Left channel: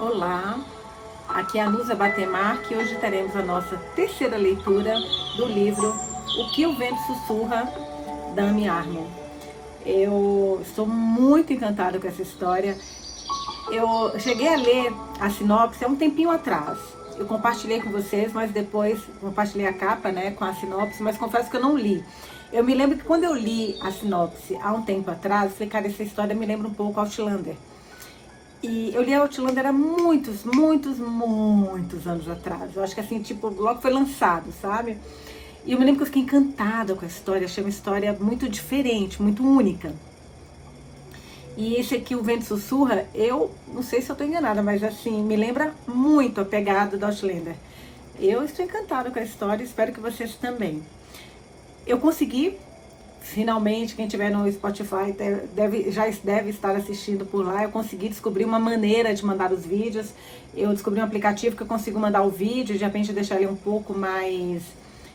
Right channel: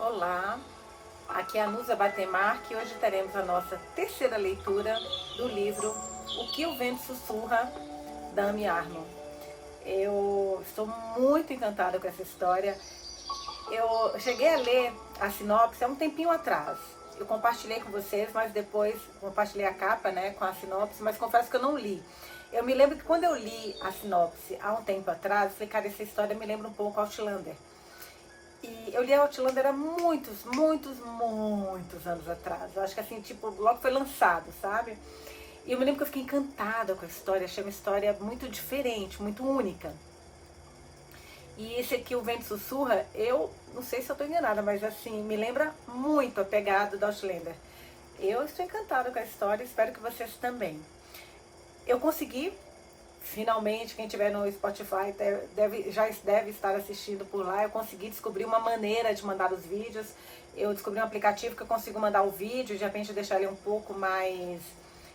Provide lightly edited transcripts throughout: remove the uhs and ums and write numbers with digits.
Olá, aqui é a Nusa Batemar, que hoje teremos a nossa terceira leitura do livro O que o Vento Sussurra, da Amy Armon. Eu estou muito encantada com essa história. Eu cheguei a ler a sinopse há um tempinho atrás. Eu compartilhei com vocês, mas depois compartilhei a capa, né, com a sinopse, mas confesso que eu não li. Eu me lembro que quando eu li a sinopse há um tempo atrás, eu falei, cara, essa história me lembra um pouco Outlander. E eu li a Outlander há muitos anos atrás. Eu acho que assim, tipo, logo foi lançado, sabe? E eu me lembro que eu fiquei encantada com a história. Achei uma história muito diferente, muito única. E esse aqui, O Vento Sussurra, eu não sei se eu tô enganada, mas assim, me lembra muito a pegada da Outlander. Eu estou encantada com a história, espero que vocês também. Eu consegui, finalmente, quem tiver no Spotify já deve estar assistindo por lá. Eu consegui descobrir uma maneira de mandar os vídeos. Eu descobri um aplicativo que eu consigo mandar o vídeo, de repente deixar ele um pouco mais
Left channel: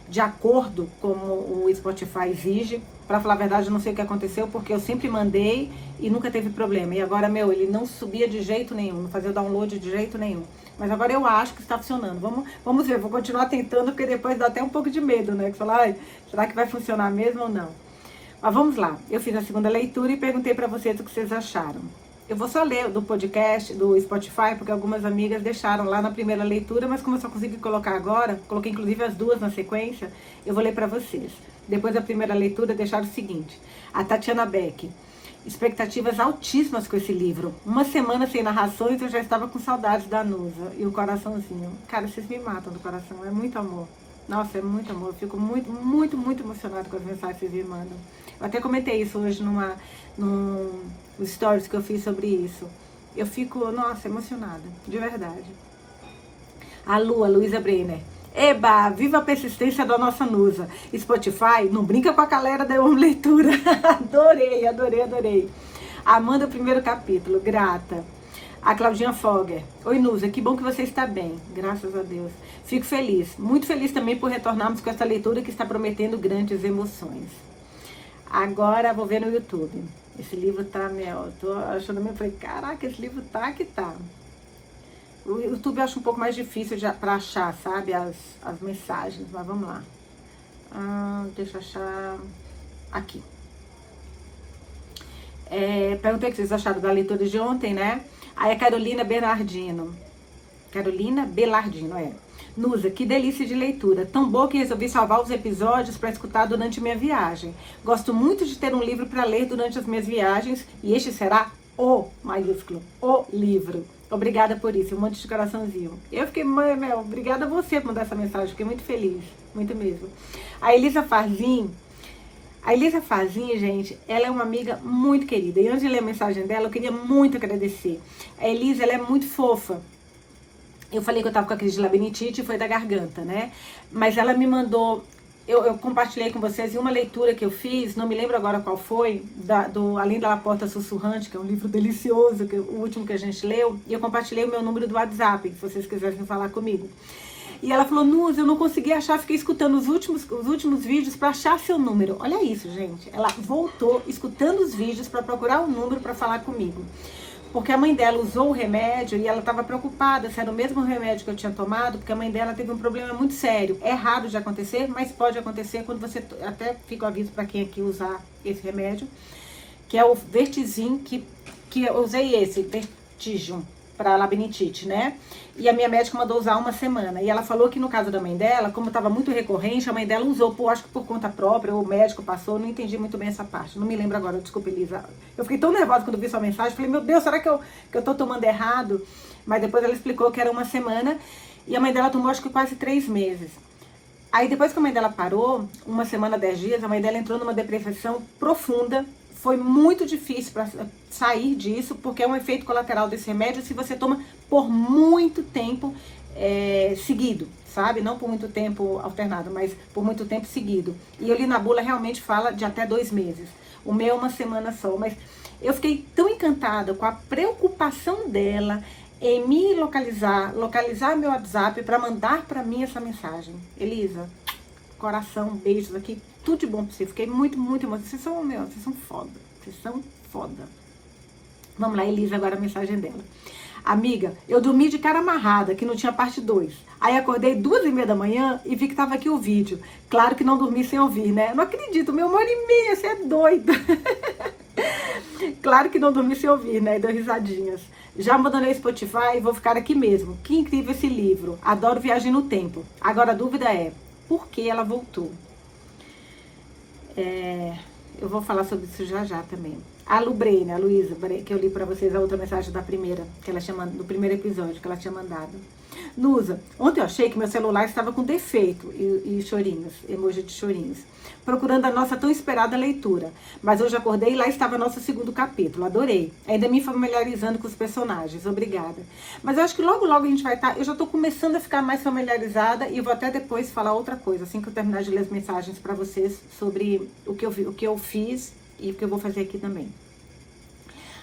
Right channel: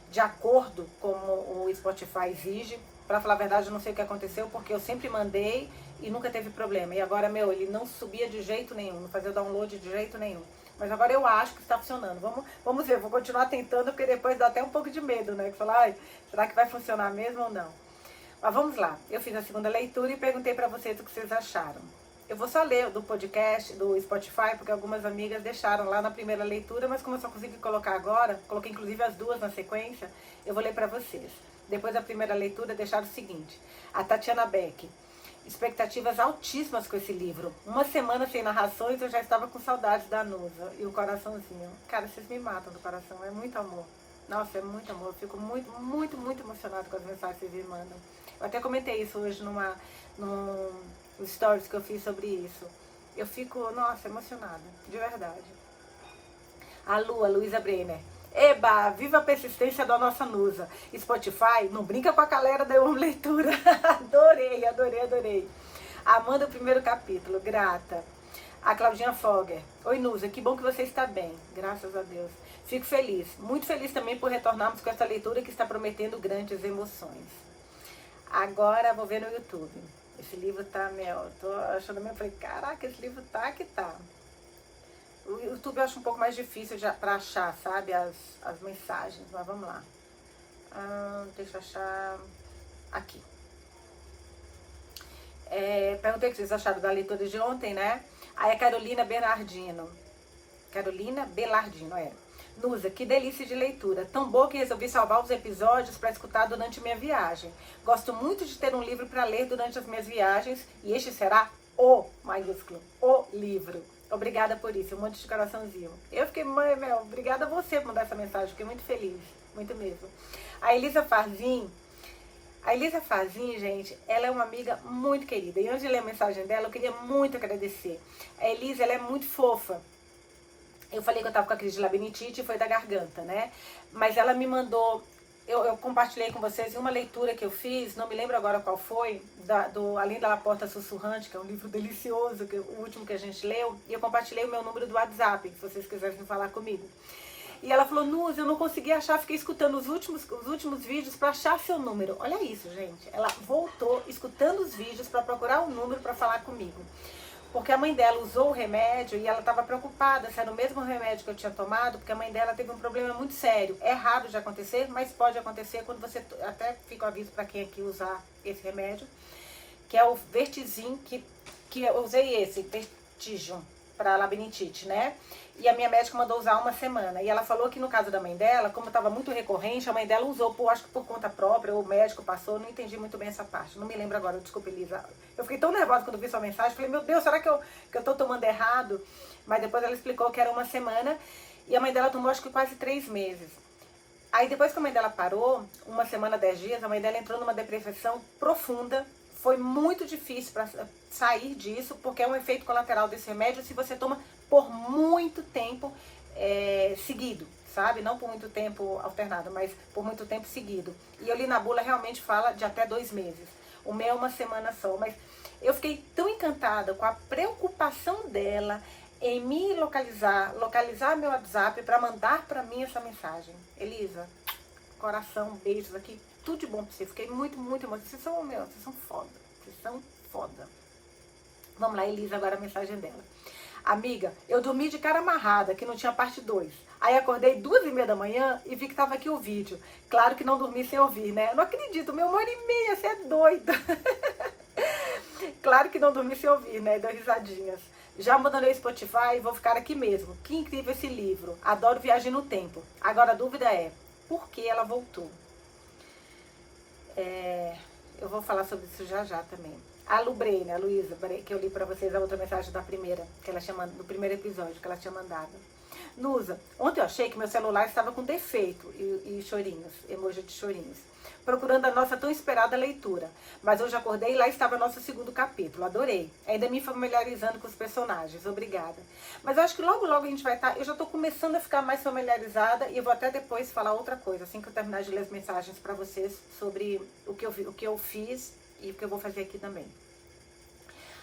de acordo com o Spotify exige. Pra falar a verdade, eu não sei o que aconteceu, porque eu sempre mandei e nunca teve problema. E agora, ele não subia de jeito nenhum, não fazia o download de jeito nenhum. Mas agora eu acho que está funcionando. Vamos ver, vou continuar tentando, porque depois dá até um pouco de medo, né? Que falar, será que vai funcionar mesmo ou não? Mas vamos lá, eu fiz a segunda leitura e perguntei para vocês o que vocês acharam. Eu vou só ler do podcast, do Spotify, porque algumas amigas deixaram lá na primeira leitura, mas como eu só consegui colocar agora, coloquei inclusive as duas na sequência, eu vou ler para vocês. Depois da primeira leitura, deixaram o seguinte: a Tatiana Beck. Expectativas altíssimas com esse livro. Uma semana sem narrações, eu já estava com saudades da Nusa. E o coraçãozinho. Cara, vocês me matam do coração, é muito amor. Nossa, é muito amor. Eu fico muito emocionada com as mensagens que vocês me mandam. Eu até comentei isso hoje nos stories que eu fiz sobre isso. Eu fico, nossa, emocionada, de verdade. A Luísa Brenner. Eba, viva a persistência da nossa Nusa. Spotify, não brinca com a galera da uma leitura. Adorei. Amanda, primeiro capítulo, grata. A Claudinha Fogger. Oi, Nusa, que bom que você está bem, graças a Deus. Fico feliz, muito feliz também por retornarmos com essa leitura que está prometendo grandes emoções. Agora vou ver no YouTube. Esse livro tá, tô achando mesmo, falei, caraca, esse livro tá que tá. O YouTube eu acho um pouco mais difícil pra achar, sabe, as mensagens, mas vamos lá. Deixa eu achar aqui. Perguntei o que vocês acharam da leitura de ontem, né? Aí a Carolina Belardino, Nusa, que delícia de leitura. Tão boa que resolvi salvar os episódios para escutar durante minha viagem. Gosto muito de ter um livro para ler durante as minhas viagens e este será o maiúsculo, o livro. Obrigada por isso, um monte de coraçãozinho. Eu fiquei, obrigada a você por mandar essa mensagem, fiquei muito feliz, muito mesmo. A Elisa Farzin, gente, ela é uma amiga muito querida. E antes de ler a mensagem dela, eu queria muito agradecer. A Elisa, ela é muito fofa. Eu falei que eu tava com a crise de labirintite e foi da garganta, né? Mas ela me mandou, eu compartilhei com vocês em uma leitura que eu fiz, não me lembro agora qual foi, Além da Porta Sussurrante, que é um livro delicioso, o último que a gente leu, e eu compartilhei o meu número do WhatsApp, se vocês quiserem falar comigo. E ela falou, Nusa, eu não consegui achar, fiquei escutando os últimos vídeos para achar seu número. Olha isso, gente. Ela voltou escutando os vídeos para procurar o número para falar comigo. Porque a mãe dela usou o remédio e ela estava preocupada se era o mesmo remédio que eu tinha tomado, porque a mãe dela teve um problema muito sério. É raro de acontecer, mas pode acontecer quando você, até fica o aviso para quem aqui usar esse remédio, que é o Vertizin, que eu usei esse, Vertigium, para labirintite, né? E a minha médica mandou usar uma semana. E ela falou que no caso da mãe dela, como estava muito recorrente, a mãe dela usou, acho que por conta própria, ou o médico passou, não entendi muito bem essa parte. Não me lembro agora, desculpa, Elisa. Eu fiquei tão nervosa quando vi sua mensagem, falei, meu Deus, será que eu tô tomando errado? Mas depois ela explicou que era uma semana, e a mãe dela tomou, acho que quase 3 meses. Aí depois que a mãe dela parou, uma semana, 10 dias, a mãe dela entrou numa depressão profunda. Foi muito difícil para sair disso, porque é um efeito colateral desse remédio se você toma por muito tempo seguido, sabe? Não por muito tempo alternado, mas por muito tempo seguido. E eu li na bula, realmente fala de até 2 meses. O meu é uma semana só, mas eu fiquei tão encantada com a preocupação dela em me localizar meu WhatsApp para mandar para mim essa mensagem. Elisa, coração, beijos aqui, tudo de bom pra você. Fiquei muito emocionada. Vocês são foda. Vamos lá, Elisa, agora a mensagem dela. Amiga, eu dormi de cara amarrada, que não tinha parte 2. Aí acordei 2h30 da manhã e vi que tava aqui o vídeo. Claro que não dormi sem ouvir, né? Não acredito, 1h30, você é doida. Claro que não dormi sem ouvir, né? Deu risadinhas. Já abandonei o Spotify e vou ficar aqui mesmo. Que incrível esse livro. Adoro Viagem no Tempo. Agora a dúvida é, por que ela voltou? Eu vou falar sobre isso já também. A Lubrene, a Luísa, que eu li pra vocês a outra mensagem da primeira, que ela tinha do primeiro episódio que ela tinha mandado. Nusa, ontem eu achei que meu celular estava com defeito e chorinhos, emoji de chorinhos, procurando a nossa tão esperada leitura. Mas hoje acordei e lá estava nosso segundo capítulo, adorei. Ainda me familiarizando com os personagens, obrigada. Mas eu acho que logo a gente vai estar, eu já estou começando a ficar mais familiarizada e vou até depois falar outra coisa, assim que eu terminar de ler as mensagens para vocês sobre o que eu fiz e o que eu vou fazer aqui também.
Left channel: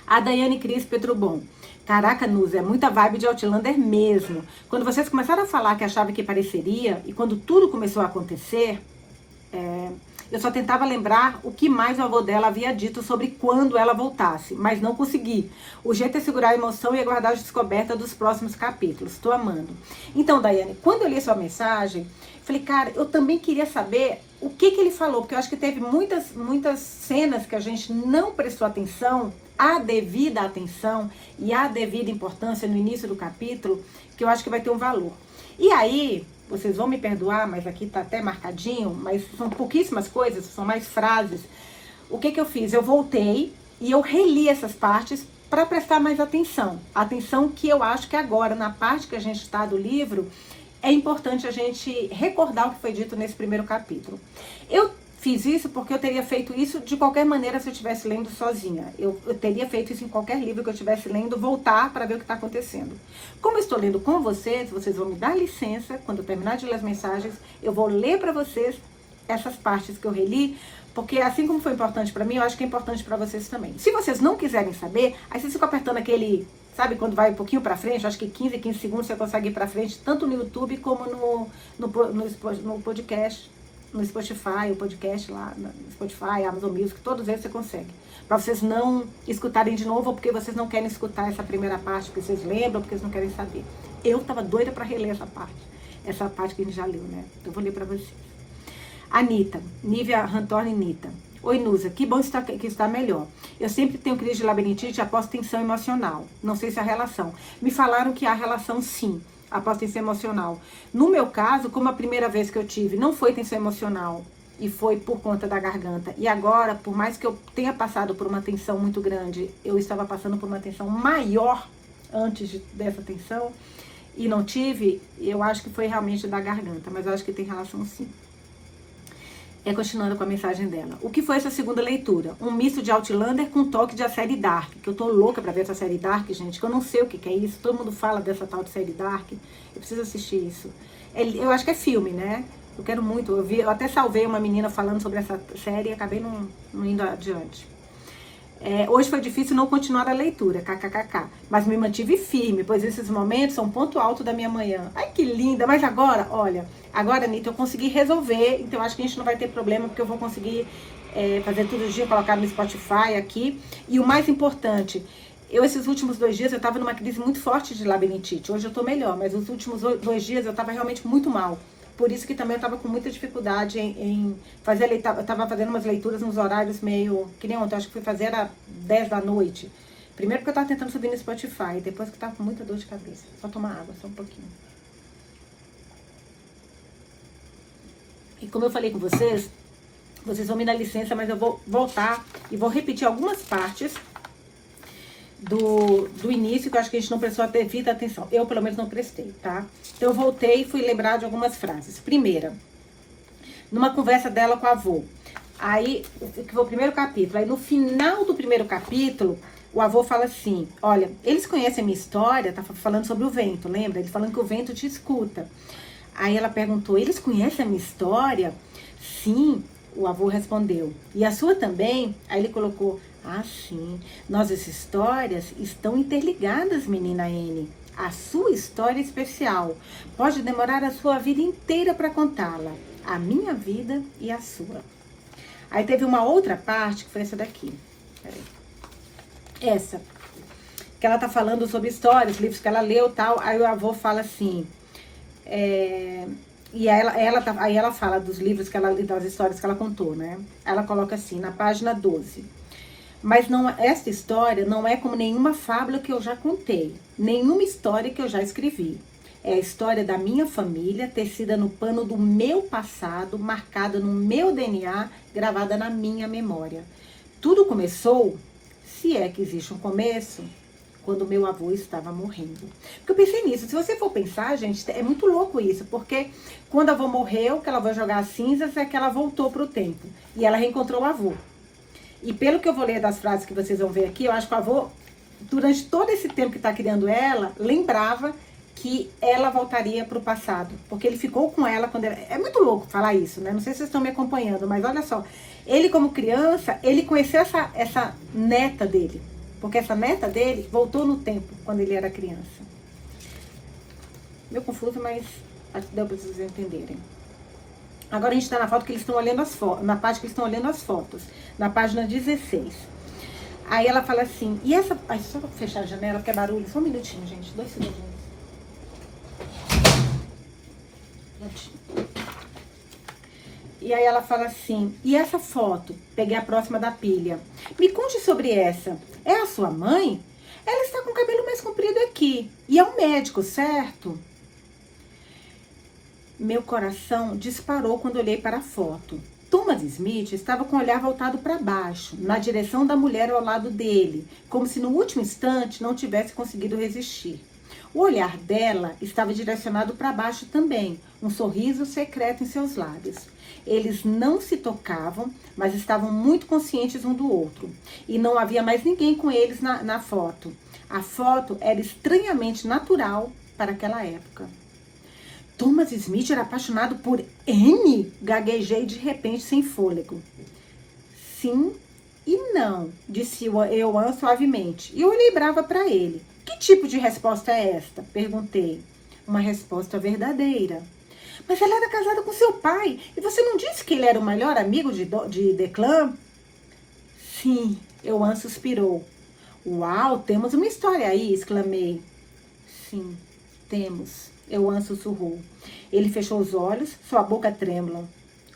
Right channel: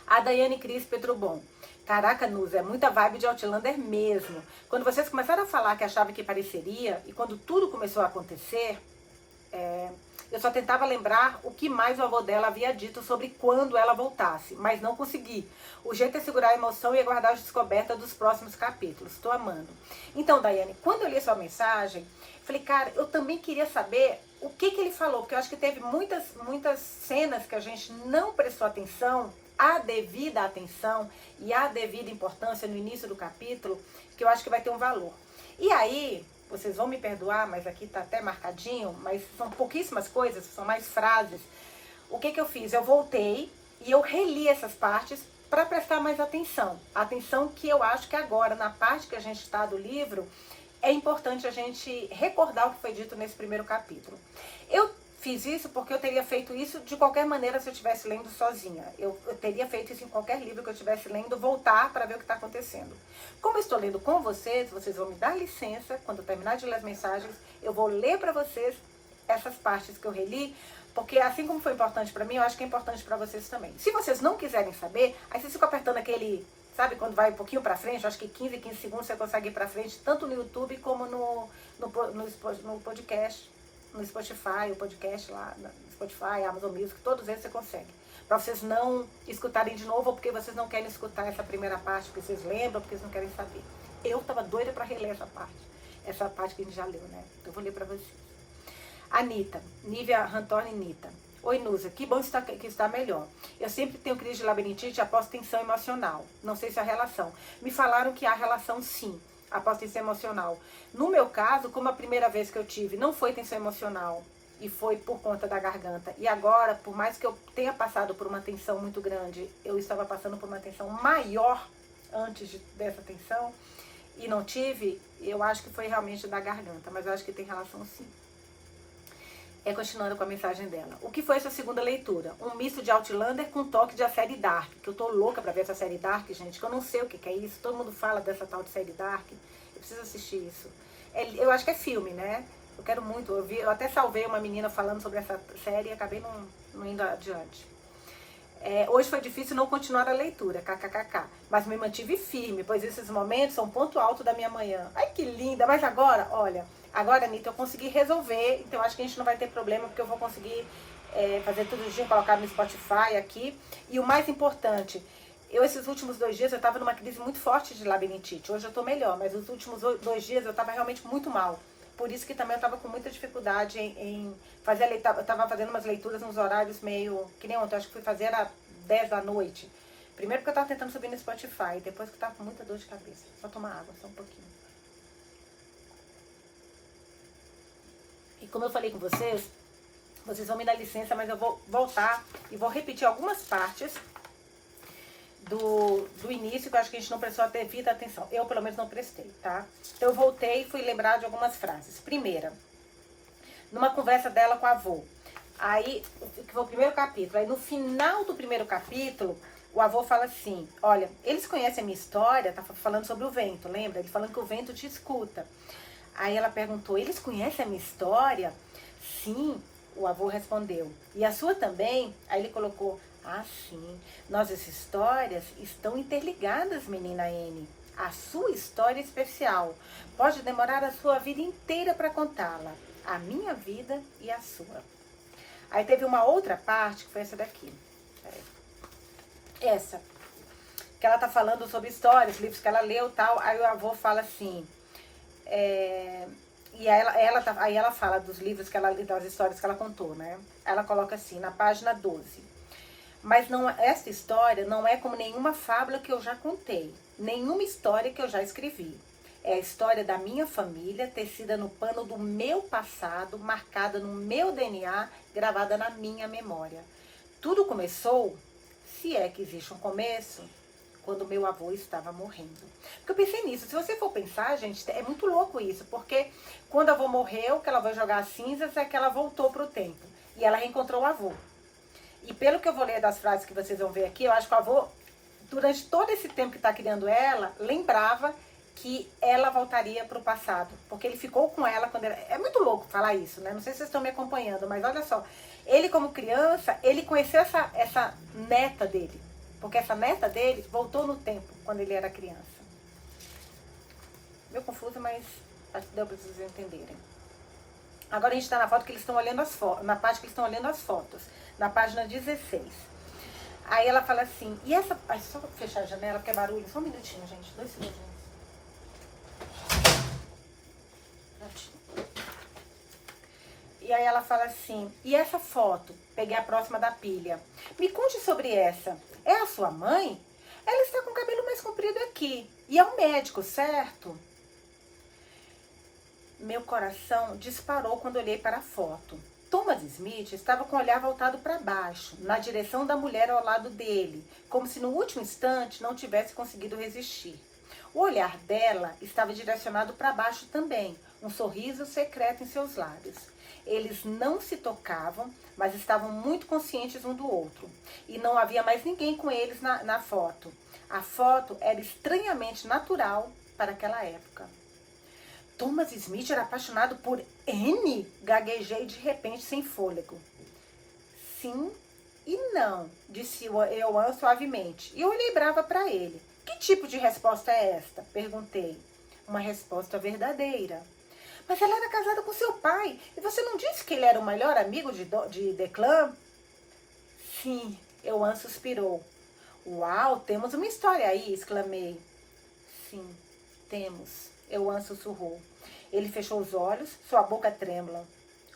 A Daiane Cris Petrobon. Caraca, Nusa, é muita vibe de Outlander mesmo. Quando vocês começaram a falar que achava que pareceria, e quando tudo começou a acontecer, eu só tentava lembrar o que mais o avô dela havia dito sobre quando ela voltasse, mas não consegui. O jeito é segurar a emoção e aguardar a descoberta dos próximos capítulos. Estou amando. Então, Daiane, quando eu li sua mensagem, falei, cara, eu também queria saber o que ele falou, porque eu acho que teve muitas cenas que a gente não prestou atenção, a devida atenção e a devida importância no início do capítulo, que eu acho que vai ter um valor. E aí, vocês vão me perdoar, mas aqui tá até marcadinho, mas são pouquíssimas coisas, são mais frases. O que eu fiz? Eu voltei e eu reli essas partes para prestar mais atenção. Atenção que eu acho que agora, na parte que a gente está do livro, é importante a gente recordar o que foi dito nesse primeiro capítulo. Eu fiz isso porque eu teria feito isso de qualquer maneira se eu estivesse lendo sozinha. Eu teria feito isso em qualquer livro que eu estivesse lendo, voltar para ver o que está acontecendo. Como eu estou lendo com vocês, vocês vão me dar licença, quando eu terminar de ler as mensagens, eu vou ler para vocês essas partes que eu reli, porque assim como foi importante para mim, eu acho que é importante para vocês também. Se vocês não quiserem saber, aí vocês ficam apertando aquele, sabe, quando vai um pouquinho para frente, acho que 15 segundos você consegue ir para frente, tanto no YouTube como no podcast, no Spotify, o podcast lá, no Spotify, Amazon Music, todos eles você consegue. Para vocês não escutarem de novo, ou porque vocês não querem escutar essa primeira parte, porque vocês lembram, porque vocês não querem saber. Eu tava doida para reler essa parte que a gente já leu, né? Então eu vou ler para vocês. Anitta, Nívia Rantorni Nita. Oi, Nusa, que bom que está melhor. Eu sempre tenho crise de labirintite após tensão emocional. Não sei se há relação. Me falaram que há relação sim, após tensão emocional. No meu caso, como a primeira vez que eu tive não foi tensão emocional e foi por conta da garganta. E agora, por mais que eu tenha passado por uma tensão muito grande, eu estava passando por uma tensão maior antes dessa tensão e não tive, eu acho que foi realmente da garganta, mas eu acho que tem relação sim. Continuando com a mensagem dela. O que foi essa segunda leitura? Um misto de Outlander com toque de a série Dark. Que eu tô louca pra ver essa série Dark, gente. Que eu não sei o que é isso. Todo mundo fala dessa tal de série Dark. Eu preciso assistir isso. Eu acho que é filme, né? Eu quero muito. Eu até salvei uma menina falando sobre essa série e acabei não indo adiante. Hoje foi difícil não continuar a leitura, kkkk. Mas me mantive firme, pois esses momentos são um ponto alto da minha manhã. Ai, que linda! Mas agora, olha... Agora, Anitta, eu consegui resolver, então acho que a gente não vai ter problema, porque eu vou conseguir fazer tudo dia, colocar no Spotify aqui. E o mais importante, esses últimos 2 dias, eu estava numa crise muito forte de labirintite. Hoje eu estou melhor, mas os últimos 2 dias eu estava realmente muito mal. Por isso que também eu estava com muita dificuldade em fazer, eu estava fazendo umas leituras nos horários meio, que nem ontem, acho que fui fazer era 10 da noite. Primeiro porque eu estava tentando subir no Spotify, depois que eu estava com muita dor de cabeça. Só tomar água, só um pouquinho. E como eu falei com vocês vão me dar licença, mas eu vou voltar e vou repetir algumas partes do início, que eu acho que a gente não prestou devida atenção. Eu, pelo menos, não prestei, tá? Então, eu voltei e fui lembrar de algumas frases. Primeira, numa conversa dela com a avó. Aí, que foi o primeiro capítulo. Aí, no final do primeiro capítulo, o avô fala assim, olha, eles conhecem a minha história, tá falando sobre o vento, lembra? Ele falando que o vento te escuta. Aí ela perguntou, eles conhecem a minha história? Sim, o avô respondeu. E a sua também? Aí ele colocou, ah, sim. Nossas histórias estão interligadas, menina N. A sua história é especial. Pode demorar a sua vida inteira para contá-la. A minha vida e a sua. Aí teve uma outra parte, que foi essa daqui. Essa. que ela tá falando sobre histórias, livros que ela leu e tal. Aí o avô fala assim, e aí ela fala dos livros que ela leu, das histórias que ela contou, né? Ela coloca assim, na página 12. Mas não, esta história não é como nenhuma fábula que eu já contei, nenhuma história que eu já escrevi. É a história da minha família, tecida no pano do meu passado, marcada no meu DNA, gravada na minha memória. Tudo começou, se é que existe um começo, quando meu avô estava morrendo. Porque eu pensei nisso, se você for pensar, gente, é muito louco isso, porque quando a avó morreu, que ela vai jogar as cinzas, é que ela voltou para o tempo. E ela reencontrou o avô. E pelo que eu vou ler das frases que vocês vão ver aqui, eu acho que o avô, durante todo esse tempo que está criando ela, lembrava que ela voltaria para o passado. Porque ele ficou com ela quando ela... É muito louco falar isso, né? Não sei se vocês estão me acompanhando, mas olha só. Ele, como criança, ele conheceu essa neta dele. Porque essa neta dele voltou no tempo, quando ele era criança. Meio confuso, mas acho que deu para vocês entenderem. Agora a gente está na foto que eles estão olhando as fotos, na parte que eles estão olhando as fotos, na página 16. Aí ela fala assim, e essa... Ai, só fechar a janela, porque é barulho. Só um minutinho, gente, 2 segundinhos. E aí ela fala assim, e essa foto? Peguei a próxima da pilha. Me conte sobre essa. É a sua mãe? Ela está com o cabelo mais comprido aqui. E é um médico, certo? Meu coração disparou quando olhei para a foto. Thomas Smith estava com o olhar voltado para baixo, na direção da mulher ao lado dele, como se no último instante não tivesse conseguido resistir. O olhar dela estava direcionado para baixo também, um sorriso secreto em seus lábios. Eles não se tocavam, mas estavam muito conscientes um do outro. E não havia mais ninguém com eles na foto. A foto era estranhamente natural para aquela época. Thomas Smith era apaixonado por Anne? Gaguejei de repente sem fôlego. Sim e não, disse Euan suavemente. E eu olhei brava para ele. Que tipo de resposta é esta? Perguntei. Uma resposta verdadeira. Mas ela era casada com seu pai. E você não disse que ele era o melhor amigo de Declan? Sim, Euan suspirou. Uau, temos uma história aí, exclamei. Sim, temos. Euan sussurrou. Ele fechou os olhos, sua boca trêmula.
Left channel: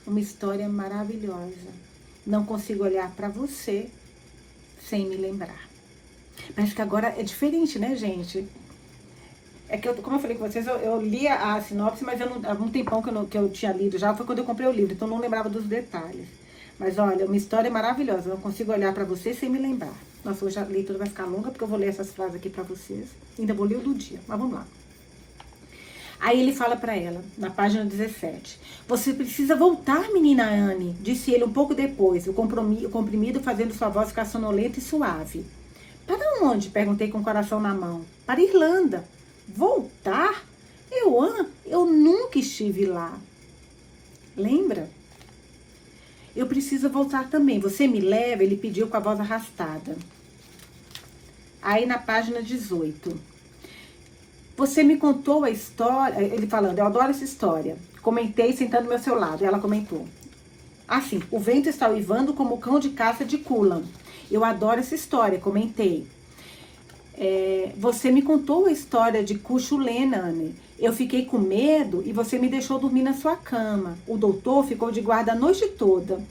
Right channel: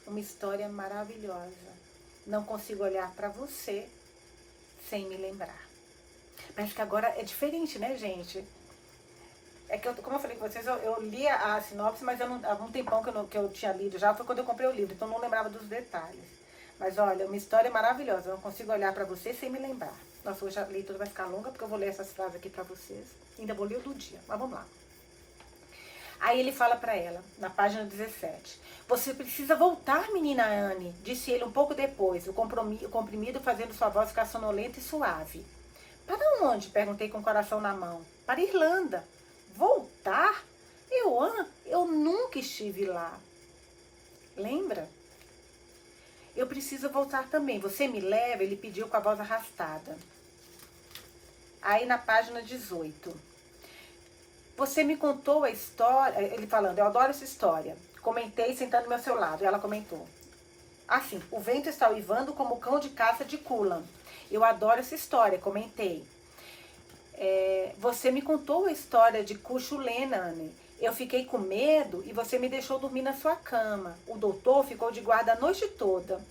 Uma história maravilhosa. Não consigo olhar para você sem me lembrar. Mas que agora é diferente, né, gente? É que, como eu falei com vocês, eu li a sinopse, mas há um tempão que eu tinha lido já. Foi quando eu comprei o livro, então não lembrava dos detalhes. Mas olha, uma história maravilhosa. Não consigo olhar para você sem me lembrar. Nossa, hoje a leitura vai ficar longa, porque eu vou ler essas frases aqui para vocês. Ainda vou ler o do dia, mas vamos lá. Aí ele fala para ela, na página 17. Você precisa voltar, menina Anne, disse ele um pouco depois, o comprimido fazendo sua voz ficar sonolenta e suave. Para onde? Perguntei com o coração na mão. Para Irlanda. Voltar? Eu nunca estive lá. Lembra? Eu preciso voltar também. Você me leva? Ele pediu com a voz arrastada. Aí na página 18. Você me contou a história, ele falando, eu adoro essa história. Comentei sentando ao seu lado, ela comentou. Assim, o vento está uivando como o cão de caça de Cullen. Eu adoro essa história, comentei. Você me contou a história de Cuchulainn, Anne. Eu fiquei com medo e você me deixou dormir na sua cama. O doutor ficou de guarda a noite toda.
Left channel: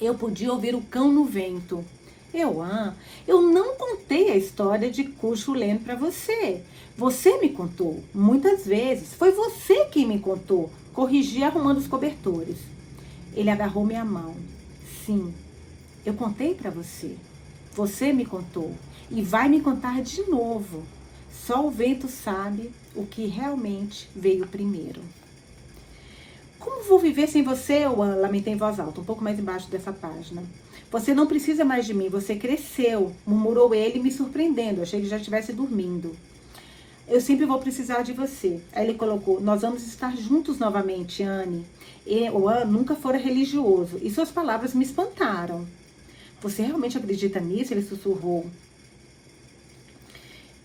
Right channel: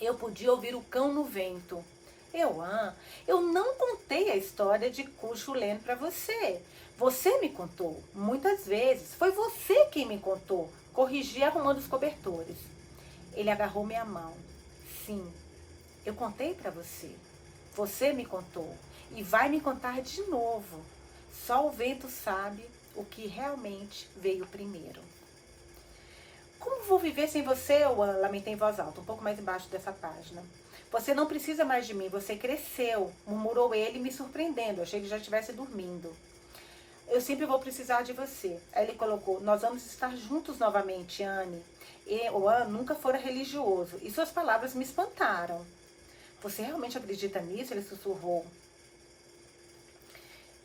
Eu podia ouvir o cão no vento. Eu não contei a história de Cuchulainn para você. Você me contou, muitas vezes. Foi você quem me contou. Corrigi arrumando os cobertores. Ele agarrou minha mão. Sim, eu contei para você. Você me contou. E vai me contar de novo. Só o vento sabe o que realmente veio primeiro. Como vou viver sem você, Euan? Lamentei em voz alta, um pouco mais embaixo dessa página. Você não precisa mais de mim, você cresceu, murmurou ele, me surpreendendo. Achei que já estivesse dormindo. Eu sempre vou precisar de você. Aí ele colocou, nós vamos estar juntos novamente, Anne. Euan nunca fora religioso, e suas palavras me espantaram. Você realmente acredita nisso? Ele sussurrou.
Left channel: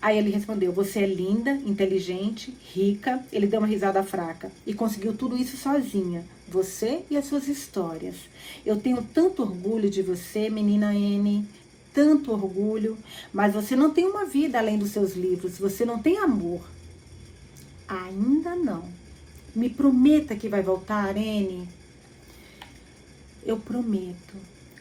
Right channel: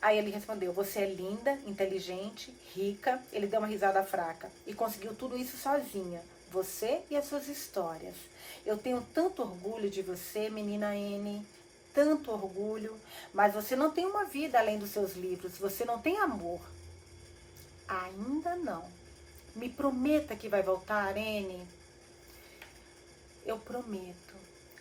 Aí ele respondeu, você é linda, inteligente, rica. Ele deu uma risada fraca. E conseguiu tudo isso sozinha. Você e as suas histórias. Eu tenho tanto orgulho de você, menina Anne. tanto orgulho, mas você não tem uma vida além dos seus livros, você não tem amor. Ainda não. Me prometa que vai voltar, Arene. Eu prometo.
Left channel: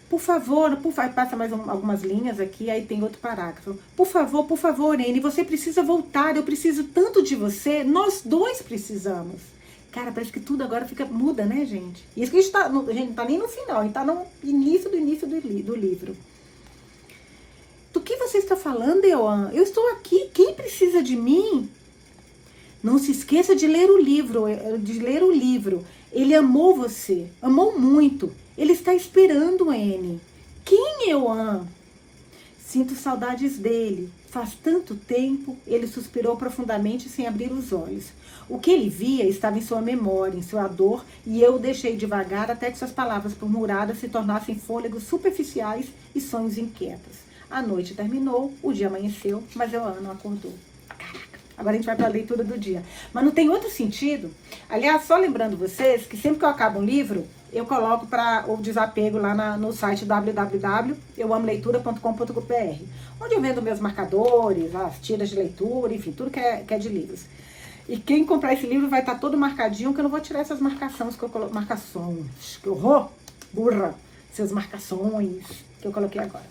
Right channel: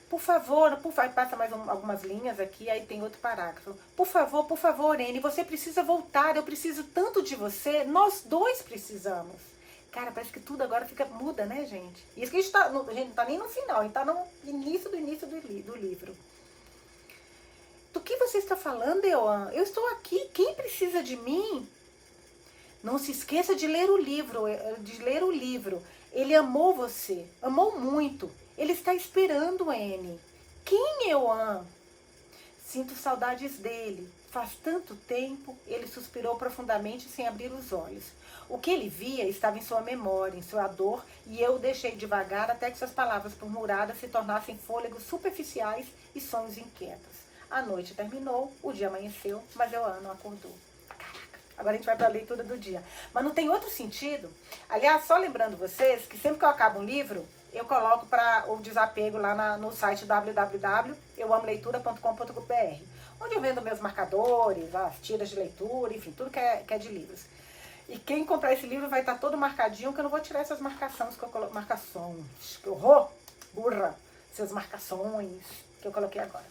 Por favor, passa mais algumas linhas aqui, aí tem outro parágrafo. Por favor, Arene, você precisa voltar, eu preciso tanto de você, nós dois precisamos. Cara, parece que tudo agora muda, né, gente? E isso que a gente não tá nem no final, a gente tá no início do livro. Do que você está falando, Eoan? Eu estou aqui, quem precisa de mim? Não se esqueça de ler o livro, Ele amou você, amou muito. Ele está esperando, Anne. Quem Eoan? Sinto saudades dele. Faz tanto tempo, ele suspirou profundamente sem abrir os olhos. O que ele via estava em sua memória, em sua dor, e eu o deixei devagar até que suas palavras murmuradas se tornassem fôlegos superficiais e sonhos inquietos. A noite terminou, o dia amanheceu, mas Eoan não acordou. Caraca, agora a gente vai para a leitura do dia. Mas não tem outro sentido. Aliás, só lembrando vocês que sempre que eu acabo um livro, eu coloco para o desapego lá no site www.euamoleitura.com.br, onde eu vendo meus marcadores, as tiras de leitura, enfim, tudo que é de livros. E quem comprar esse livro vai estar todo marcadinho, que eu não vou tirar essas marcações que eu coloquei. Marcações, que horror, burra, essas marcações que eu coloquei agora.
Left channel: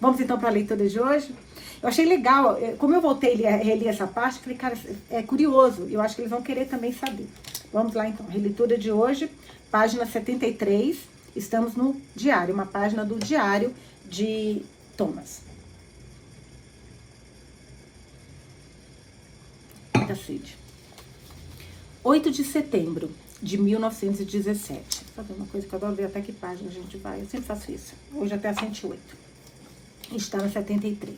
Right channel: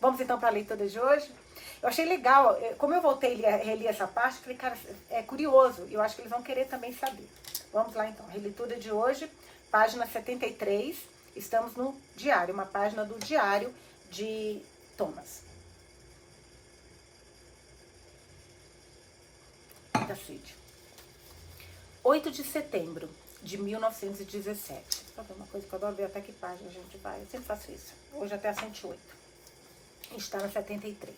Vamos então para a leitura de hoje? Eu achei legal, como eu voltei a reler essa parte, falei, cara, é curioso, eu acho que eles vão querer também saber. Vamos lá então, releitura de hoje, página 73, estamos no diário, uma página do diário de Thomas. Cacete. 8 de setembro de 1917. Sabe uma coisa que eu adoro ver até que página a gente vai? Eu sempre faço isso. Hoje até a 108. Está na 73.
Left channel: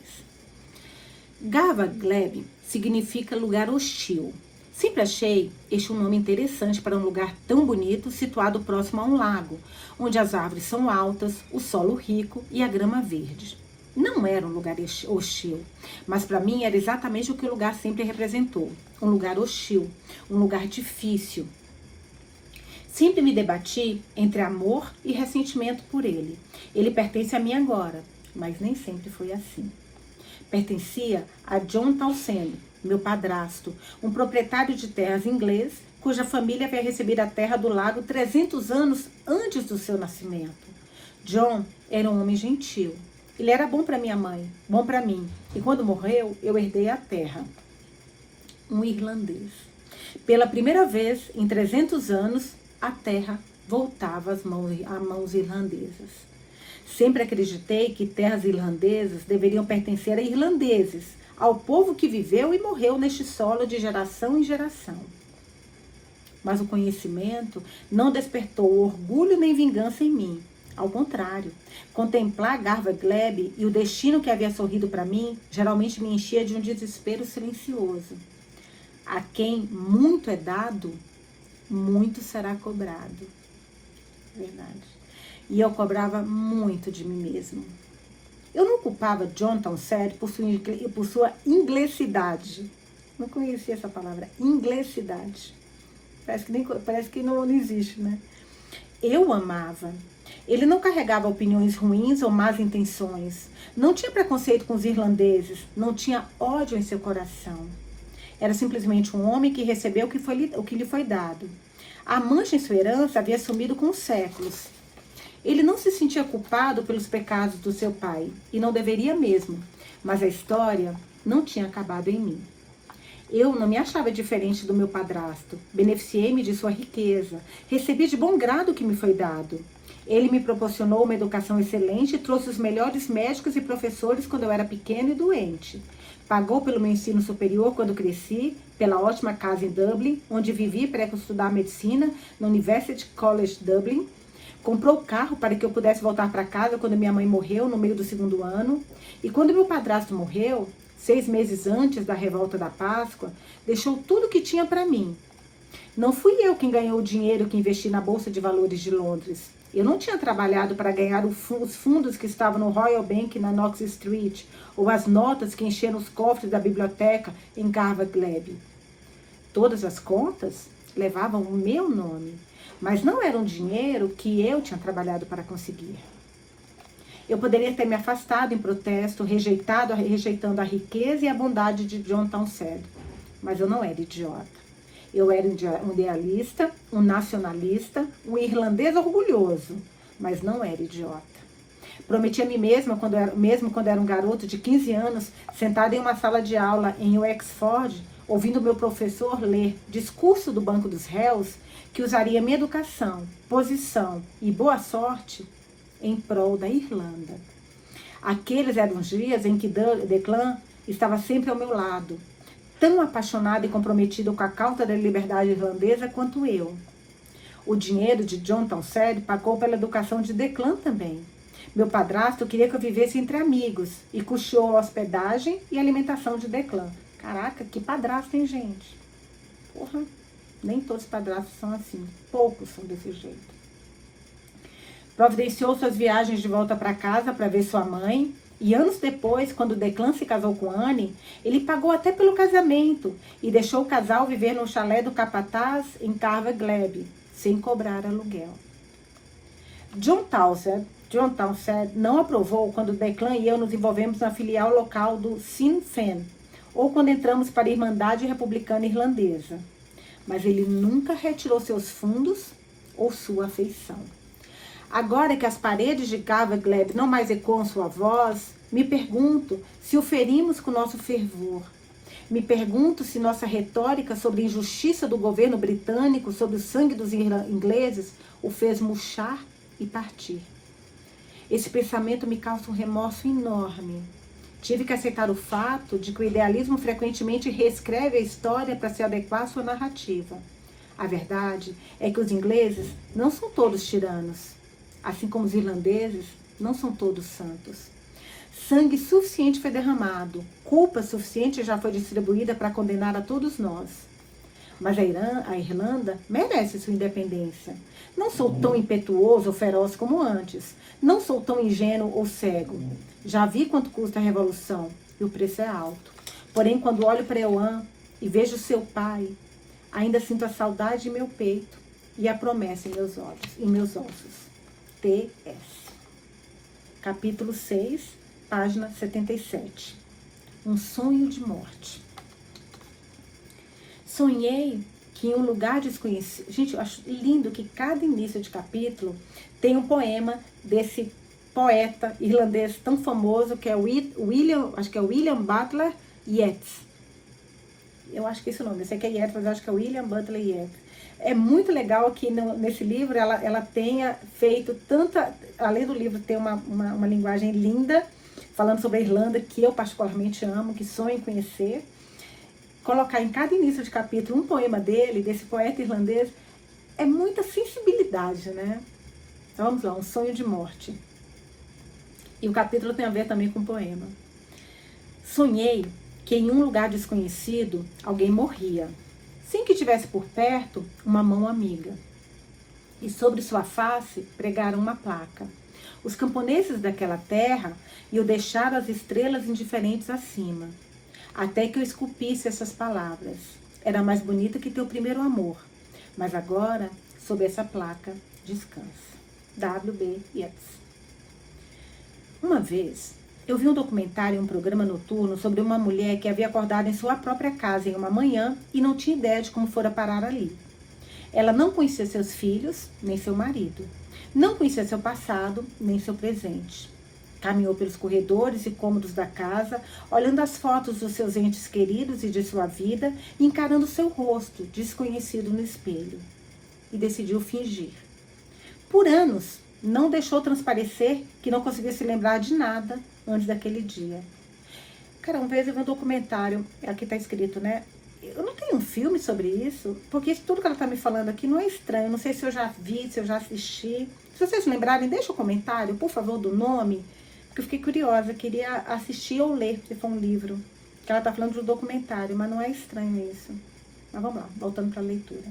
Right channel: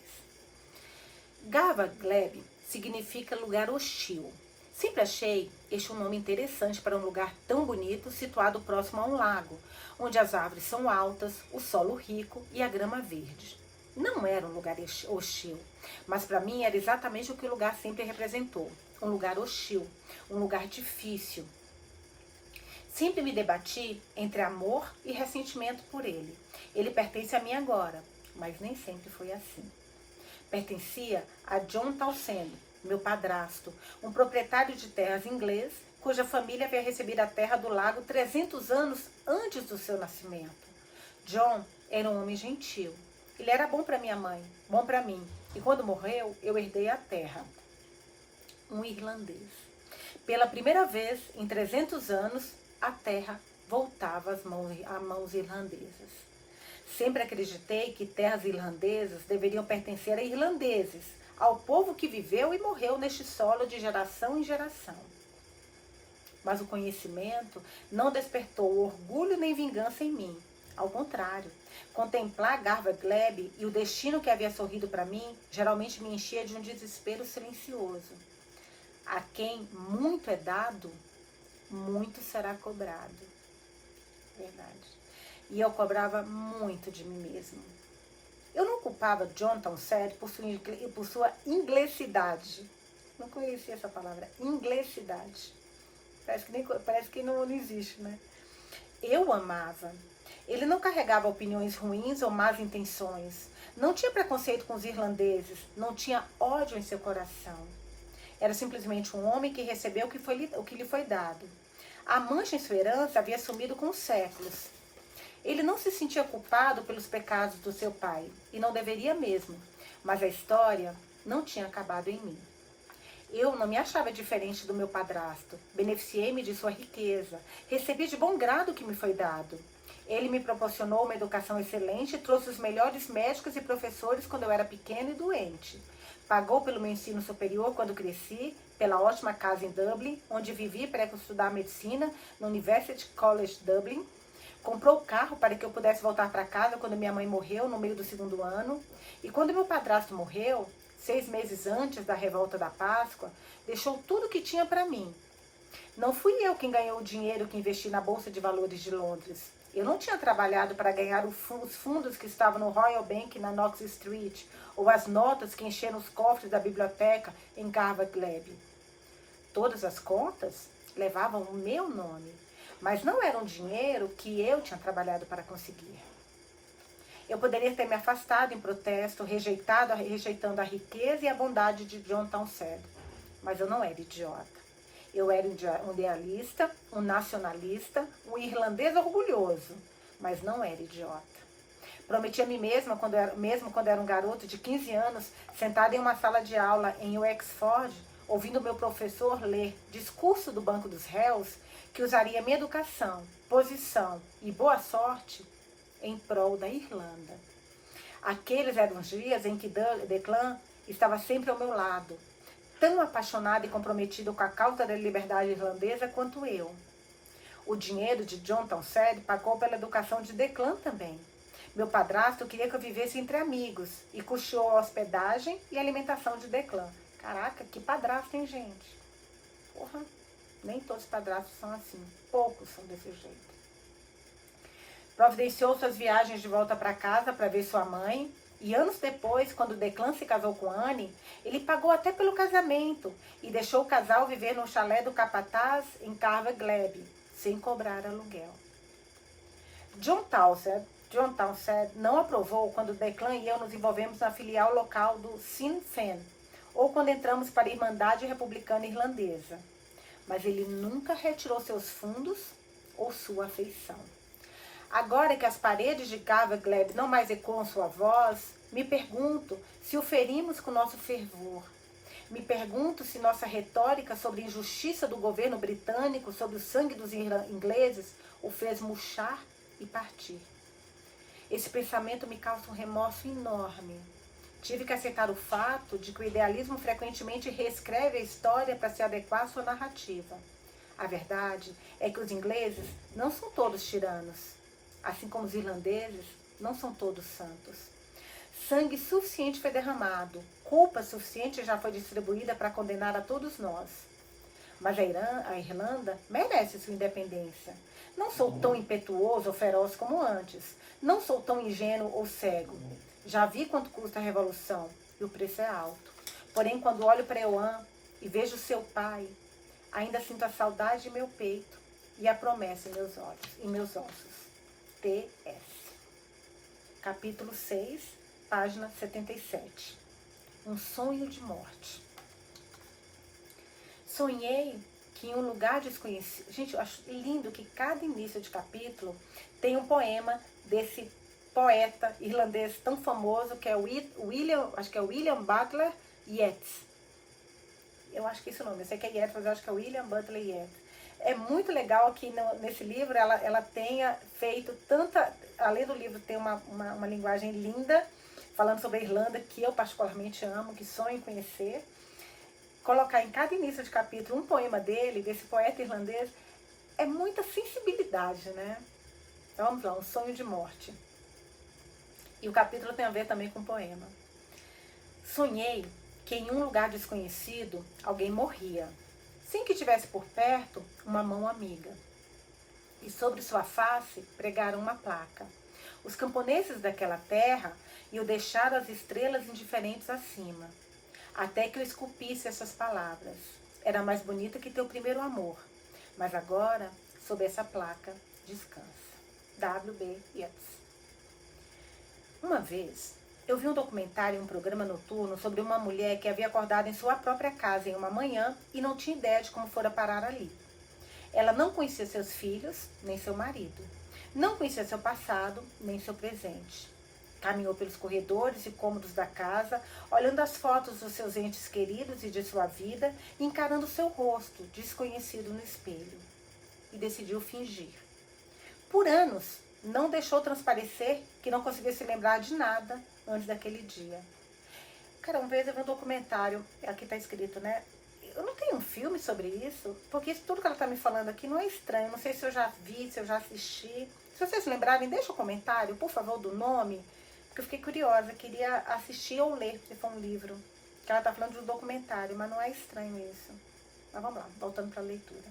Gava Gleb significa lugar hostil. Sempre achei este um nome interessante para um lugar tão bonito, situado próximo a um lago, onde as árvores são altas, o solo rico e a grama verde. Não era um lugar hostil, mas para mim era exatamente o que o lugar sempre representou. Um lugar hostil, um lugar difícil. Sempre me debati entre amor e ressentimento por ele. Ele pertence a mim agora, mas nem sempre foi assim. Pertencia a John Townsend, meu padrasto, um proprietário de terras inglês, cuja família havia recebido a terra do lago 300 anos antes do seu nascimento. John era um homem gentil. Ele era bom para minha mãe, bom para mim. E quando morreu, eu herdei a terra. Um irlandês. Pela primeira vez em 300 anos, a terra voltava às mãos irlandesas. Sempre acreditei que terras irlandesas deveriam pertencer a irlandeses, ao povo que viveu e morreu neste solo de geração em geração. Mas o conhecimento não despertou orgulho nem vingança em mim. Ao contrário, contemplar Gava Gleb e o destino que havia sorrido para mim geralmente me enchia de um desespero silencioso. A quem muito é dado, muito será cobrado. Verdade. E eu cobrava muito de mim mesmo. Eu não culpava John Townsend por sua inglesidade. Não conhecia essa palavra, inglesidade. Parece que não existe, né? Eu o amava. Ele não carregava opiniões ruins ou más intenções. Não tinha preconceito com os irlandeses. Não tinha ódio em seu coração. Era simplesmente um homem que recebeu o que lhe foi dado. A mancha em sua herança havia sumido com os séculos. Ele não se sentia culpado pelos pecados do seu pai. E não deveria mesmo. Mas a história não tinha acabado em mim. Eu não me achava diferente do meu padrasto. Beneficiei-me de sua riqueza. Recebi de bom grado o que me foi dado. Ele me proporcionou uma educação excelente e trouxe os melhores médicos e professores quando eu era pequeno e doente. Pagou pelo meu ensino superior quando cresci, pela ótima casa em Dublin, onde vivi para estudar medicina no University College Dublin. Comprou carro para que eu pudesse voltar para casa quando minha mãe morreu no meio do 2º ano. E quando meu padrasto morreu, 6 meses antes da revolta da Páscoa, deixou tudo o que tinha para mim. Não fui eu quem ganhou o dinheiro que investi na Bolsa de Valores de Londres. Eu não tinha trabalhado para ganhar os fundos que estavam no Royal Bank na Knox Street, ou as notas que encheram os cofres da biblioteca em Gava Gleb. Todas as contas levavam o meu nome, mas não era um dinheiro que eu tinha trabalhado para conseguir. Eu poderia ter me afastado em protesto, rejeitando a riqueza e a bondade de John Townsend. Mas eu não era idiota. Eu era um idealista, um nacionalista, um irlandês orgulhoso, mas não era idiota. Prometi a mim mesma, mesmo quando era um garoto de 15 anos, sentada em uma sala de aula em Wexford, ouvindo meu professor ler Discurso do Banco dos Réus, que usaria minha educação, posição e boa sorte em prol da Irlanda. Aqueles eram os dias em que Declan estava sempre ao meu lado, tão apaixonado e comprometido com a causa da liberdade irlandesa quanto eu. O dinheiro de John Townsend pagou pela educação de Declan também. Meu padrasto queria que eu vivesse entre amigos e custeou a hospedagem e alimentação de Declan. Caraca, que padrasto, hein, gente? Porra, nem todos os padrastos são assim. Poucos são desse jeito. Providenciou suas viagens de volta para casa para ver sua mãe. E anos depois, quando Declan se casou com Anne, ele pagou até pelo casamento e deixou o casal viver no chalé do capataz em Carver Glebe, sem cobrar aluguel. John Townsend não aprovou quando Declan e eu nos envolvemos na filial local do Sinn Féin, ou quando entramos para a Irmandade Republicana Irlandesa. Mas ele nunca retirou seus fundos ou sua afeição. Agora que as paredes de Carver Glebe não mais ecoam sua voz, me pergunto se o ferimos com nosso fervor. Me pergunto se nossa retórica sobre a injustiça do governo britânico sobre o sangue dos ingleses o fez murchar e partir. Esse pensamento me causa um remorso enorme. Tive que aceitar o fato de que o idealismo frequentemente reescreve a história para se adequar à sua narrativa. A verdade é que os ingleses não são todos tiranos. Assim como os irlandeses, não são todos santos. Sangue suficiente foi derramado, culpa suficiente já foi distribuída para condenar a todos nós. Mas a Irlanda merece sua independência. Não sou tão impetuoso ou feroz como antes. Não sou tão ingênuo ou cego. Já vi quanto custa a revolução e o preço é alto. Porém, quando olho para Eoin e vejo seu pai, ainda sinto a saudade em meu peito e a promessa em meus ossos. T.S. Capítulo 6, página 77. Um sonho de morte. Sonhei que em um lugar desconhecido... Gente, eu acho lindo que cada início de capítulo tem um poema desse poeta irlandês tão famoso que é William Butler Yeats. Eu acho que é esse o nome. Eu sei que é Yeats, mas eu acho que é William Butler Yeats. É muito legal que nesse livro ela tenha feito tanta... Além do livro ter uma linguagem linda, falando sobre a Irlanda, que eu particularmente amo, que sonho em conhecer. Colocar em cada início de capítulo um poema dele, desse poeta irlandês, é muita sensibilidade, né? Então, vamos lá, um sonho de morte. E o capítulo tem a ver também com o poema. Sonhei que em um lugar desconhecido alguém morria. Sem que tivesse por perto uma mão amiga. E sobre sua face pregaram uma placa. Os camponeses daquela terra iam deixar as estrelas indiferentes acima. Até que eu esculpisse essas palavras. Era mais bonita que teu primeiro amor. Mas agora, sob essa placa, descansa. W.B. Yeats. Uma vez, eu vi um documentário em um programa noturno sobre uma mulher que havia acordado em sua própria casa em uma manhã e não tinha ideia de como fora parar ali. Ela não conhecia seus filhos, nem seu marido. Não conhecia seu passado, nem seu presente. Caminhou pelos corredores e cômodos da casa, olhando as fotos dos seus entes queridos e de sua vida, e encarando seu rosto, desconhecido no espelho. E decidiu fingir. Por anos, não deixou transparecer que não conseguia se lembrar de nada antes daquele dia. Cara, uma vez eu vi um documentário, aqui tá escrito, né? Eu não tenho um filme sobre isso, porque tudo que ela tá me falando aqui não é estranho. Não sei se eu já vi, se eu já assisti. Se vocês lembrarem, deixa um comentário, por favor, do nome, porque eu fiquei curiosa, queria assistir ou ler, se for um livro. Que ela tá falando de um documentário, mas não é estranho isso. Mas vamos lá, voltando para a leitura.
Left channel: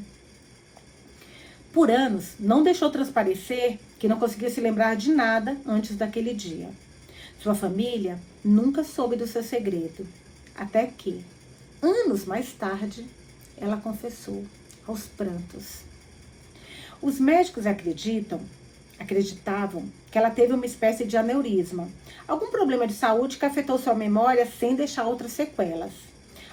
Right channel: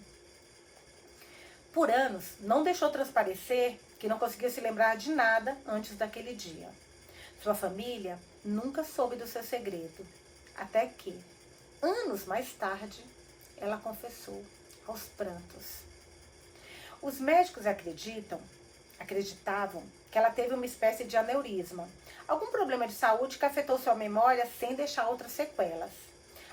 Por anos, não deixou transparecer que não conseguia se lembrar de nada antes daquele dia. Sua família nunca soube do seu segredo, até que, anos mais tarde, ela confessou aos prantos. Os médicos acreditam acreditavam que ela teve uma espécie de aneurisma, algum problema de saúde que afetou sua memória sem deixar outras sequelas.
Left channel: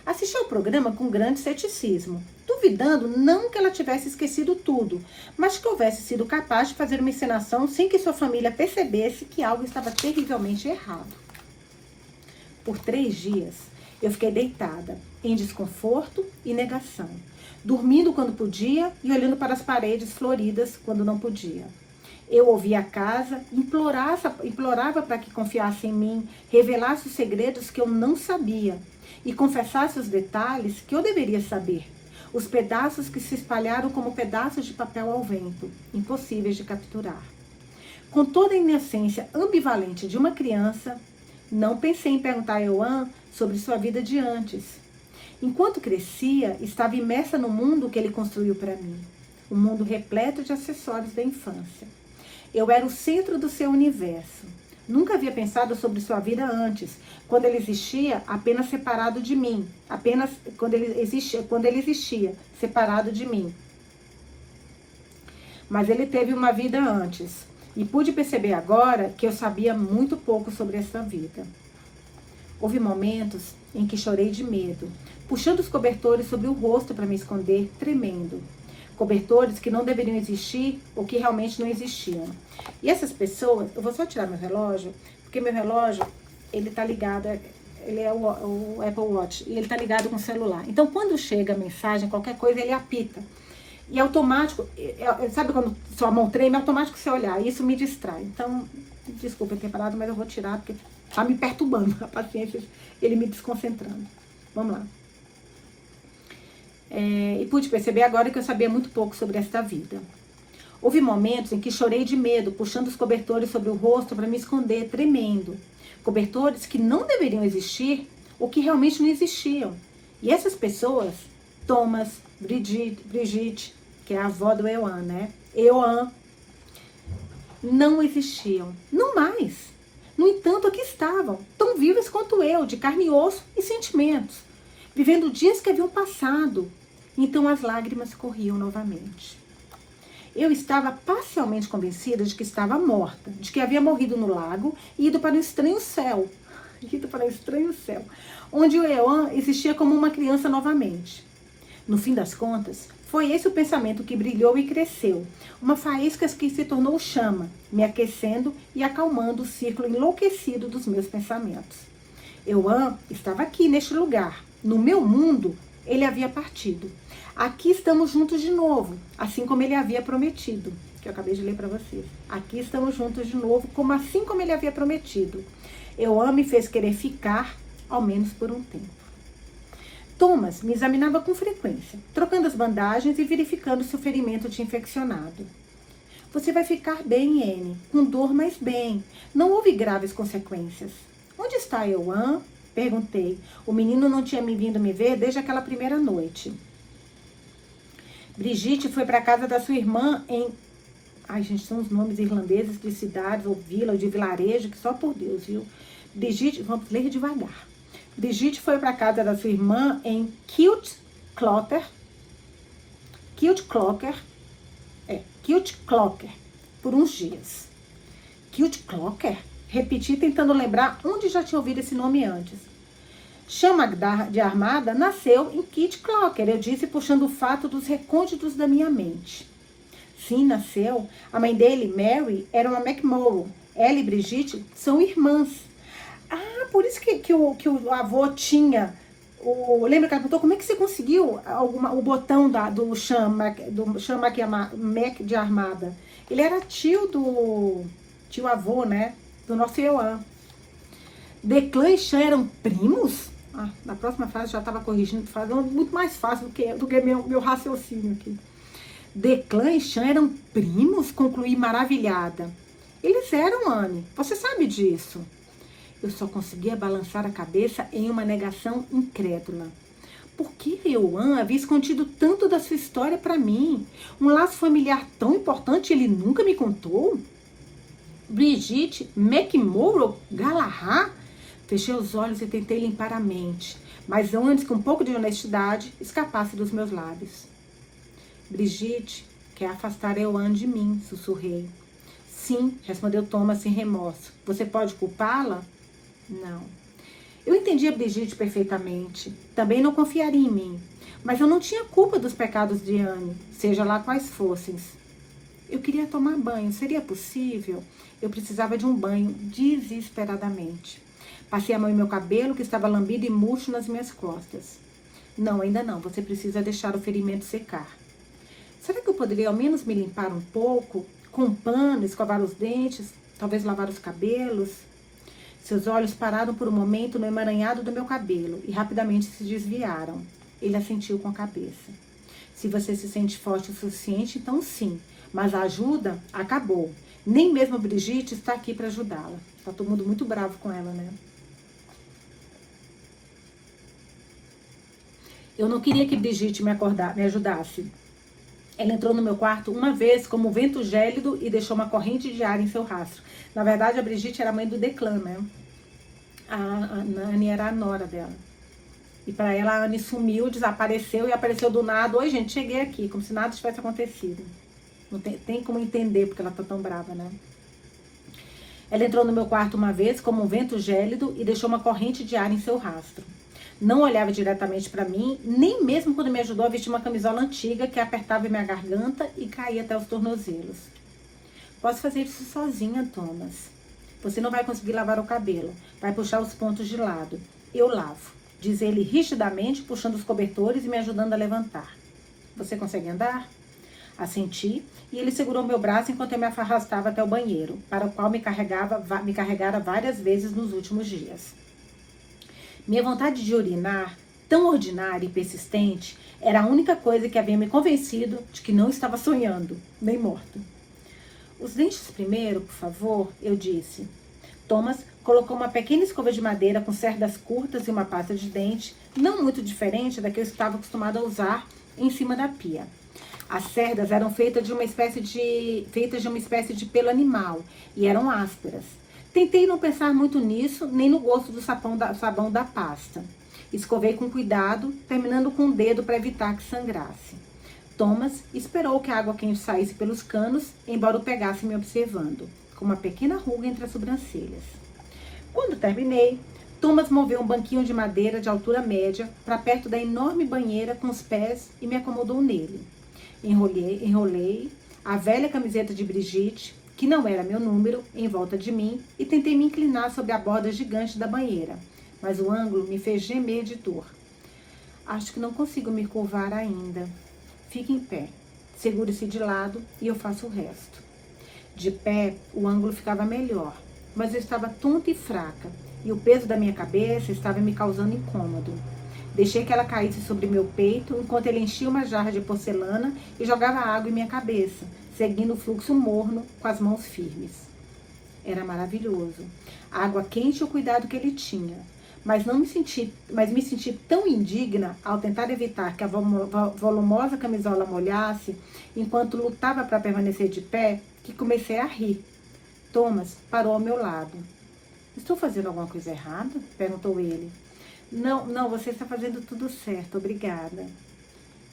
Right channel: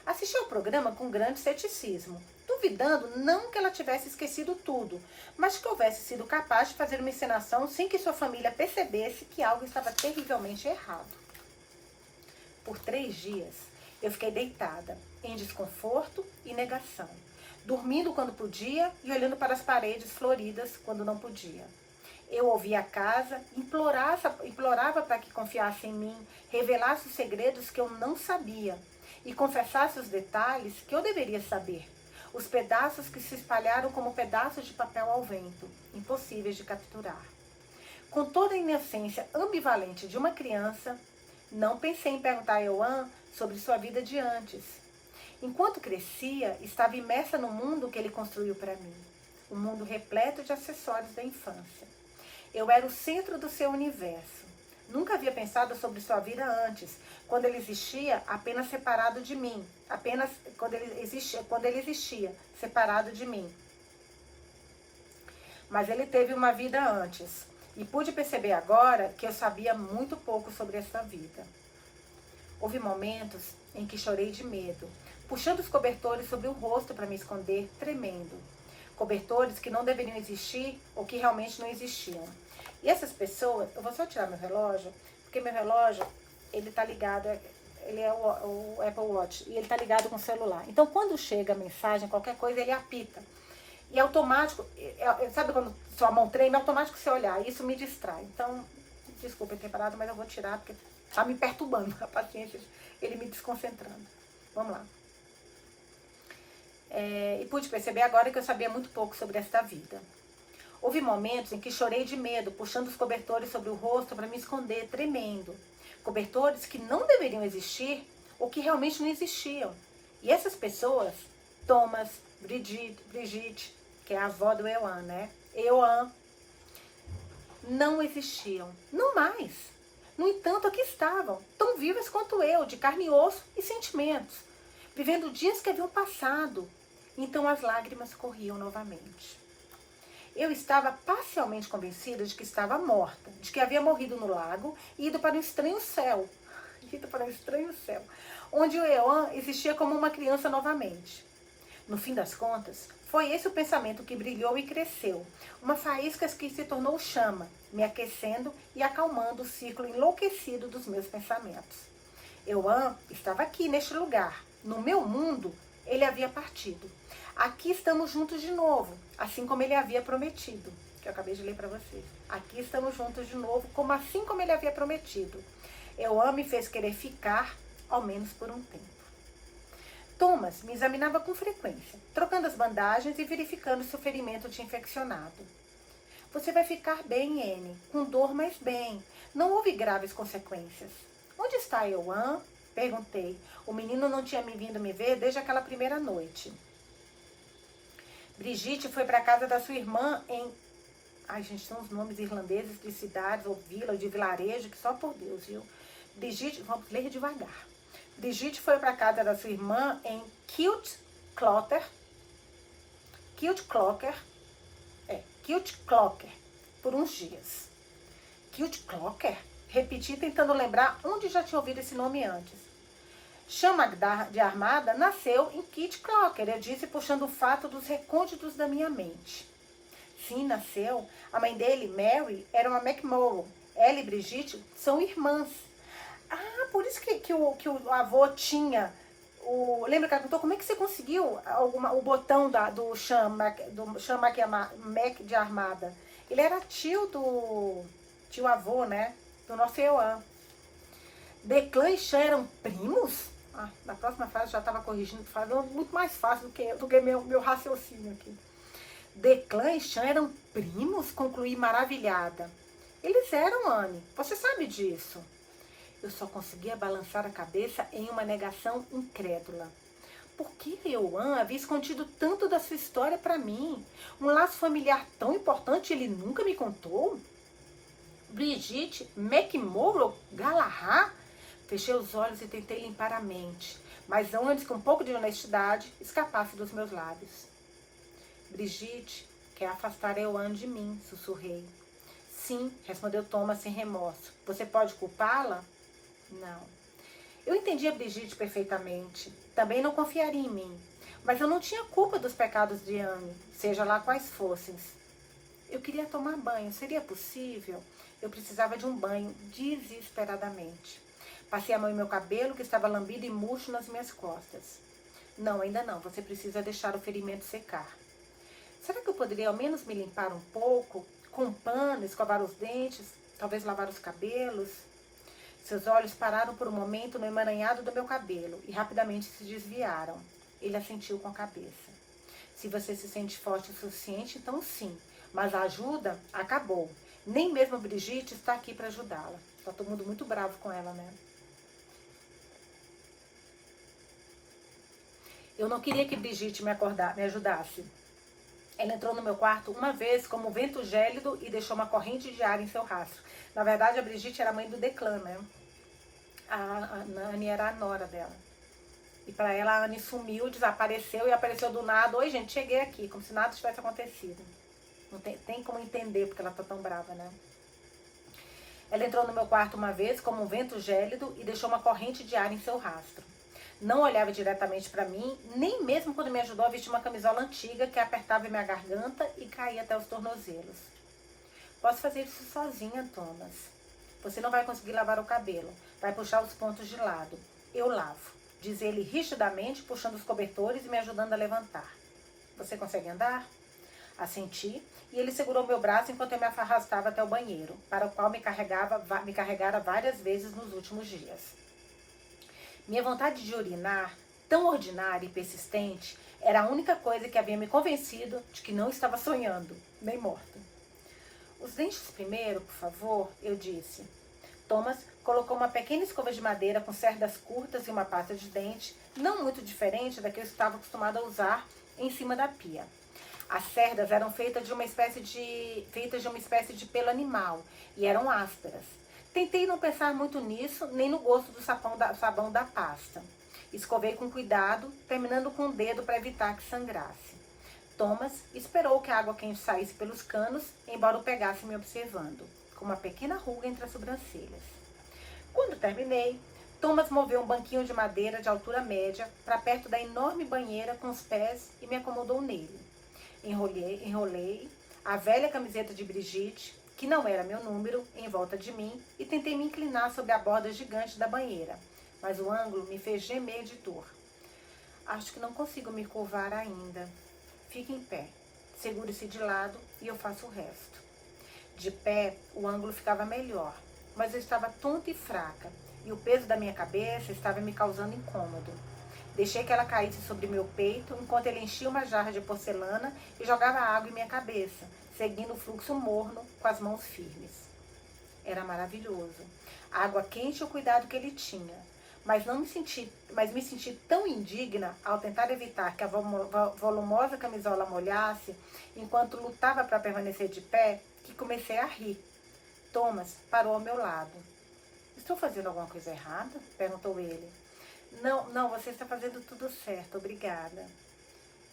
Assisti ao programa com grande ceticismo, duvidando não que ela tivesse esquecido tudo, mas que houvesse sido capaz de fazer uma encenação sem que sua família percebesse que algo estava terrivelmente errado. Por 3 dias, eu fiquei deitada, em desconforto e negação, dormindo quando podia e olhando para as paredes floridas quando não podia. Eu ouvia a casa, implorava para que confiasse em mim, revelasse os segredos que eu não sabia e confessasse os detalhes que eu deveria saber. Os pedaços que se espalharam como pedaços de papel ao vento, impossíveis de capturar. Com toda a inocência ambivalente de uma criança, não pensei em perguntar a Ioan sobre sua vida de antes. Enquanto crescia, estava imersa no mundo que ele construiu para mim. Um mundo repleto de acessórios da infância. Eu era o centro do seu universo. Nunca havia pensado sobre sua vida antes, quando ele existia apenas separado de mim. Apenas quando ele existia separado de mim. Mas ele teve uma vida antes. E pude perceber agora que eu sabia muito pouco sobre essa vida. Houve momentos em que chorei de medo, puxando os cobertores sobre o rosto para me esconder, tremendo. Cobertores que não deveriam existir ou que realmente não existiam. E essas pessoas, eu vou só tirar meu relógio, porque meu relógio, ele tá ligado, ele é o Apple Watch, e ele tá ligado com o celular. Então, quando chega a mensagem, qualquer coisa, ele apita. E automático, sabe quando sua mão treme, é automático você olhar, e isso me distrai. Então, desculpa ter parado, mas eu vou tirar, porque tá me perturbando, a paciência, ele me desconcentrando. Vamos lá. E pude perceber agora que eu sabia muito pouco sobre esta vida. Houve momentos em que chorei de medo, puxando os cobertores sobre o rosto para me esconder, tremendo. Cobertores que não deveriam existir ou que realmente não existiam. E essas pessoas, Thomas, Brigitte, que é a avó do Ioan, né? Ioan, não existiam. Não mais. No entanto, aqui estavam, tão vivas quanto eu, de carne e osso e sentimentos, vivendo dias que haviam passado. Então as lágrimas corriam novamente. Eu estava parcialmente convencida de que estava morta, de que havia morrido no lago e ido para um estranho céu. Onde o Ioan existia como uma criança novamente. No fim das contas, foi esse o pensamento que brilhou e cresceu. Uma faísca que se tornou chama, me aquecendo e acalmando o círculo enlouquecido dos meus pensamentos. Ioan estava aqui, neste lugar. No meu mundo, ele havia partido. Aqui estamos juntos de novo, assim como ele havia prometido, que eu acabei de ler para vocês. Aqui estamos juntos de novo, assim como ele havia prometido. Ioan me fez querer ficar, ao menos por um tempo. Thomas me examinava com frequência, trocando as bandagens e verificando se o ferimento tinha infeccionado. Você vai ficar bem, Anne, com dor, mas bem. Não houve graves consequências. Onde está Ioan? Perguntei. O menino não tinha vindo me ver desde aquela primeira noite. Brigitte foi para a casa da sua irmã em... Ai, gente, são os nomes irlandeses de cidades, ou vila, ou de vilarejo, que só por Deus, viu? Brigitte, vamos ler devagar. Brigitte foi para a casa da sua irmã em Kiltclocker, por uns dias. Kiltclocker? Repeti, tentando lembrar onde já tinha ouvido esse nome antes. Chama de Armada nasceu em Kiltclocker, eu disse, puxando o fato dos recônditos da minha mente. Sim, nasceu. A mãe dele, Mary, era uma McMorrow. Ela e Brigitte são irmãs. Ah, por isso que o avô tinha... lembra que ela perguntou como é que você conseguiu o botão do Mac de Armada? Ele era tio avô, né? Do nosso Ioan. Declan e Chan eram primos? Ah, na próxima frase já estava corrigindo, falando muito mais fácil do que meu raciocínio aqui. Declan e Chan eram primos? Concluí maravilhada. Eles eram, Anne. Você sabe disso. Eu só conseguia balançar a cabeça em uma negação incrédula. Por que Ioan havia escondido tanto da sua história para mim? Um laço familiar tão importante ele nunca me contou? Brigitte, McMorrow, Galahad? Fechei os olhos e tentei limpar a mente, mas antes que um pouco de honestidade escapasse dos meus lábios. Brigitte quer afastar Ioan de mim, sussurrei. Sim, respondeu Thomas sem remorso. Você pode culpá-la? Não. Eu entendi a Brigitte perfeitamente. Também não confiaria em mim. Mas eu não tinha culpa dos pecados de Anne, seja lá quais fossem. Eu queria tomar banho. Seria possível? Eu precisava de um banho desesperadamente. Passei a mão em meu cabelo, que estava lambido e murcho nas minhas costas. Não, ainda não. Você precisa deixar o ferimento secar. Será que eu poderia ao menos me limpar um pouco? Com um pano, escovar os dentes, talvez lavar os cabelos? Seus olhos pararam por um momento no emaranhado do meu cabelo e rapidamente se desviaram. Ele assentiu com a cabeça. Se você se sente forte o suficiente, então sim. Mas a ajuda acabou. Nem mesmo a Brigitte está aqui para ajudá-la. Está todo mundo muito bravo com ela, né? Eu não queria que Brigitte me ajudasse. Ela entrou no meu quarto uma vez como um vento gélido e deixou uma corrente de ar em seu rastro. Na verdade, a Brigitte era a mãe do Declan, né? A Anne era a nora dela. E para ela, a Anne sumiu, desapareceu e apareceu do nada. Oi, gente, cheguei aqui, como se nada tivesse acontecido. Não tem como entender porque ela tá tão brava, né? Ela entrou no meu quarto uma vez como um vento gélido e deixou uma corrente de ar em seu rastro. Não olhava diretamente para mim, nem mesmo quando me ajudou a vestir uma camisola antiga que apertava minha garganta e caía até os tornozelos. Posso fazer isso sozinha, Thomas. Você não vai conseguir lavar o cabelo. Vai puxar os pontos de lado. Eu lavo, diz ele rigidamente, puxando os cobertores e me ajudando a levantar. Você consegue andar? Assenti, e ele segurou meu braço enquanto eu me arrastava até o banheiro, para o qual me carregara várias vezes nos últimos dias. Minha vontade de urinar, tão ordinária e persistente, era a única coisa que havia me convencido de que não estava sonhando, nem morto. Os dentes primeiro, por favor, eu disse. Thomas colocou uma pequena escova de madeira com cerdas curtas e uma pasta de dente, não muito diferente da que eu estava acostumado a usar, em cima da pia. As cerdas eram feitas de uma espécie de pelo animal e eram ásperas. Tentei não pensar muito nisso, nem no gosto do sabão da pasta. Escovei com cuidado, terminando com o dedo para evitar que sangrasse. Thomas esperou que a água quente saísse pelos canos, embora o pegasse me observando, com uma pequena ruga entre as sobrancelhas. Quando terminei, Thomas moveu um banquinho de madeira de altura média para perto da enorme banheira com os pés e me acomodou nele. Enrolei a velha camiseta de Brigitte, que não era meu número, em volta de mim e tentei me inclinar sobre a borda gigante da banheira, mas o ângulo me fez gemer de dor. Acho que não consigo me curvar ainda. Fique em pé, segure-se de lado e eu faço o resto. De pé, o ângulo ficava melhor, mas eu estava tonta e fraca e o peso da minha cabeça estava me causando incômodo. Deixei que ela caísse sobre meu peito enquanto ele enchia uma jarra de porcelana e jogava água em minha cabeça, seguindo o fluxo morno com as mãos firmes. Era maravilhoso. A água quente e o cuidado que ele tinha. Mas me senti tão indigna ao tentar evitar que a volumosa camisola molhasse enquanto lutava para permanecer de pé, que comecei a rir. Thomas parou ao meu lado. Estou fazendo alguma coisa errada? Perguntou ele. Não, você está fazendo tudo certo, obrigada.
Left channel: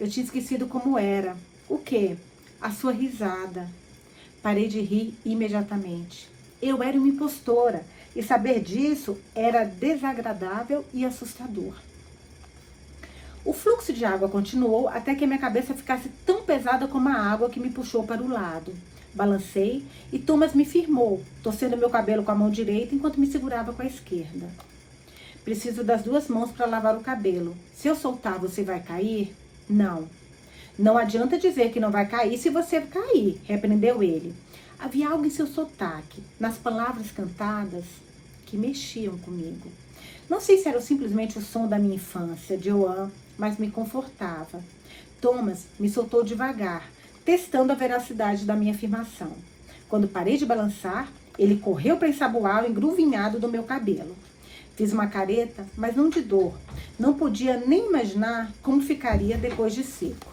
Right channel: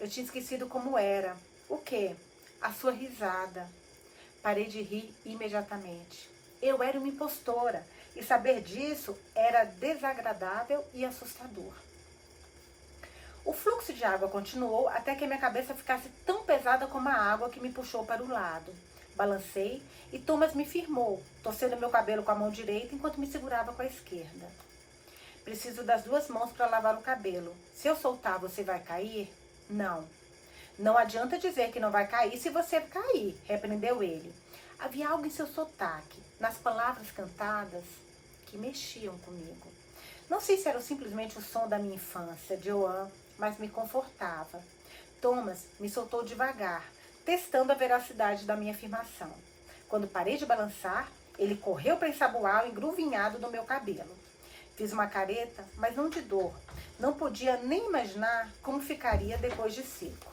Eu tinha esquecido como era. O quê? A sua risada. Parei de rir imediatamente. Eu era uma impostora e saber disso era desagradável e assustador. O fluxo de água continuou até que a minha cabeça ficasse tão pesada como a água que me puxou para o lado. Balancei e Thomas me firmou, torcendo meu cabelo com a mão direita enquanto me segurava com a esquerda. Preciso das duas mãos para lavar o cabelo. Se eu soltar, você vai cair? Não. Não adianta dizer que não vai cair se você cair, repreendeu ele. Havia algo em seu sotaque, nas palavras cantadas, que mexiam comigo. Não sei se era simplesmente o som da minha infância, Joanne, mas me confortava. Thomas me soltou devagar, testando a veracidade da minha afirmação. Quando parei de balançar, ele correu para ensaboar o engruvinhado do meu cabelo. Fiz uma careta, mas não de dor. Não podia nem imaginar como ficaria depois de seco.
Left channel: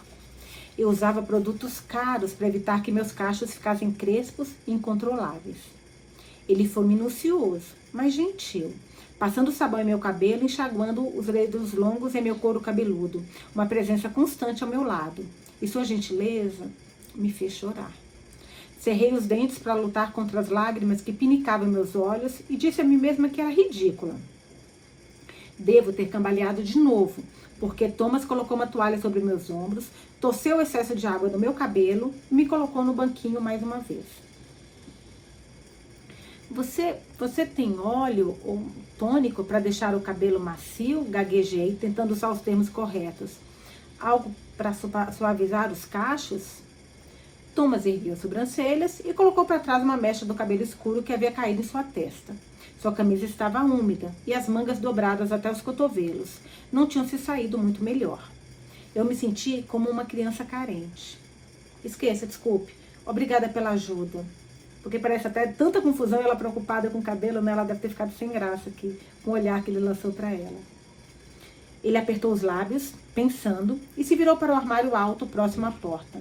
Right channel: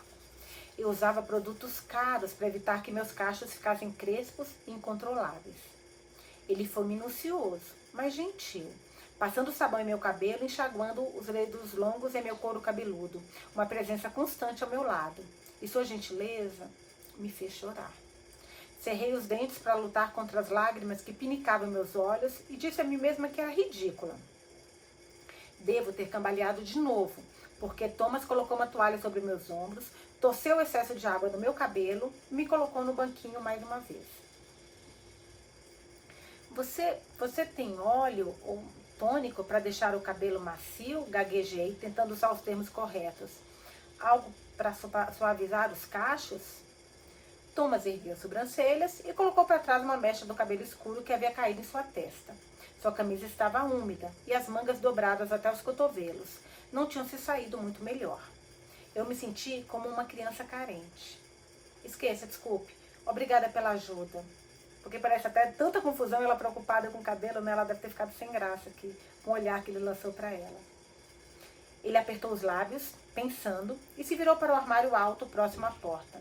Eu usava produtos caros para evitar que meus cachos ficassem crespos e incontroláveis. Ele foi minucioso, mas gentil, passando sabão em meu cabelo, enxaguando os dedos longos em meu couro cabeludo, uma presença constante ao meu lado. E sua gentileza me fez chorar. Cerrei os dentes para lutar contra as lágrimas que pinicavam meus olhos e disse a mim mesma que era ridícula. Devo ter cambaleado de novo, porque Thomas colocou uma toalha sobre meus ombros, torceu o excesso de água no meu cabelo e me colocou no banquinho mais uma vez. Você tem óleo ou tônico para deixar o cabelo macio? Gaguejei, tentando usar os termos corretos. Algo para suavizar os cachos? Thomas ergueu as sobrancelhas e colocou para trás uma mecha do cabelo escuro que havia caído em sua testa. Sua camisa estava úmida e as mangas dobradas até os cotovelos não tinham se saído muito melhor. Eu me senti como uma criança carente. Esqueça, desculpe. Obrigada pela ajuda. Porque parece até tanta confusão, ela preocupada com o cabelo, né? Ela deve ter ficado sem graça aqui, com o olhar que ele lançou para ela. Ele apertou os lábios, pensando, e se virou para o armário alto próximo à porta.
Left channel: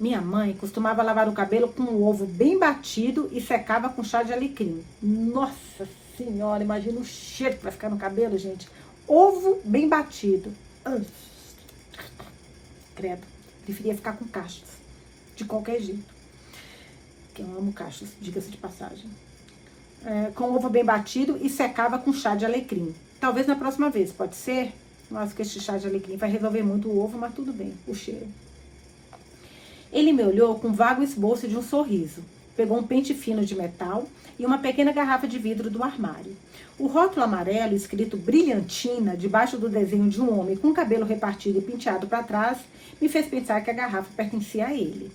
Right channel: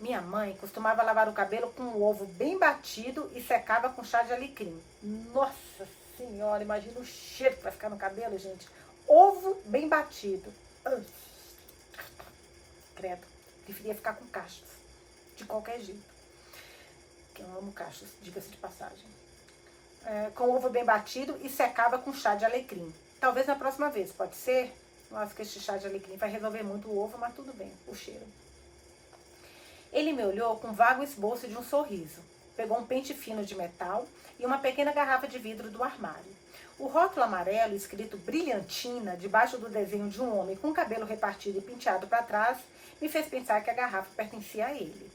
Minha mãe costumava lavar o cabelo com um ovo bem batido e secava com chá de alecrim. Nossa Senhora, imagina o cheiro que vai ficar no cabelo, gente. Ovo bem batido. Credo, preferia ficar com cachos, de qualquer jeito. Que eu amo cachos, diga-se de passagem. Com ovo bem batido e secava com chá de alecrim. Talvez na próxima vez, pode ser? Não acho que esse chá de alecrim vai resolver muito o ovo, mas tudo bem, o cheiro. Ele me olhou com vago esboço de um sorriso. Pegou um pente fino de metal e uma pequena garrafa de vidro do armário. O rótulo amarelo, escrito brilhantina, debaixo do desenho de um homem com cabelo repartido e penteado para trás, me fez pensar que a garrafa pertencia a ele.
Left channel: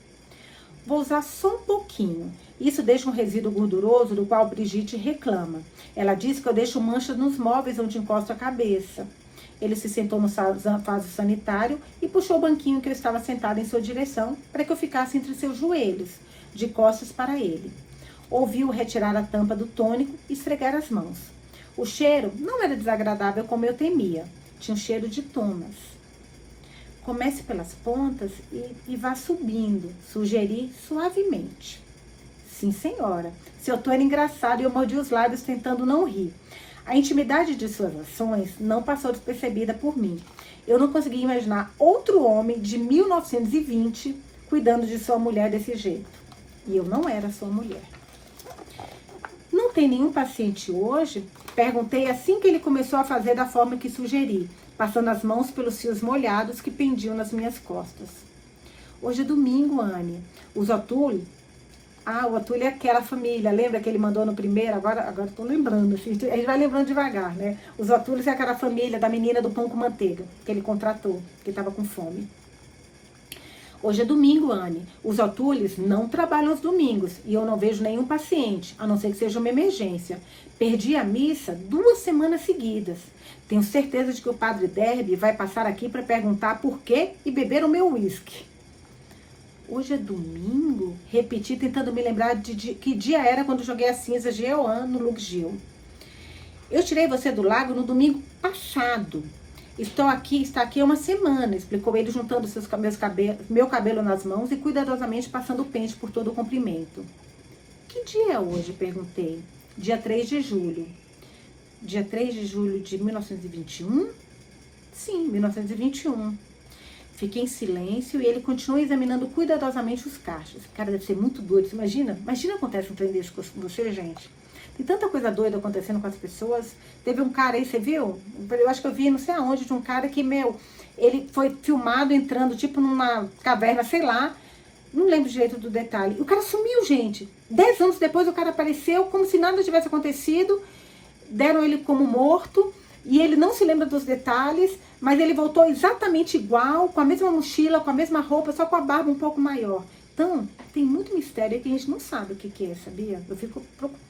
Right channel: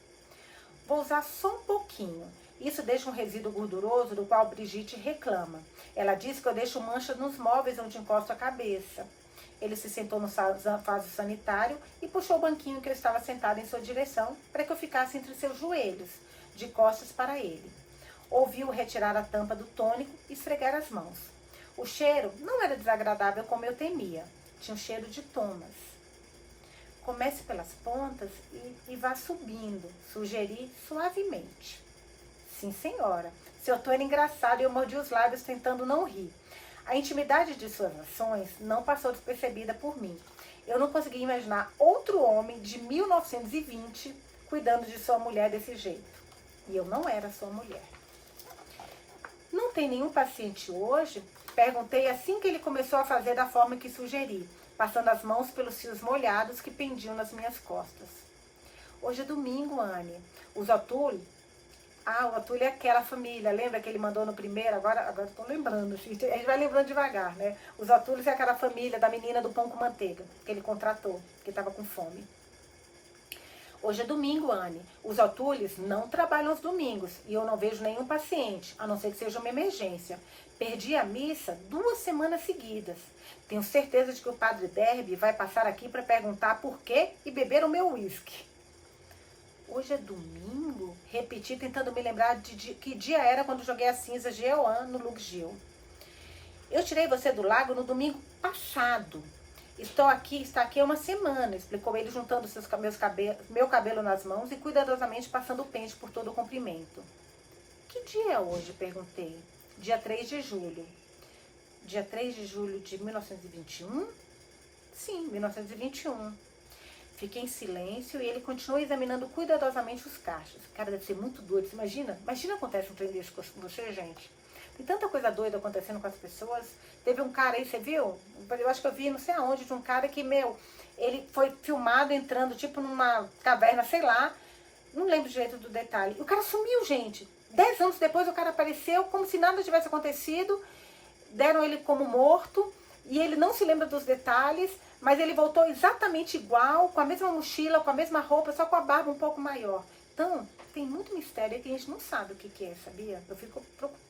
Vou usar só um pouquinho. Isso deixa um resíduo gorduroso do qual Brigitte reclama. Ela diz que eu deixo manchas nos móveis onde encosto a cabeça. Ele se sentou no vaso sanitário e puxou o banquinho que eu estava sentada em sua direção para que eu ficasse entre seus joelhos, de costas para ele. Ouviu retirar a tampa do tônico e esfregar as mãos. O cheiro não era desagradável como eu temia. Tinha um cheiro de Thomas. Comece pelas pontas e vá subindo, sugeri suavemente. Sim, senhora. Seu tom era engraçado e eu mordi os lábios tentando não rir. A intimidade de suas ações não passou despercebida por mim. Eu não conseguia imaginar outro homem de 1920 cuidando de sua mulher desse jeito. E eu não era sua mulher. Não tem nenhum paciente hoje? Perguntei assim que ele começou a fazer da forma que sugeri, passando as mãos pelos fios molhados que pendiam nas minhas costas. Hoje é domingo, Anne. Os O'Toole... o O'Toole é aquela família, lembra que ele mandou no primeiro? Agora tô lembrando, assim, a gente vai lembrando devagar, né? Os O'Toole é aquela família da menina do pão com manteiga, que ele contratou, que estava com fome. Hoje é domingo, Anne. Os O'Toole não trabalham aos domingos e eu não vejo nenhum paciente, a não ser que seja uma emergência. Perdi a missa 2 semanas seguidas. Tenho certeza de que o padre Derby vai passar aqui para perguntar por quê e beber o meu uísque. Hoje é domingo? Repeti, tentando me lembrar de que dia era quando joguei as cinzas de Eoan no Luxgil. Eu tirei você do lago no domingo passado. Está aqui há uma semana, explicou ele, juntando meu cabelo nas mãos e cuidadosamente passando o pente por todo o comprimento. Que dia é hoje? Perguntei. Dia 3 de julho. Dia 3 de julho de 1921? Sim, 1921. Fiquei em silêncio e ele continuou examinando cuidadosamente os cachos. Cara, deve ser muito doido. Imagina acontece um trem desse com você, gente. Tem tanta coisa doida acontecendo com as pessoas. Teve um cara aí, você viu? Eu acho que eu vi não sei aonde, de um cara que, ele foi filmado entrando tipo numa caverna, sei lá. Não lembro direito do detalhe. E o cara sumiu, gente. 10 anos depois o cara apareceu como se nada tivesse acontecido. Deram ele como morto. E ele não se lembra dos detalhes, mas ele voltou exatamente igual, com a mesma mochila, com a mesma roupa, só com a barba um pouco maior. Então, tem muito mistério que a gente não sabe o que é, sabia? Eu fico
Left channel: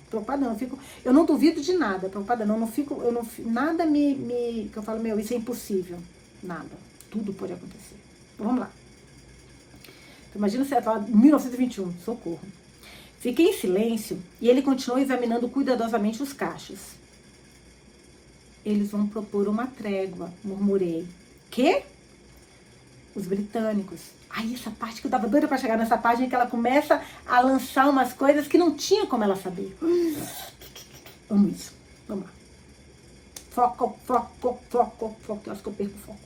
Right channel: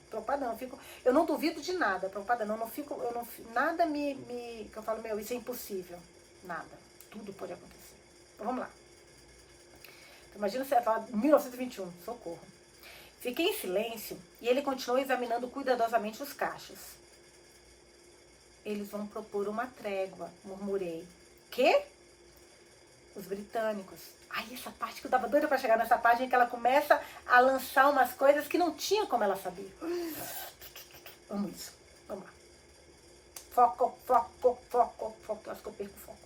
preocupada, não. Eu não duvido de nada, preocupada não. Nada que eu falo, isso é impossível. Nada. Tudo pode acontecer. Vamos lá. Imagina você falar 1921, socorro. Fiquei em silêncio e ele continuou examinando cuidadosamente os cachos. Eles vão propor uma trégua, murmurei. Quê? Os britânicos. Aí essa parte que eu tava doida pra chegar nessa página que ela começa a lançar umas coisas que não tinha como ela saber. Vamos isso. Vamos lá. Foco. Acho que eu perco o foco.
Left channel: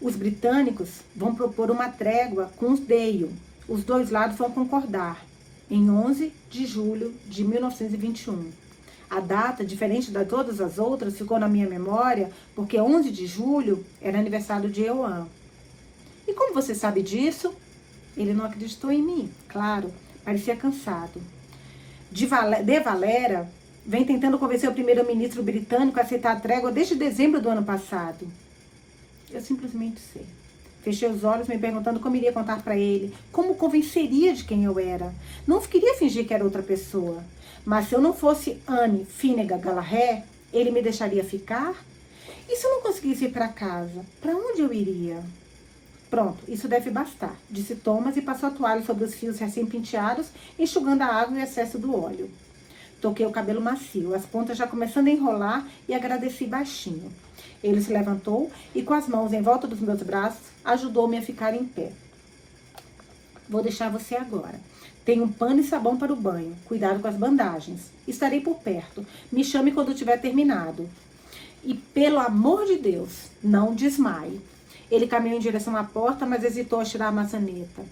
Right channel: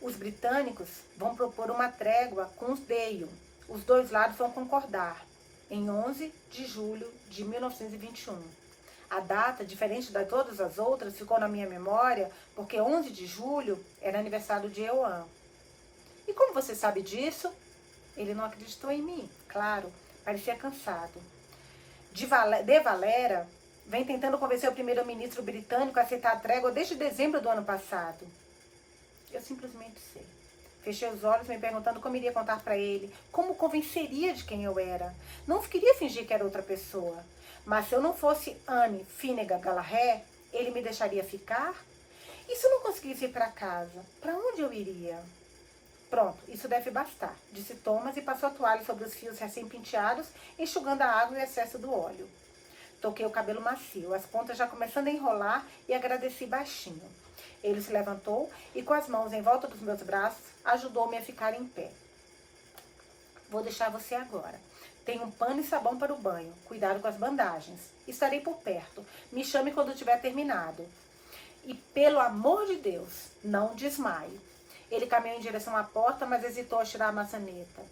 Os britânicos vão propor uma trégua com os Dale. os dois lados vão concordar em 11 de julho de 1921. A data, diferente de todas as outras, ficou na minha memória porque 11 de julho era aniversário de Euan. E como você sabe disso? Ele não acreditou em mim, claro, parecia cansado. De Valera vem tentando convencer o primeiro-ministro britânico a aceitar a trégua desde dezembro do ano passado. Eu simplesmente sei. Fechei os olhos me perguntando como iria contar para ele, como convenceria de quem eu era. Não queria fingir que era outra pessoa. Mas se eu não fosse Anne Finnegan Gallagher, ele me deixaria ficar? E se eu não conseguisse ir para casa? Para onde eu iria? Pronto, isso deve bastar, disse Thomas e passou a toalha sobre os fios recém-penteados, enxugando a água e o excesso do óleo. Toquei o cabelo macio, as pontas já começando a enrolar e agradeci baixinho. Ele se levantou e, com as mãos em volta dos meus braços, ajudou-me a ficar em pé. Vou deixar você agora. Tenho um pano e sabão para o banho. Cuidado com as bandagens. Estarei por perto. Me chame quando tiver terminado. E, pelo amor de Deus, não desmaie. Ele caminhou em direção à porta, mas hesitou a tirar a maçaneta.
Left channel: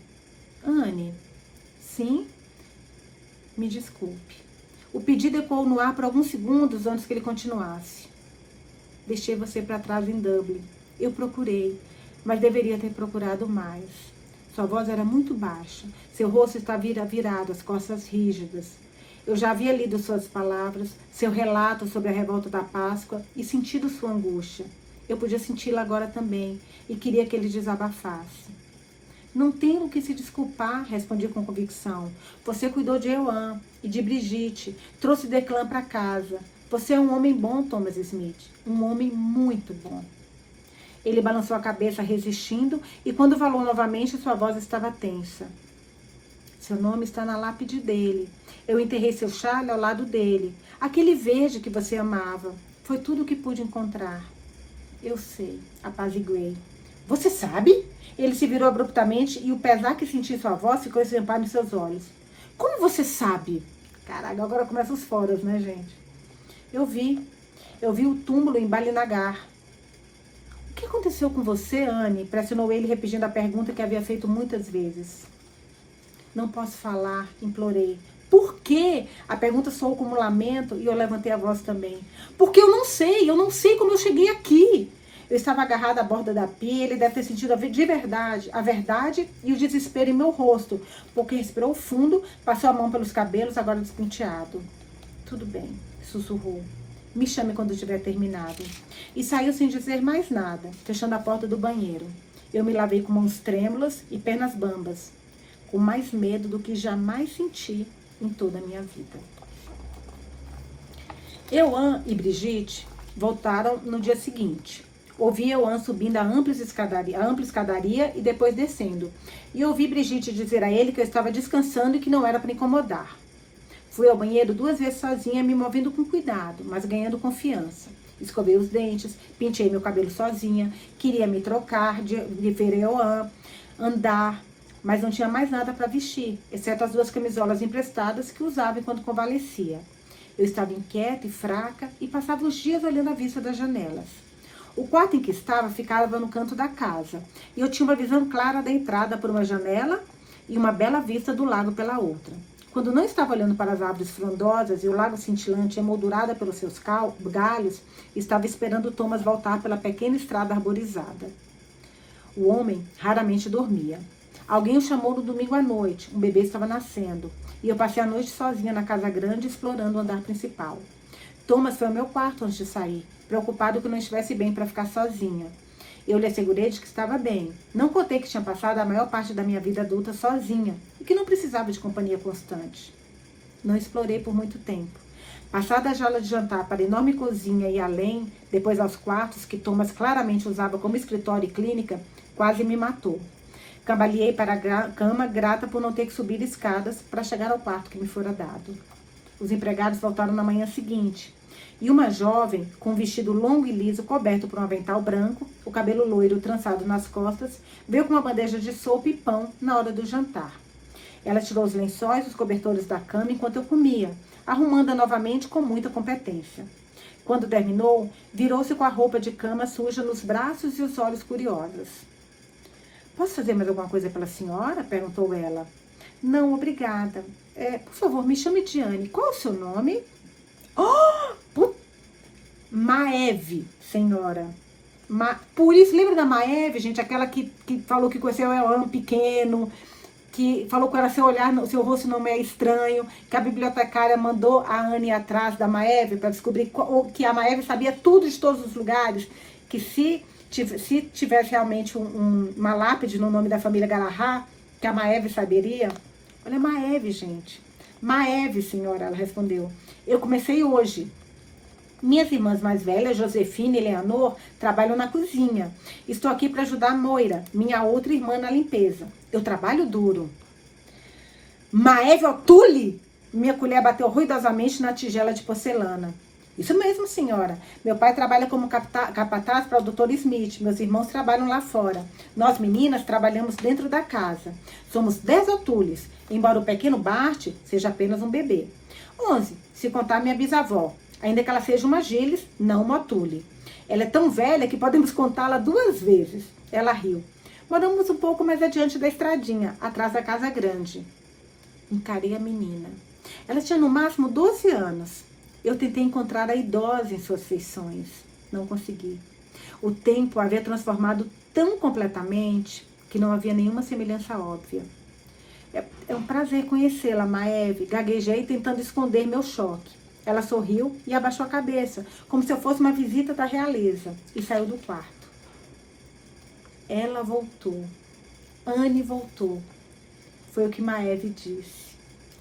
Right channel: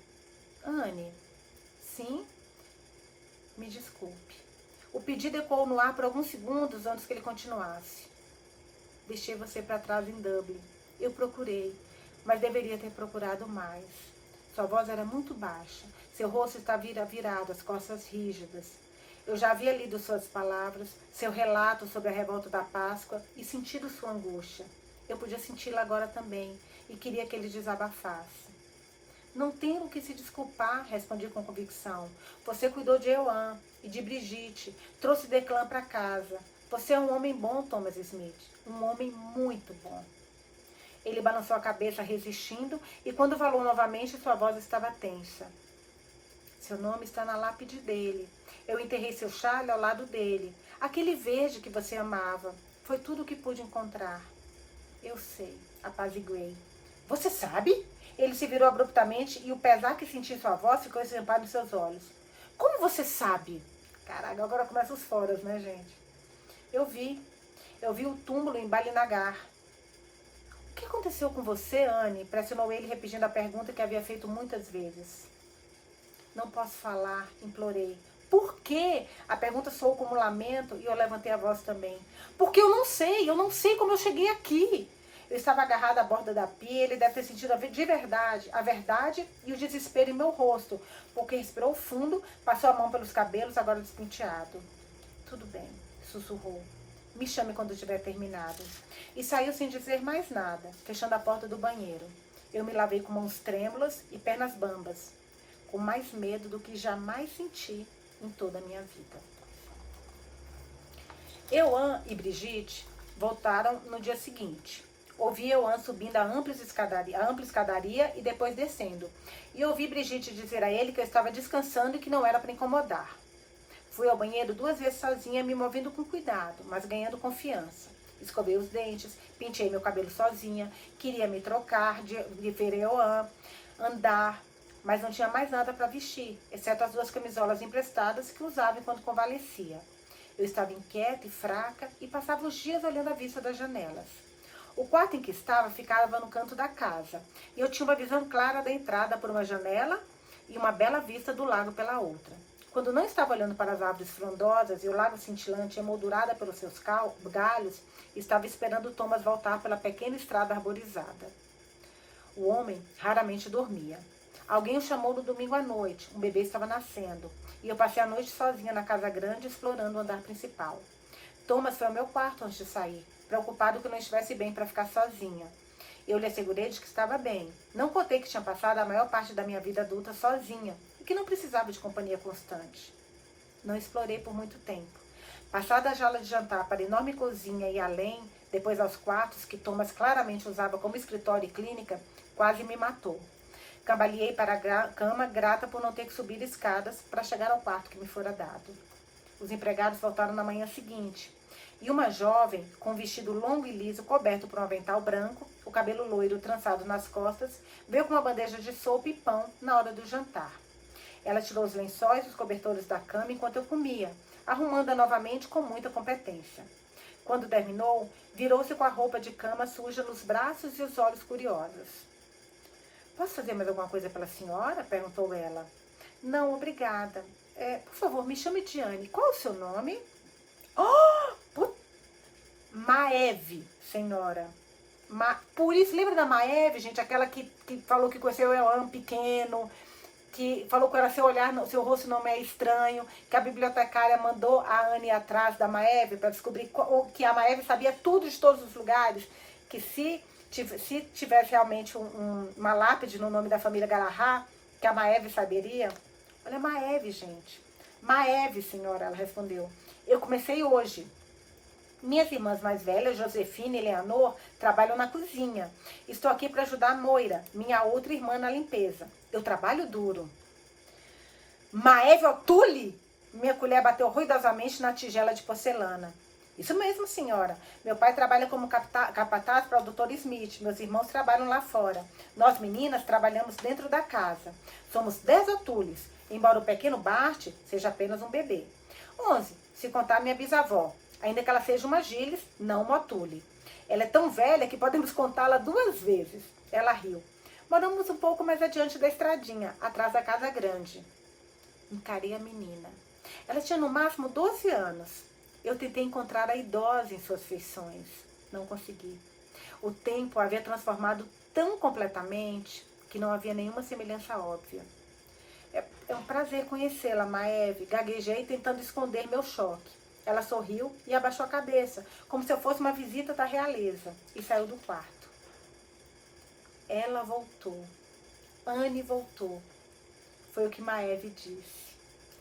Anne, sim? Me desculpe. O pedido ecoou no ar por alguns segundos antes que ele continuasse. Deixei você para trás em Dublin. Eu procurei, mas deveria ter procurado mais. Sua voz era muito baixa. Seu rosto estava virado, as costas rígidas. Eu já havia lido suas palavras, seu relato sobre a revolta da Páscoa e sentido sua angústia. Eu podia senti-la agora também e queria que ele desabafasse. Não tenho o que se desculpar, respondi com convicção. Você cuidou de Euan e de Brigitte, trouxe Declan para casa. Você é um homem bom, Thomas Smith, um homem muito bom. Ele balançou a cabeça resistindo e quando falou novamente, sua voz estava tensa. Seu nome está na lápide dele. Eu enterrei seu chale ao lado dele. Aquele verde que você amava. Foi tudo o que pude encontrar. Eu sei, apaziguei. Você sabe? Ele se virou abruptamente e o pesar que senti em sua voz ficou estampado em seus olhos. Como você sabe? Caraca, agora começam os foros, né, gente? Eu vi o túmulo em Balinagar. O que aconteceu com você, Anne? Pressionou ele, repetindo a pergunta que havia feito muitas vezes. Não posso falar, implorei. Por quê? A pergunta soou como um lamento e eu levantei a voz também. Porque eu não sei como eu cheguei aqui. Eu estava agarrada à borda da pia, ele deve ter sentido a verdade e o desespero em meu rosto, porque respirou fundo, passou a mão pelos cabelos, agora despenteado. Tudo bem, sussurrou. Me chame quando tiver terminado. E saiu sem dizer mais nada, fechando a porta do banheiro. Eu me lavei com mãos trêmulas e pernas bambas, com mais medo do que jamais senti em toda a minha vida. Euan e Brigitte voltaram no dia seguinte. Ouvi Euan subindo a ampla escadaria e depois descendo. E ouvi Brigitte dizer a ele que eu estava descansando e que não era para incomodar. Fui ao banheiro 2 vezes sozinha, me movendo com cuidado, mas ganhando confiança. Escovei os dentes, pintei meu cabelo sozinha, queria me trocar de ver Euan, andar, mas não tinha mais nada para vestir, exceto as 2 camisolas emprestadas que usava enquanto convalescia. Eu estava inquieta e fraca e passava os dias olhando a vista das janelas. O quarto em que estava ficava no canto da casa, e eu tinha uma visão clara da entrada por uma janela e uma bela vista do lago pela outra. Quando não estava olhando para as árvores frondosas e o lago cintilante emoldurada pelos seus galhos, estava esperando Thomas voltar pela pequena estrada arborizada. O homem raramente dormia. Alguém o chamou no domingo à noite, um bebê estava nascendo, e eu passei a noite sozinha na casa grande, explorando o andar principal. Thomas foi ao meu quarto antes de sair, preocupado que eu não estivesse bem para ficar sozinha. Eu lhe assegurei de que estava bem. Não contei que tinha passado a maior parte da minha vida adulta sozinha e que não precisava de companhia constante. Não explorei por muito tempo. Passada a jaula de jantar para a enorme cozinha e além, depois aos quartos que Thomas claramente usava como escritório e clínica, quase me matou. Cambaleei para a cama, grata por não ter que subir escadas para chegar ao quarto que me fora dado. Os empregados voltaram na manhã seguinte. E uma jovem, com um vestido longo e liso, coberto por um avental branco, o cabelo loiro trançado nas costas, veio com uma bandeja de sopa e pão na hora do jantar. Ela tirou os lençóis, os cobertores da cama enquanto eu comia, arrumando-a novamente com muita competência. Quando terminou, virou-se com a roupa de cama suja nos braços e os olhos curiosos. Posso fazer mais alguma coisa pela senhora? Perguntou ela. Não, obrigada. Por favor, me chame de Anne. Qual é o seu nome? Oh, Maeve, senhora. Por isso, lembra da Maeve, gente? Aquela que falou que conheceu o Elano pequeno, que falou com ela, seu rosto não me é estranho, que a bibliotecária mandou a Anne atrás da Maeve para descobrir que a Maeve sabia tudo de todos os lugares, que se tivesse realmente uma lápide no nome da família Galahad, que a Maeve saberia. Olha, Maeve, gente. Maeve, senhora, ela respondeu. Eu comecei hoje. Minhas irmãs mais velhas, Josefina e Leonor, trabalham na cozinha. Estou aqui para ajudar a Moira, minha outra irmã, na limpeza. Eu trabalho duro. Maeve O'Toole! Minha colher bateu ruidosamente na tigela de porcelana. Isso mesmo, senhora. Meu pai trabalha como capataz para o Dr. Smith. Meus irmãos trabalham lá fora. Nós, meninas, trabalhamos dentro da casa. Somos 10 O'Tooles, embora o pequeno Bart seja apenas um bebê. 11, se contar minha bisavó. Ainda que ela seja uma Gilles, não uma O'Toole. Ela é tão velha que podemos contá-la 2 vezes. Ela riu. Moramos um pouco mais adiante da estradinha, atrás da casa grande. Encarei a menina. Ela tinha no máximo 12 anos. Eu tentei encontrar a idosa em suas feições. Não consegui. O tempo a havia transformado tão completamente que não havia nenhuma semelhança óbvia. É um prazer conhecê-la, Maeve. Gaguejei tentando esconder meu choque. Ela sorriu e abaixou a cabeça, como se eu fosse uma visita da realeza, e saiu do quarto. Ela voltou. Anne voltou. Foi o que Maeve disse.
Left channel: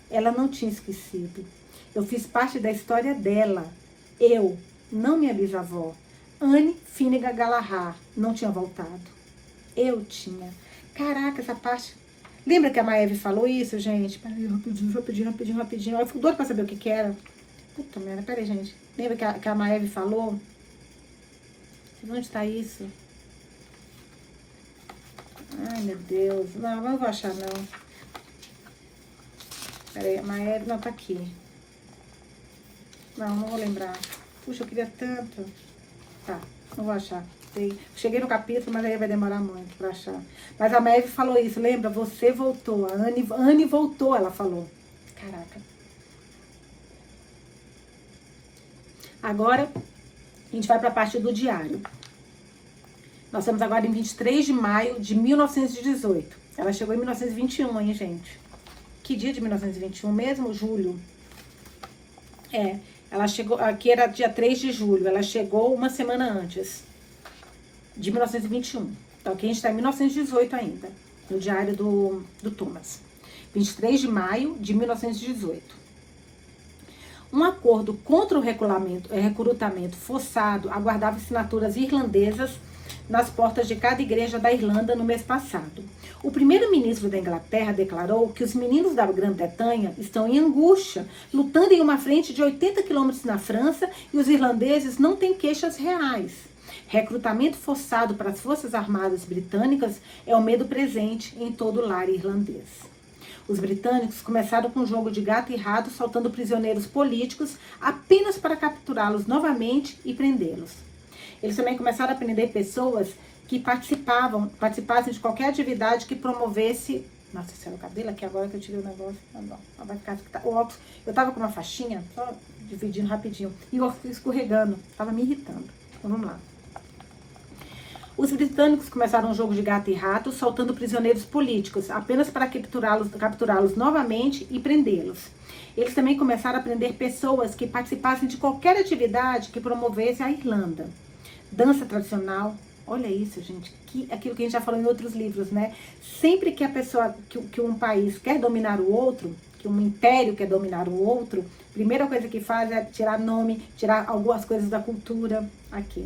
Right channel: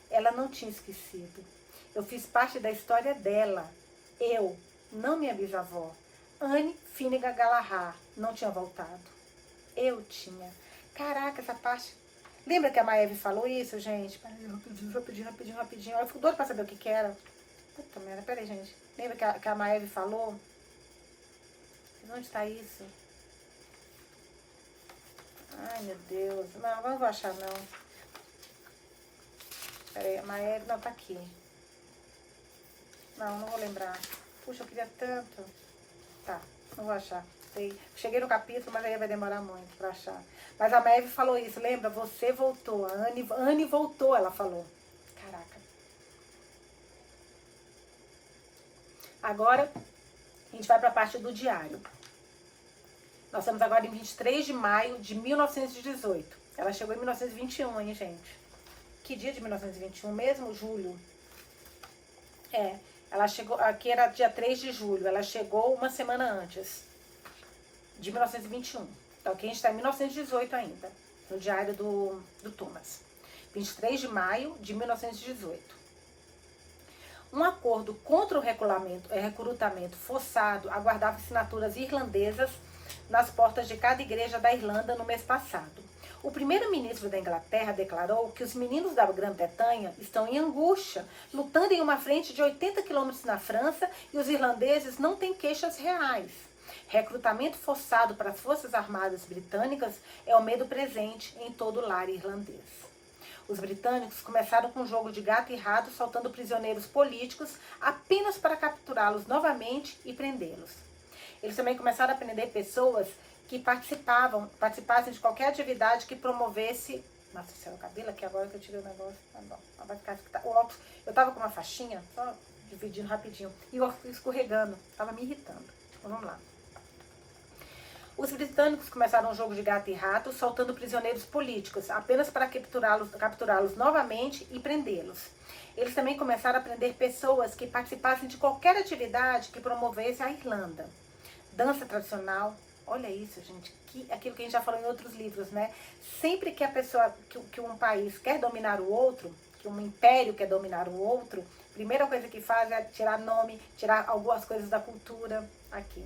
Ela não tinha esquecido. Eu fiz parte da história dela. Eu, não minha bisavó. Anne Finnegan Galahad não tinha voltado. Eu tinha. Caraca, essa parte... Lembra que a Maeve falou isso, gente? Peraí, rapidinho. Eu fico doida pra saber o que era. Puta merda, peraí, gente. Lembra que a Maeve falou? Onde tá isso? Ai, meu Deus. Não vou achar, não. Peraí, a Maeve... Não, tá aqui. Não vou lembrar. Puxa, eu queria tanto. Tá, não vou achar. Cheguei no capítulo, mas aí vai demorar muito pra achar. Mas a Maeve falou isso, lembra? Você voltou. A Anne voltou, ela falou. Caraca. Agora, a gente vai para a parte do diário. Nós estamos agora em 23 de maio de 1918. Ela chegou em 1921, hein, gente? Que dia de 1921 mesmo? Julho. Ela chegou, aqui era dia 3 de julho. Ela chegou uma semana antes de 1921. Então, aqui a gente está em 1918 ainda, no diário do Thomas. 23 de maio de 1918. Um acordo contra o recrutamento forçado aguardava assinaturas irlandesas nas portas de cada igreja da Irlanda no mês passado. O primeiro-ministro da Inglaterra declarou que os meninos da Grã-Bretanha estão em angústia, lutando em uma frente de 80 quilômetros na França, e os irlandeses não têm queixas reais. Recrutamento forçado para as Forças Armadas Britânicas é o medo presente em todo o lar irlandês. Os britânicos começaram com um jogo de gato e rato, soltando prisioneiros políticos apenas para capturá-los novamente e prendê-los. Eles também começaram a prender pessoas que participassem de qualquer atividade que promovesse... Nossa, esse é o cabelo aqui agora que eu tirei o negócio. Não, vai ficar... O óculos, eu tava com uma faixinha, só dividindo rapidinho, e eu fui escorregando, tava me irritando. Então vamos lá. Os britânicos começaram um jogo de gato e rato, soltando prisioneiros políticos, apenas para capturá-los novamente e prendê-los. Eles também começaram a prender pessoas que participassem de qualquer atividade que promovesse a Irlanda. Dança tradicional, olha isso, gente, aquilo que a gente já falou em outros livros, né? Sempre que a pessoa, que um país quer dominar o outro, que um império quer dominar o outro, a primeira coisa que faz é tirar nome, tirar algumas coisas da cultura aqui.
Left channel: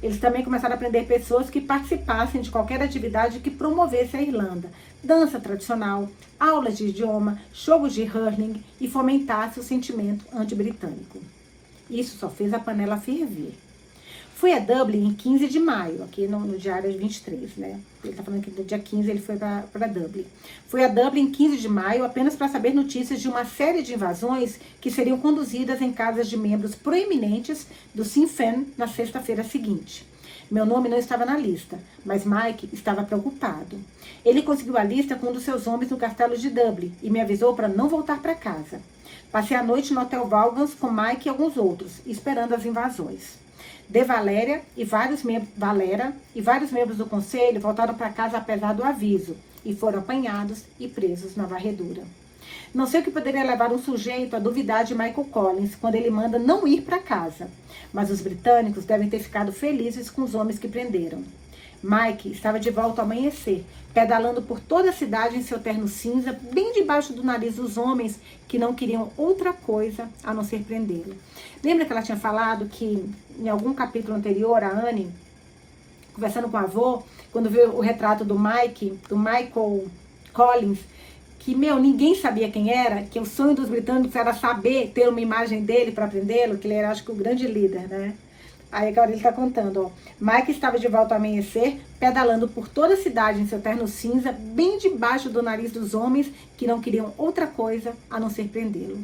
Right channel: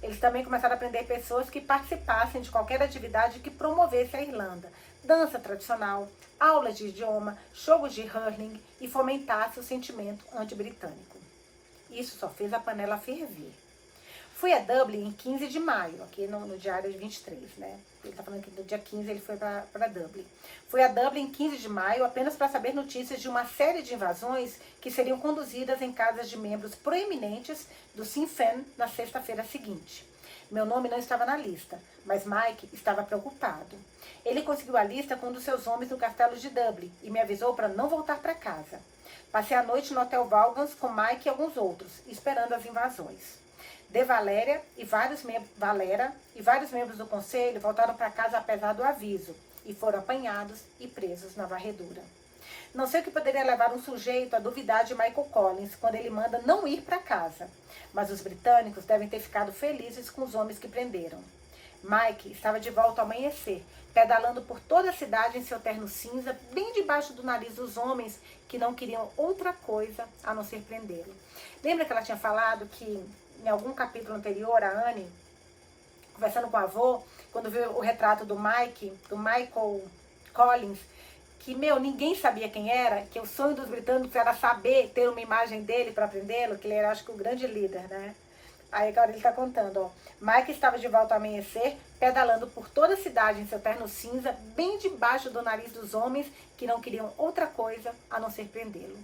Eles também começaram a prender pessoas que participassem de qualquer atividade que promovesse a Irlanda. Dança tradicional, aulas de idioma, jogos de hurling e fomentasse o sentimento anti-britânico. Isso só fez a panela ferver. Fui a Dublin em 15 de maio, aqui no diário 23, né? Ele tá falando que no dia 15 ele foi para Dublin. Fui a Dublin em 15 de maio apenas para saber notícias de uma série de invasões que seriam conduzidas em casas de membros proeminentes do Sinn Féin na sexta-feira seguinte. Meu nome não estava na lista, mas Mike estava preocupado. Ele conseguiu a lista com um dos seus homens no castelo de Dublin e me avisou para não voltar para casa. Passei a noite no Hotel Valgans com Mike e alguns outros, esperando as invasões. Valera e vários membros do conselho voltaram para casa apesar do aviso e foram apanhados e presos na varredura. Não sei o que poderia levar um sujeito a duvidar de Michael Collins quando ele manda não ir para casa, mas os britânicos devem ter ficado felizes com os homens que prenderam. Mike estava de volta ao amanhecer, pedalando por toda a cidade em seu terno cinza, bem debaixo do nariz dos homens que não queriam outra coisa a não ser prendê-lo. Lembra que ela tinha falado que em algum capítulo anterior, a Anne, conversando com o avô, quando viu o retrato do Michael Collins, que, ninguém sabia quem era, que o sonho dos britânicos era saber, ter uma imagem dele para prendê-lo, que ele era, acho que, o grande líder, né? Aí agora ele está contando, ó. Mike estava de volta ao amanhecer, pedalando por toda a cidade em seu terno cinza, bem debaixo do nariz dos homens que não queriam outra coisa a não ser prendê-lo.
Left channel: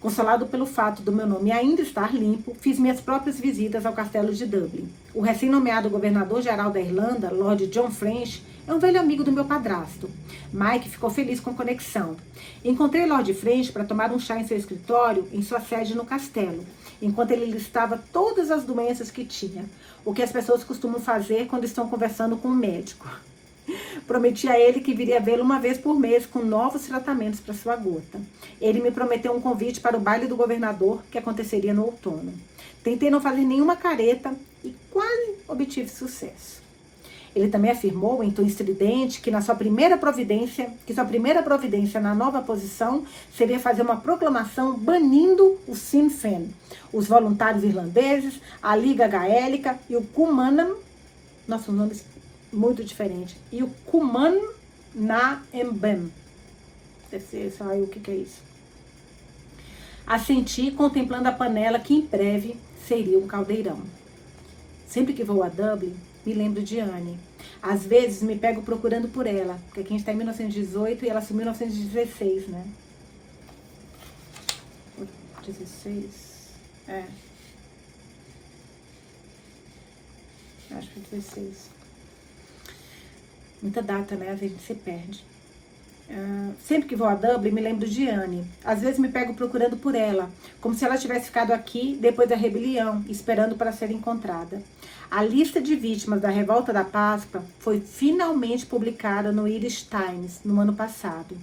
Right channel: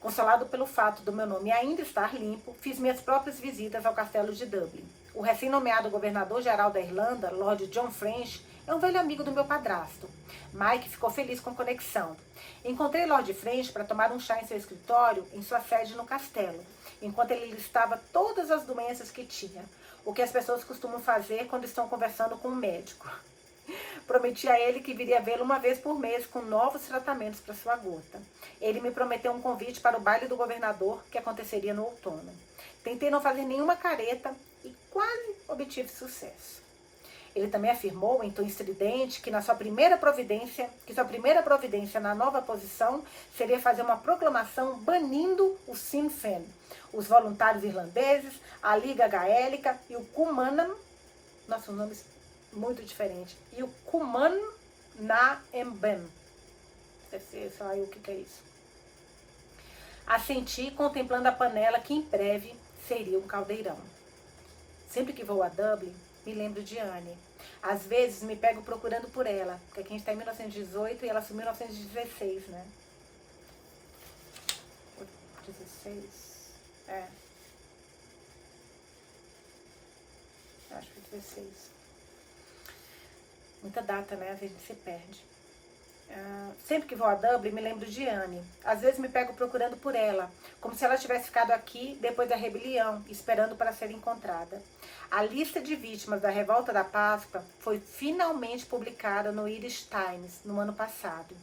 Consolado pelo fato do meu nome ainda estar limpo, fiz minhas próprias visitas ao castelo de Dublin. O recém-nomeado governador-geral da Irlanda, Lord John French, é um velho amigo do meu padrasto. Mike ficou feliz com a conexão. Encontrei Lord French para tomar um chá em seu escritório, em sua sede no castelo, enquanto ele listava todas as doenças que tinha, o que as pessoas costumam fazer quando estão conversando com um médico. Prometi a ele que viria vê-lo uma vez por mês com novos tratamentos para sua gota. Ele me prometeu um convite para o baile do governador, que aconteceria no outono. Tentei não fazer nenhuma careta e quase obtive sucesso. Ele também afirmou, em tom estridente, que sua primeira providência na nova posição seria fazer uma proclamação banindo o Sinn Féin, os voluntários irlandeses, a Liga Gaélica e o Cumann, nossos nomes muito diferentes, e o Cumann na Embem. Sei lá o que é isso. Assenti, contemplando a panela que em breve seria um caldeirão. Sempre que vou a Dublin, me lembro de Anne. Às vezes me pego procurando por ela, porque aqui a gente está em 1918 e ela assumiu em 1916, né? 16? É. Acho que 16. Muita data, né? Às vezes a gente se perde. Sempre que vou a Dublin, me lembro de Anne. Às vezes me pego procurando por ela, como se ela tivesse ficado aqui depois da rebelião, esperando para ser encontrada. A lista de vítimas da Revolta da Páscoa foi finalmente publicada no Irish Times no ano passado.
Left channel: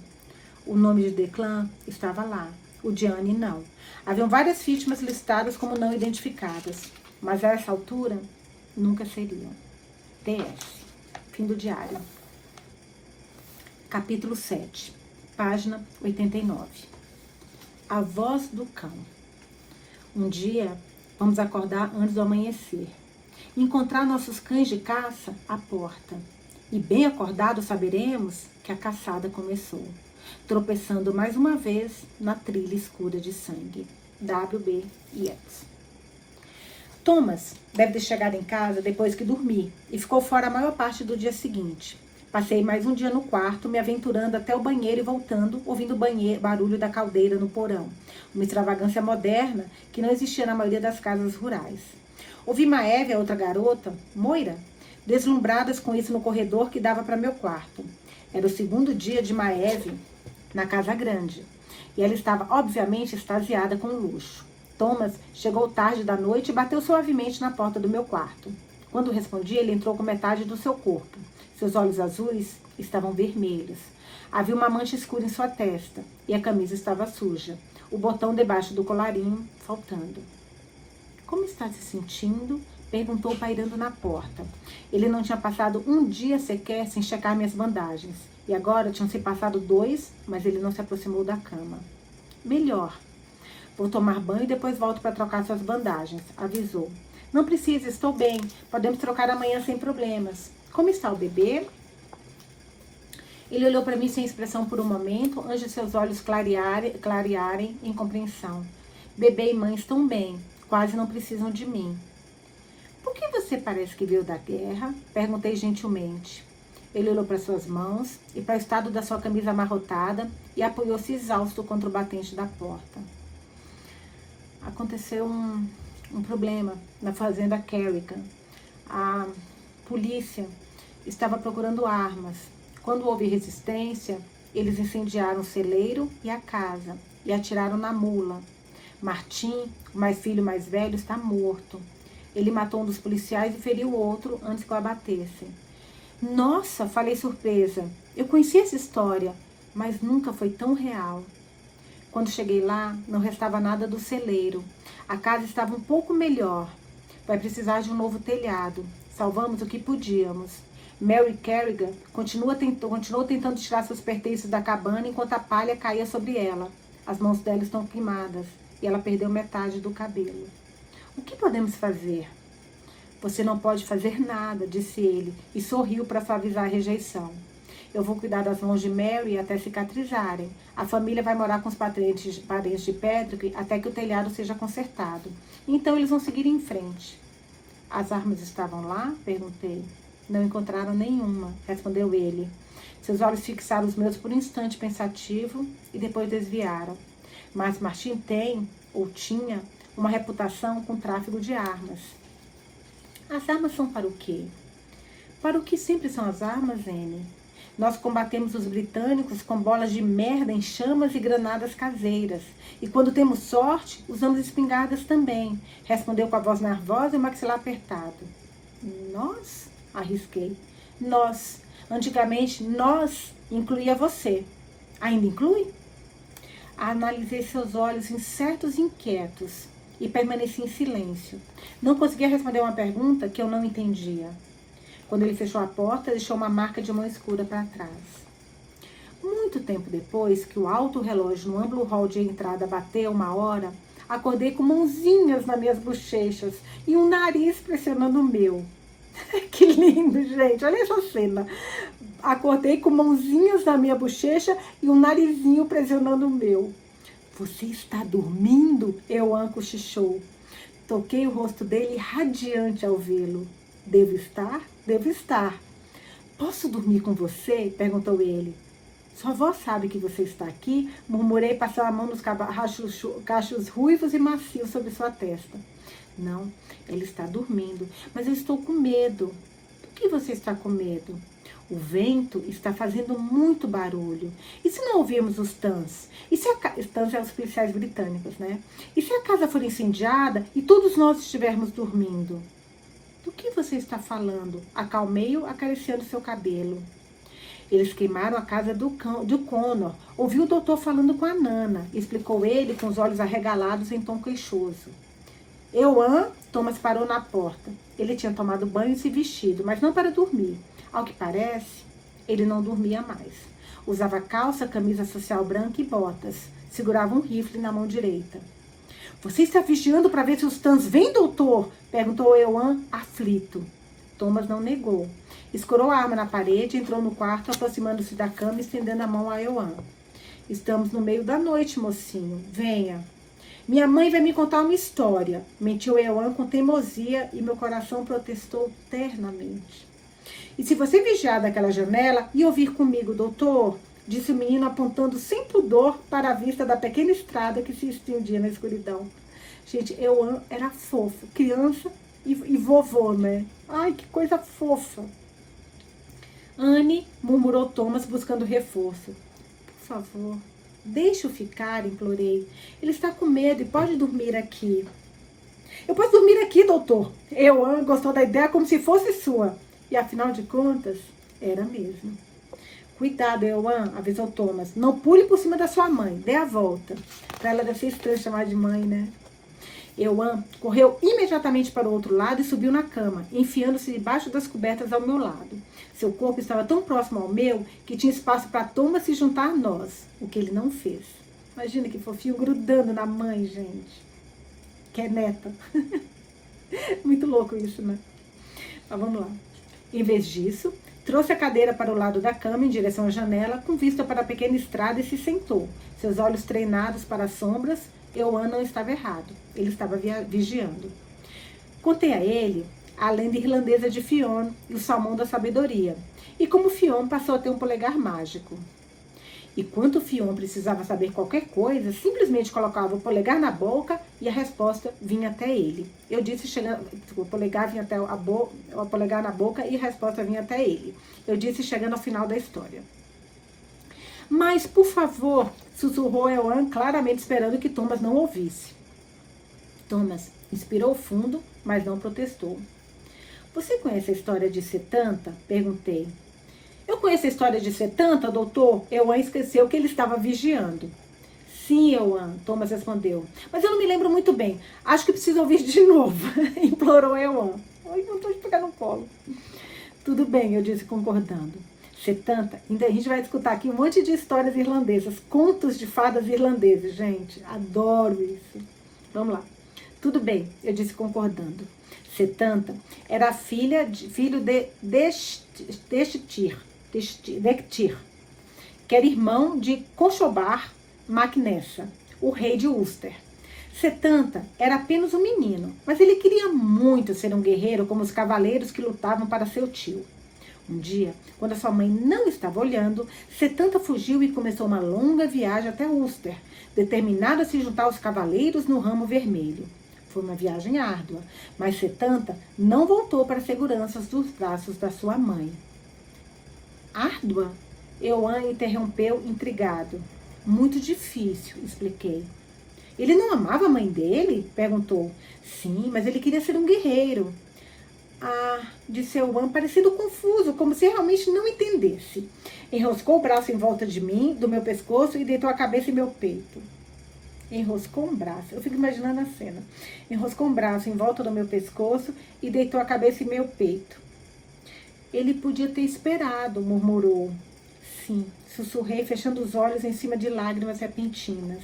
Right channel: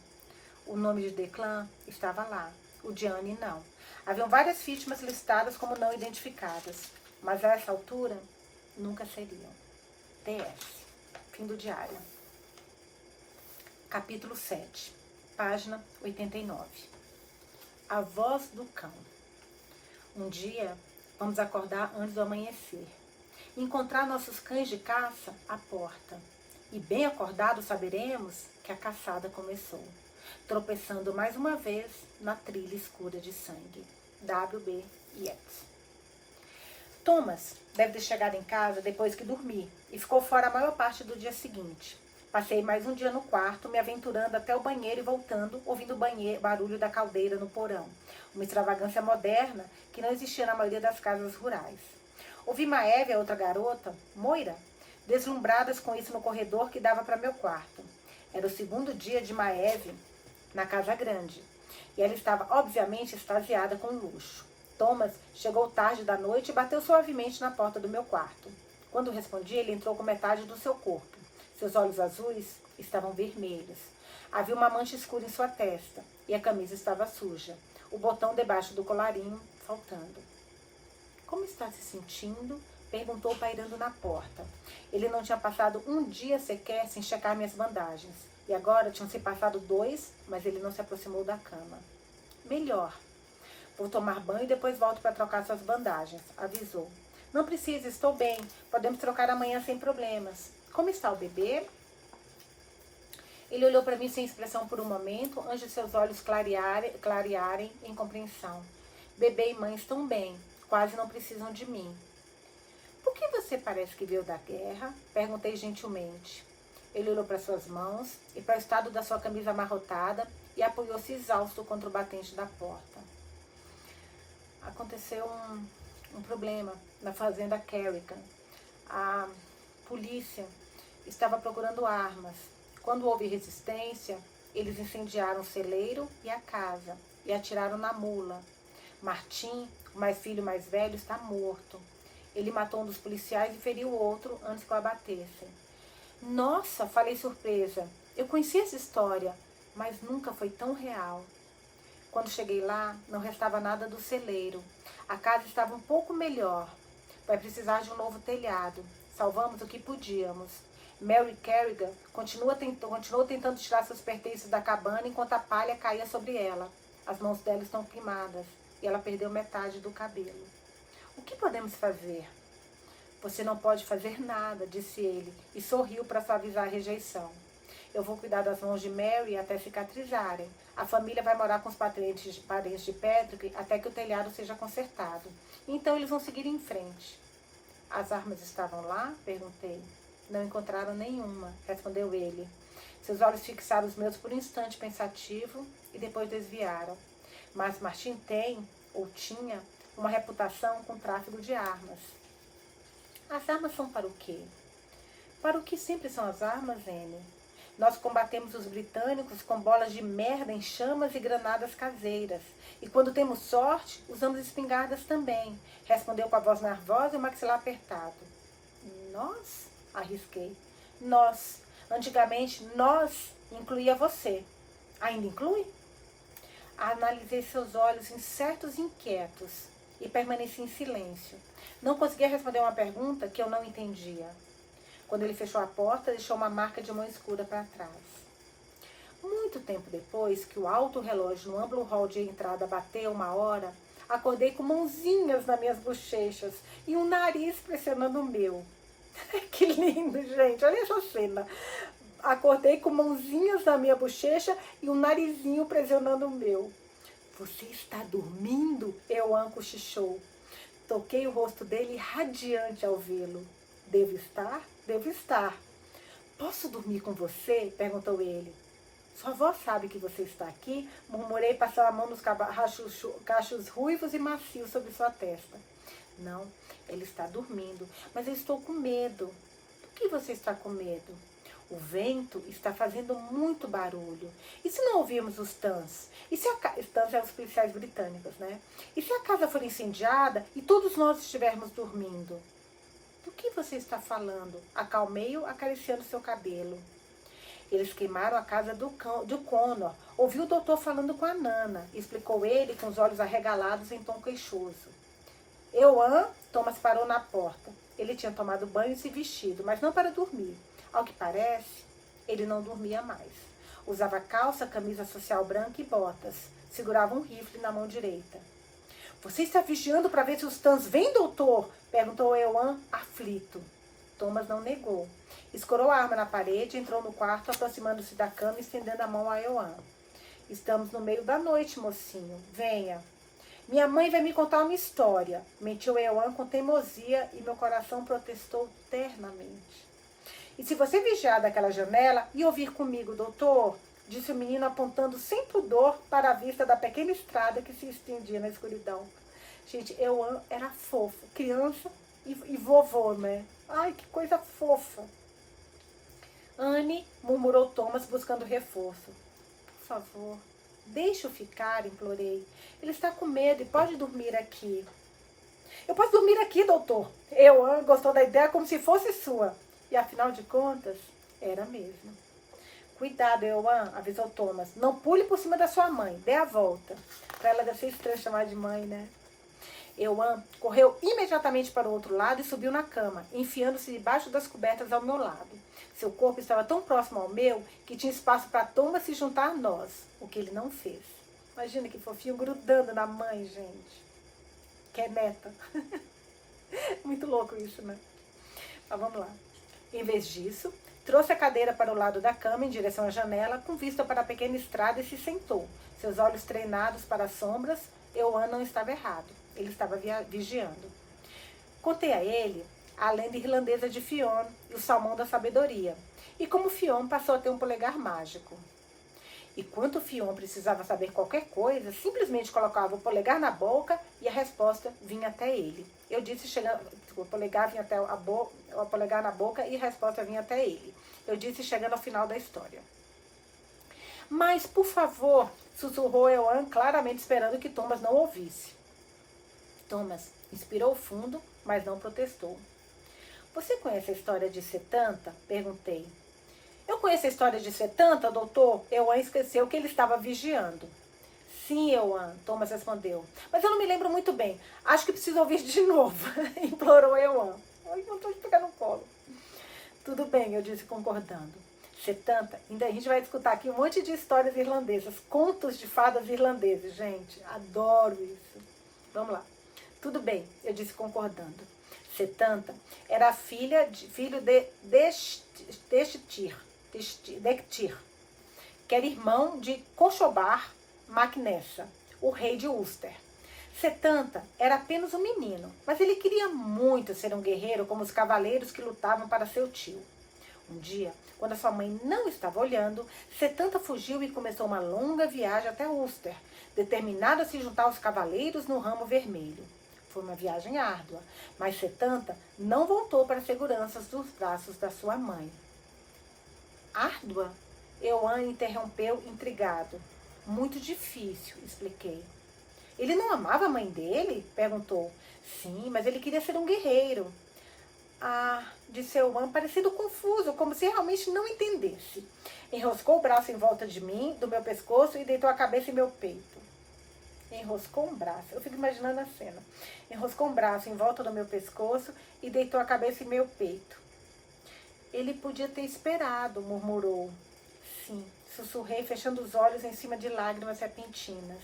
O nome de Declan estava lá, o de Anne não. Haviam várias vítimas listadas como não identificadas, mas a essa altura nunca seriam. PS. Fim do diário. Capítulo 7, página 89. A voz do cão. Um dia, vamos acordar antes do amanhecer. Encontrar nossos cães de caça à porta. E bem acordados saberemos que a caçada começou. Tropeçando mais uma vez na trilha escura de sangue. W.B. Yeats. Thomas deve ter chegado em casa depois que dormi e ficou fora a maior parte do dia seguinte. Passei mais um dia no quarto, me aventurando até o banheiro e voltando, ouvindo o barulho da caldeira no porão. Uma extravagância moderna que não existia na maioria das casas rurais. Ouvi Maeve, a outra garota, Moira, deslumbradas com isso no corredor que dava para meu quarto. Era o segundo dia de Maeve na casa grande. E ela estava, obviamente, extasiada com o luxo. Thomas chegou tarde da noite e bateu suavemente na porta do meu quarto. Quando respondi, ele entrou com metade do seu corpo. Seus olhos azuis estavam vermelhos. Havia uma mancha escura em sua testa e a camisa estava suja. O botão debaixo do colarinho faltando. Como está se sentindo? Perguntou pairando na porta. Ele não tinha passado um dia sequer sem checar minhas bandagens. E agora tinham se passado 2, mas ele não se aproximou da cama. Melhor. Vou tomar banho e depois volto para trocar suas bandagens, avisou. Não precisa, estou bem. Podemos trocar amanhã sem problemas. Como está o bebê? Ele olhou para mim sem expressão por um momento, antes de seus olhos clarearem em compreensão. Bebê e mãe estão bem, quase não precisam de mim. Por que você parece que veio da guerra? Perguntei gentilmente. Ele olhou para suas mãos e para o estado da sua camisa amarrotada e apoiou-se exausto contra o batente da porta. Aconteceu um problema na fazenda Kerrigan. A polícia estava procurando armas. Quando houve resistência, eles incendiaram o celeiro e a casa e atiraram na mula. Martim, o filho mais velho, está morto. Ele matou um dos policiais e feriu o outro antes que o abatessem. Nossa, falei surpresa. Eu conheci essa história, mas nunca foi tão real. Quando cheguei lá, não restava nada do celeiro. A casa estava um pouco melhor. Vai precisar de um novo telhado. Salvamos o que podíamos. Mary Kerrigan continuou tentando tirar seus pertences da cabana enquanto a palha caía sobre ela. As mãos dela estão queimadas e ela perdeu metade do cabelo. O que podemos fazer? Você não pode fazer nada, disse ele, e sorriu para suavizar a rejeição. Eu vou cuidar das mãos de Mary até cicatrizarem. A família vai morar com os parentes de Patrick até que o telhado seja consertado. Então eles vão seguir em frente. As armas estavam lá? Perguntei. Não encontraram nenhuma, respondeu ele. Seus olhos fixaram os meus por um instante pensativo e depois desviaram. Mas Martim tem, ou tinha, uma reputação com tráfico de armas. As armas são para o quê? Para o que sempre são as armas, Anne? Nós combatemos os britânicos com bolas de merda em chamas e granadas caseiras. E quando temos sorte, usamos espingardas também, respondeu com a voz nervosa e o maxilar apertado. Nós? Arrisquei. Nós. Antigamente, nós incluía você. Ainda inclui? Analisei seus olhos incertos e inquietos e permaneci em silêncio. Não conseguia responder uma pergunta que eu não entendia. Quando ele fechou a porta, deixou uma marca de mão escura para trás. Muito tempo depois que o alto relógio no amplo hall de entrada bateu 1 hora, acordei com mãozinhas nas minhas bochechas e um nariz pressionando o meu. Que lindo, gente. Olha essa cena. Acordei com mãozinhas na minha bochecha e um narizinho pressionando o meu. Você está dormindo? Euan cochichou. Toquei o rosto dele radiante ao vê-lo. Devo estar? Devo estar. Posso dormir com você? Perguntou ele. Sua avó sabe que você está aqui? Murmurei, passando a mão nos cachos ruivos e macios sobre sua testa. Não, ele está dormindo, mas eu estou com medo. Do que você está com medo? O vento está fazendo muito barulho. E se não ouvirmos os tans? E se os tans são os policiais britânicos, né? E se a casa for incendiada e todos nós estivermos dormindo? Do que você está falando? Acalmei-o, acariciando seu cabelo. Eles queimaram a casa do Connor. Ouvi o doutor falando com a Nana, explicou ele com os olhos arregalados em tom queixoso. Euan, Thomas parou na porta. Ele tinha tomado banho e se vestido, mas não para dormir. Ao que parece, ele não dormia mais. Usava calça, camisa social branca e botas. Segurava um rifle na mão direita. Você está vigiando para ver se os tans vêm, doutor? Perguntou Euan, aflito. Thomas não negou. Escorou a arma na parede, entrou no quarto, aproximando-se da cama e estendendo a mão a Euan. Estamos no meio da noite, mocinho. Venha. Minha mãe vai me contar uma história. Mentiu Euan com teimosia e meu coração protestou ternamente. E se você vigiar daquela janela e ouvir comigo, doutor, disse o menino apontando sem pudor para a vista da pequena estrada que se estendia na escuridão. Gente, Euan era fofo, criança e vovô, né? Ai, que coisa fofa. Anne, murmurou Thomas buscando reforço. Por favor, deixa eu ficar, implorei. Ele está com medo e pode dormir aqui. Eu posso dormir aqui, doutor. Euan gostou da ideia como se fosse sua. E afinal de contas, era mesmo. Cuidado, Euan, avisou Thomas. Não pule por cima da sua mãe. Dê a volta. Para ela deve ser estranho chamar de mãe, né? Euan correu imediatamente para o outro lado e subiu na cama, enfiando-se debaixo das cobertas ao meu lado. Seu corpo estava tão próximo ao meu que tinha espaço para Thomas se juntar a nós, o que ele não fez. Imagina que fofinho, grudando na mãe, gente. Que é neta. Muito louco isso, né? Mas vamos lá. Em vez disso, trouxe a cadeira para o lado da cama, em direção à janela, com vista para a pequena estrada e se sentou. Seus olhos treinados para as sombras, Euan não estava errado. Ele estava vigiando. Contei a ele a lenda irlandesa de Fionn e o salmão da sabedoria. E como Fionn passou a ter um polegar mágico. E quando o Fion precisava saber qualquer coisa, simplesmente colocava o polegar na boca e a resposta vinha até ele. Eu disse chegando, o polegar vinha até o polegar na boca e a resposta vinha até ele. Eu disse chegando ao final da história. Mas, por favor, sussurrou Eoan, claramente esperando que Thomas não ouvisse. Thomas inspirou fundo, mas não protestou. Você conhece a história de Setanta? Perguntei. Eu conheço a história de Setanta, doutor? Eoan esqueceu que ele estava vigiando. Sim, Eoan, Thomas respondeu. Mas eu não me lembro muito bem. Acho que preciso ouvir de novo, implorou Eoan. Ai, vontade de pegar no colo. Tudo bem, eu disse concordando. Setanta, ainda a gente vai escutar aqui um monte de histórias irlandesas, contos de fadas irlandeses, gente. Adoro isso. Vamos lá. Tudo bem, eu disse concordando. Setanta era filho de Dechtir, que era irmão de Conchobar mac Nessa, o rei de Ulster. Setanta era apenas um menino, mas ele queria muito ser um guerreiro como os cavaleiros que lutavam para seu tio. Um dia, quando a sua mãe não estava olhando, Setanta fugiu e começou uma longa viagem até Ulster, determinado a se juntar aos cavaleiros no ramo vermelho. Foi uma viagem árdua, mas Setanta não voltou para a segurança dos braços da sua mãe. Árdua? Eoan interrompeu intrigado. Muito difícil, expliquei. Ele não amava a mãe dele? Perguntou. Sim, mas ele queria ser um guerreiro. Ah, disse Eoan, parecido confuso, como se realmente não entendesse. Enroscou o braço em volta de mim, do meu pescoço, e deitou a cabeça em meu peito. Enroscou um braço, eu fico imaginando a cena. Enroscou um braço em volta do meu pescoço e deitou a cabeça em meu peito. Ele podia ter esperado, murmurou. Sim, sussurrei, fechando os olhos em cima de lágrimas repentinas.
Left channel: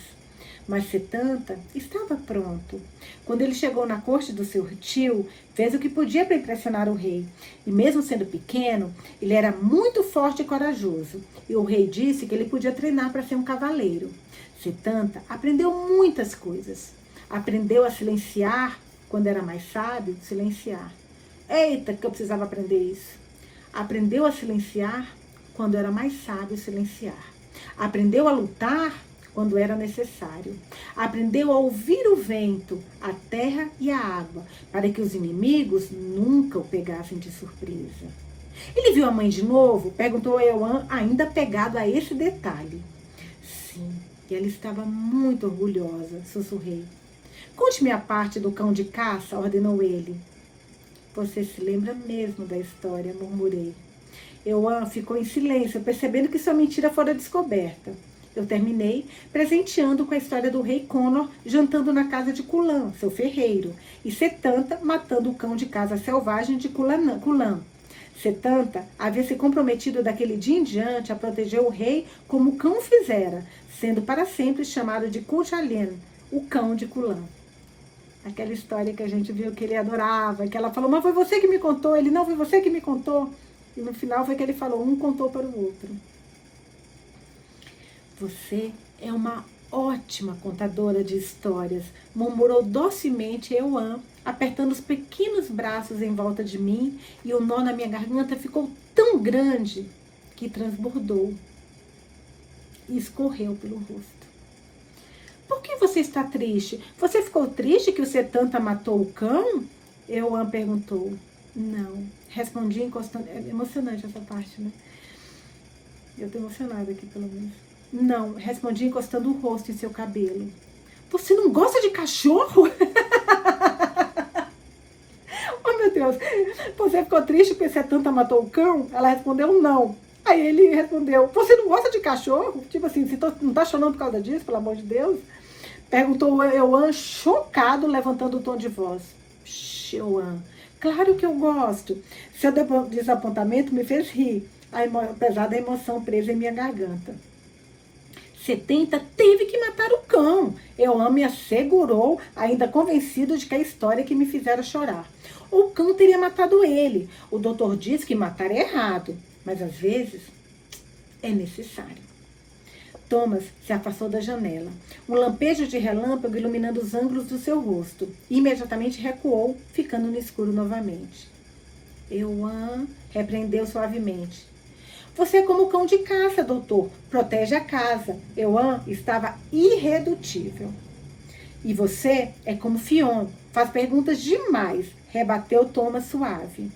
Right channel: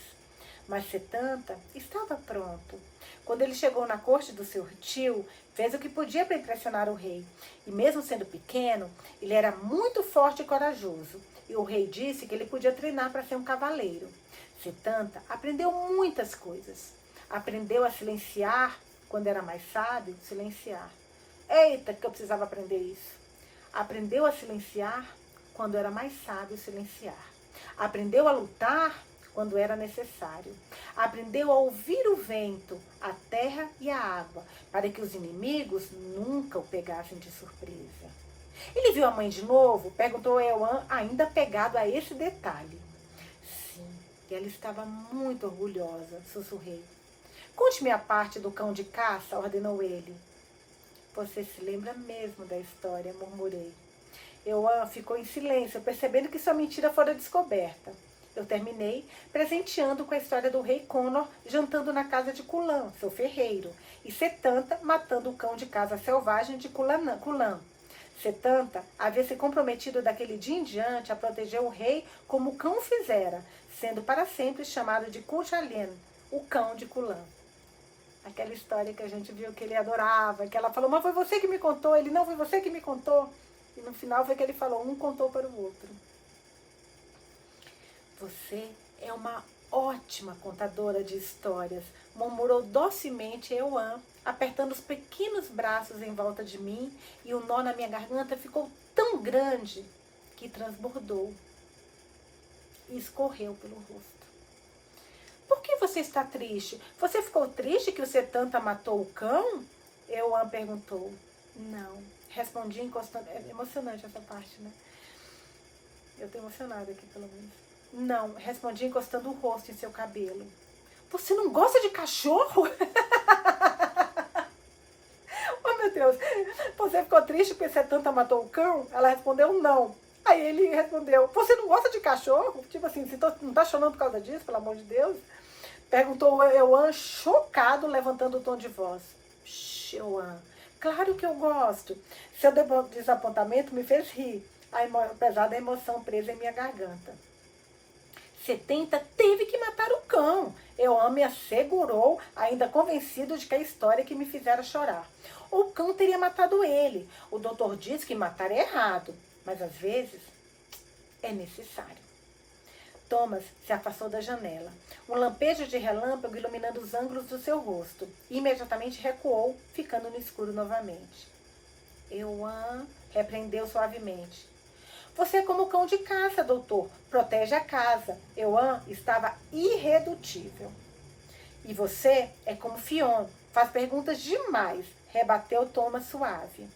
Mas Setanta estava pronto. Quando ele chegou na corte do seu tio, fez o que podia para impressionar o rei. E mesmo sendo pequeno, ele era muito forte e corajoso. E o rei disse que ele podia treinar para ser um cavaleiro. Setanta aprendeu muitas coisas. Aprendeu a silenciar, quando era mais sábio, silenciar. Eita, que eu precisava aprender isso. Aprendeu a silenciar, quando era mais sábio, silenciar. Aprendeu a lutar, quando era necessário. Aprendeu a ouvir o vento, a terra e a água, para que os inimigos nunca o pegassem de surpresa. Ele viu a mãe de novo? Perguntou Eoan, ainda pegado a esse detalhe. Sim, e ela estava muito orgulhosa, sussurrei. Conte-me a parte do cão de caça, ordenou ele. Você se lembra mesmo da história, murmurei. Eoan ficou em silêncio, percebendo que sua mentira fora descoberta. Eu terminei presenteando com a história do rei Conor jantando na casa de Culan, seu ferreiro, e Setanta matando o cão de caça selvagem de Culan. Setanta havia se comprometido daquele dia em diante a proteger o rei como o cão fizera, sendo para sempre chamado de Cuchulainn, o cão de Culan. Aquela história que a gente viu que ele adorava, que ela falou, mas foi você que me contou, ele não foi você que me contou. E no final foi que ele falou, um contou para o outro. Você é uma ótima contadora de histórias, murmurou docemente Eoan, apertando os pequenos braços em volta de mim, e o nó na minha garganta ficou tão grande que transbordou e escorreu pelo rosto. Por que você está triste? Você ficou triste que o Setanta matou o cão? Eoan perguntou. Não, respondi encostando. É emocionante essa parte, né? Eu tô emocionada aqui, pelo menos. Não, respondi encostando o rosto em seu cabelo. Você não gosta de cachorro? Oh, meu Deus. Você ficou triste porque Setanta matou o cão? Ela respondeu não. Aí ele respondeu, você não gosta de cachorro? Tipo assim, você não tá chorando por causa disso, pelo amor de Deus? Perguntou Eoan, chocado, levantando o tom de voz. Eoan, claro que eu gosto. Seu desapontamento me fez rir, apesar da emoção presa em minha garganta. Setanta teve que matar o cão. Eoan me assegurou, ainda convencido de que a história que me fizera chorar. O cão teria matado ele. O doutor disse que matar é errado, mas às vezes é necessário. Thomas se afastou da janela. Um lampejo de relâmpago iluminando os ângulos do seu rosto. Imediatamente recuou, ficando no escuro novamente. Eoan repreendeu suavemente. Você é como o cão de caça, doutor. Protege a casa. Euan estava irredutível. E você é como Fion. Faz perguntas demais, rebateu Thomas suave.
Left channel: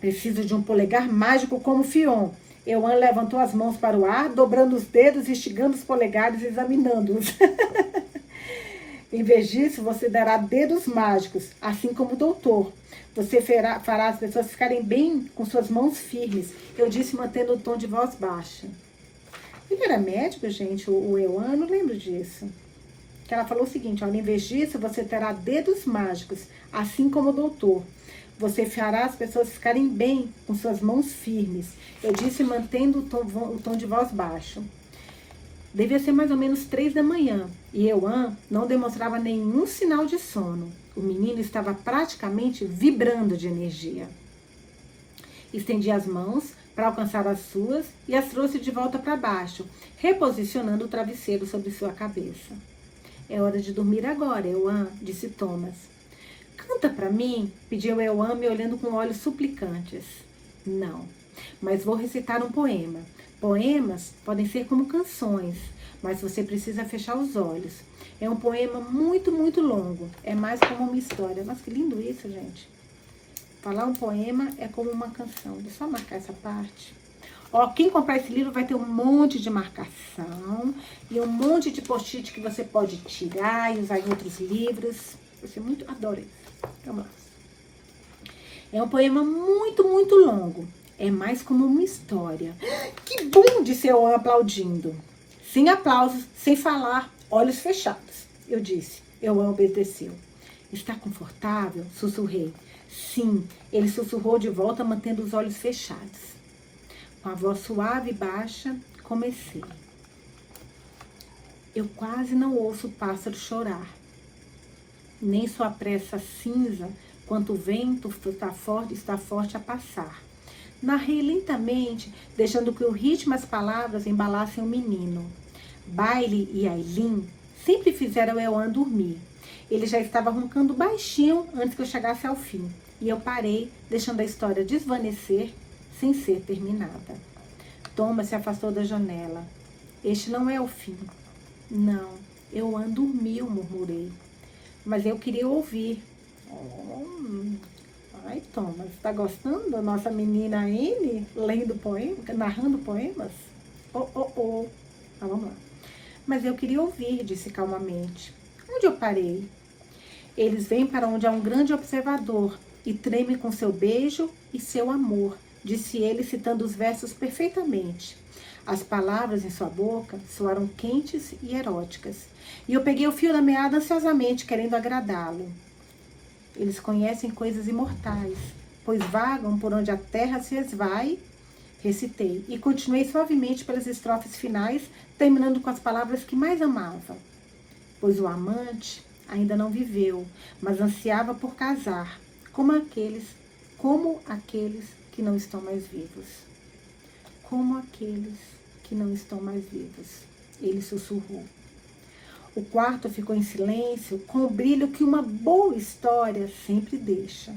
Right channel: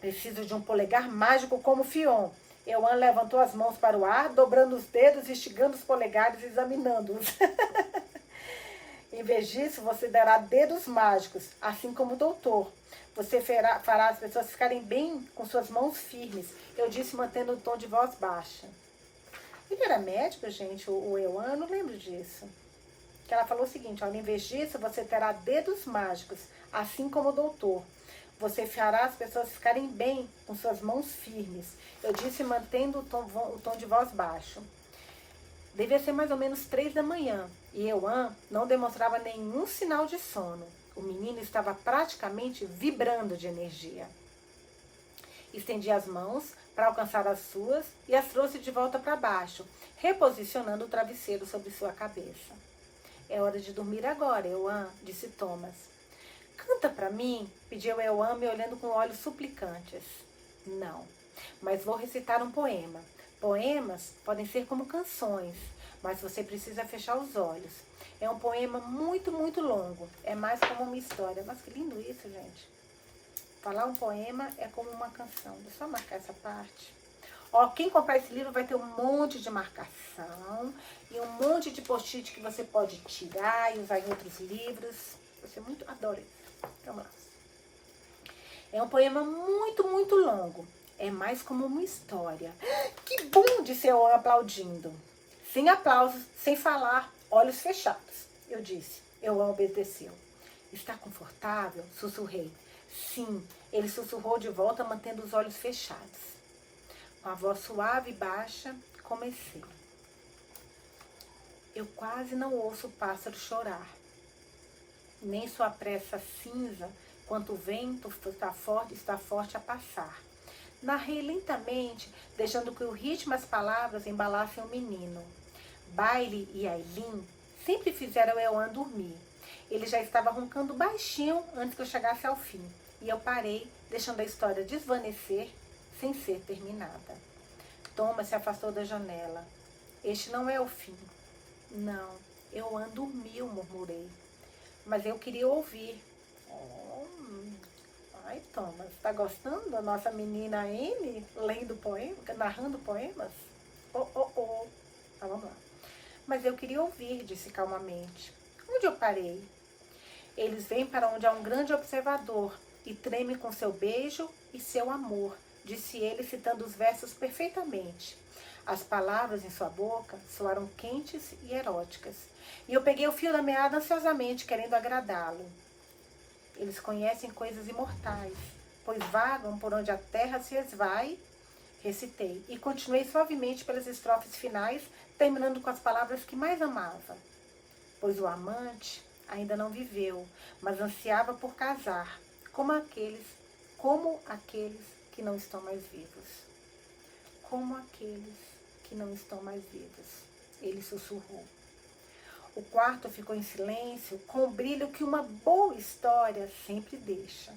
Preciso de um polegar mágico como Fion. Euan levantou as mãos para o ar, dobrando os dedos, esticando os polegares, examinando-os. Em vez disso, você dará dedos mágicos, assim como o doutor. Você fará as pessoas ficarem bem com suas mãos firmes. Eu disse, mantendo o tom de voz baixa. Ele era médico, gente, o Euan, não lembro disso. Que ela falou o seguinte, olha, em vez disso, você terá dedos mágicos, assim como o doutor. Você fará as pessoas ficarem bem com suas mãos firmes. Eu disse, mantendo o tom de voz baixo. Devia ser mais ou menos 3 da manhã, e Euan não demonstrava nenhum sinal de sono. O menino estava praticamente vibrando de energia. Estendi as mãos para alcançar as suas e as trouxe de volta para baixo, reposicionando o travesseiro sobre sua cabeça. É hora de dormir agora, Euan, disse Thomas. Canta para mim, pediu Euan, me olhando com olhos suplicantes. Não, mas vou recitar um poema. Poemas podem ser como canções, mas você precisa fechar os olhos. É um poema muito, muito longo. É mais como uma história. Mas que lindo isso, gente. Falar um poema é como uma canção. Deixa eu só marcar essa parte. Ó, quem comprar esse livro vai ter um monte de marcação e um monte de post-it que você pode tirar e usar em outros livros. Você muito adora isso. Vamos lá. É um poema muito, muito longo. É mais como uma história. Que bom, disse Euan aplaudindo. Sem aplausos, sem falar, olhos fechados. Eu disse. Euan obedeceu. Está confortável? Sussurrei. Sim, ele sussurrou de volta, mantendo os olhos fechados. Com a voz suave e baixa, comecei. Eu quase não ouço o pássaro chorar. Nem sua pressa cinza, quanto o vento está forte a passar. Narrei lentamente, deixando que o ritmo e as palavras embalassem o menino. Bailey e Aileen sempre fizeram Euan dormir. Ele já estava roncando baixinho antes que eu chegasse ao fim. E eu parei, deixando a história desvanecer sem ser terminada. Thomas se afastou da janela. Este não é o fim. Não, Euan dormiu, murmurei. Mas eu queria ouvir. Ai, Thomas, tá gostando da nossa menina Anne lendo poemas, narrando poemas? Tá, vamos lá. Mas eu queria ouvir, disse calmamente. Onde eu parei? Eles vêm para onde há um grande observador e tremem com seu beijo e seu amor, disse ele, citando os versos perfeitamente. As palavras em sua boca soaram quentes e eróticas. E eu peguei o fio da meada ansiosamente, querendo agradá-lo. Eles conhecem coisas imortais, pois vagam por onde a terra se esvai, recitei, e continuei suavemente pelas estrofes finais, terminando com as palavras que mais amava. Pois o amante ainda não viveu, mas ansiava por casar, como aqueles que não estão mais vivos. Como aqueles que não estão mais vivos, ele sussurrou. O quarto ficou em silêncio, com o brilho que uma boa história sempre deixa.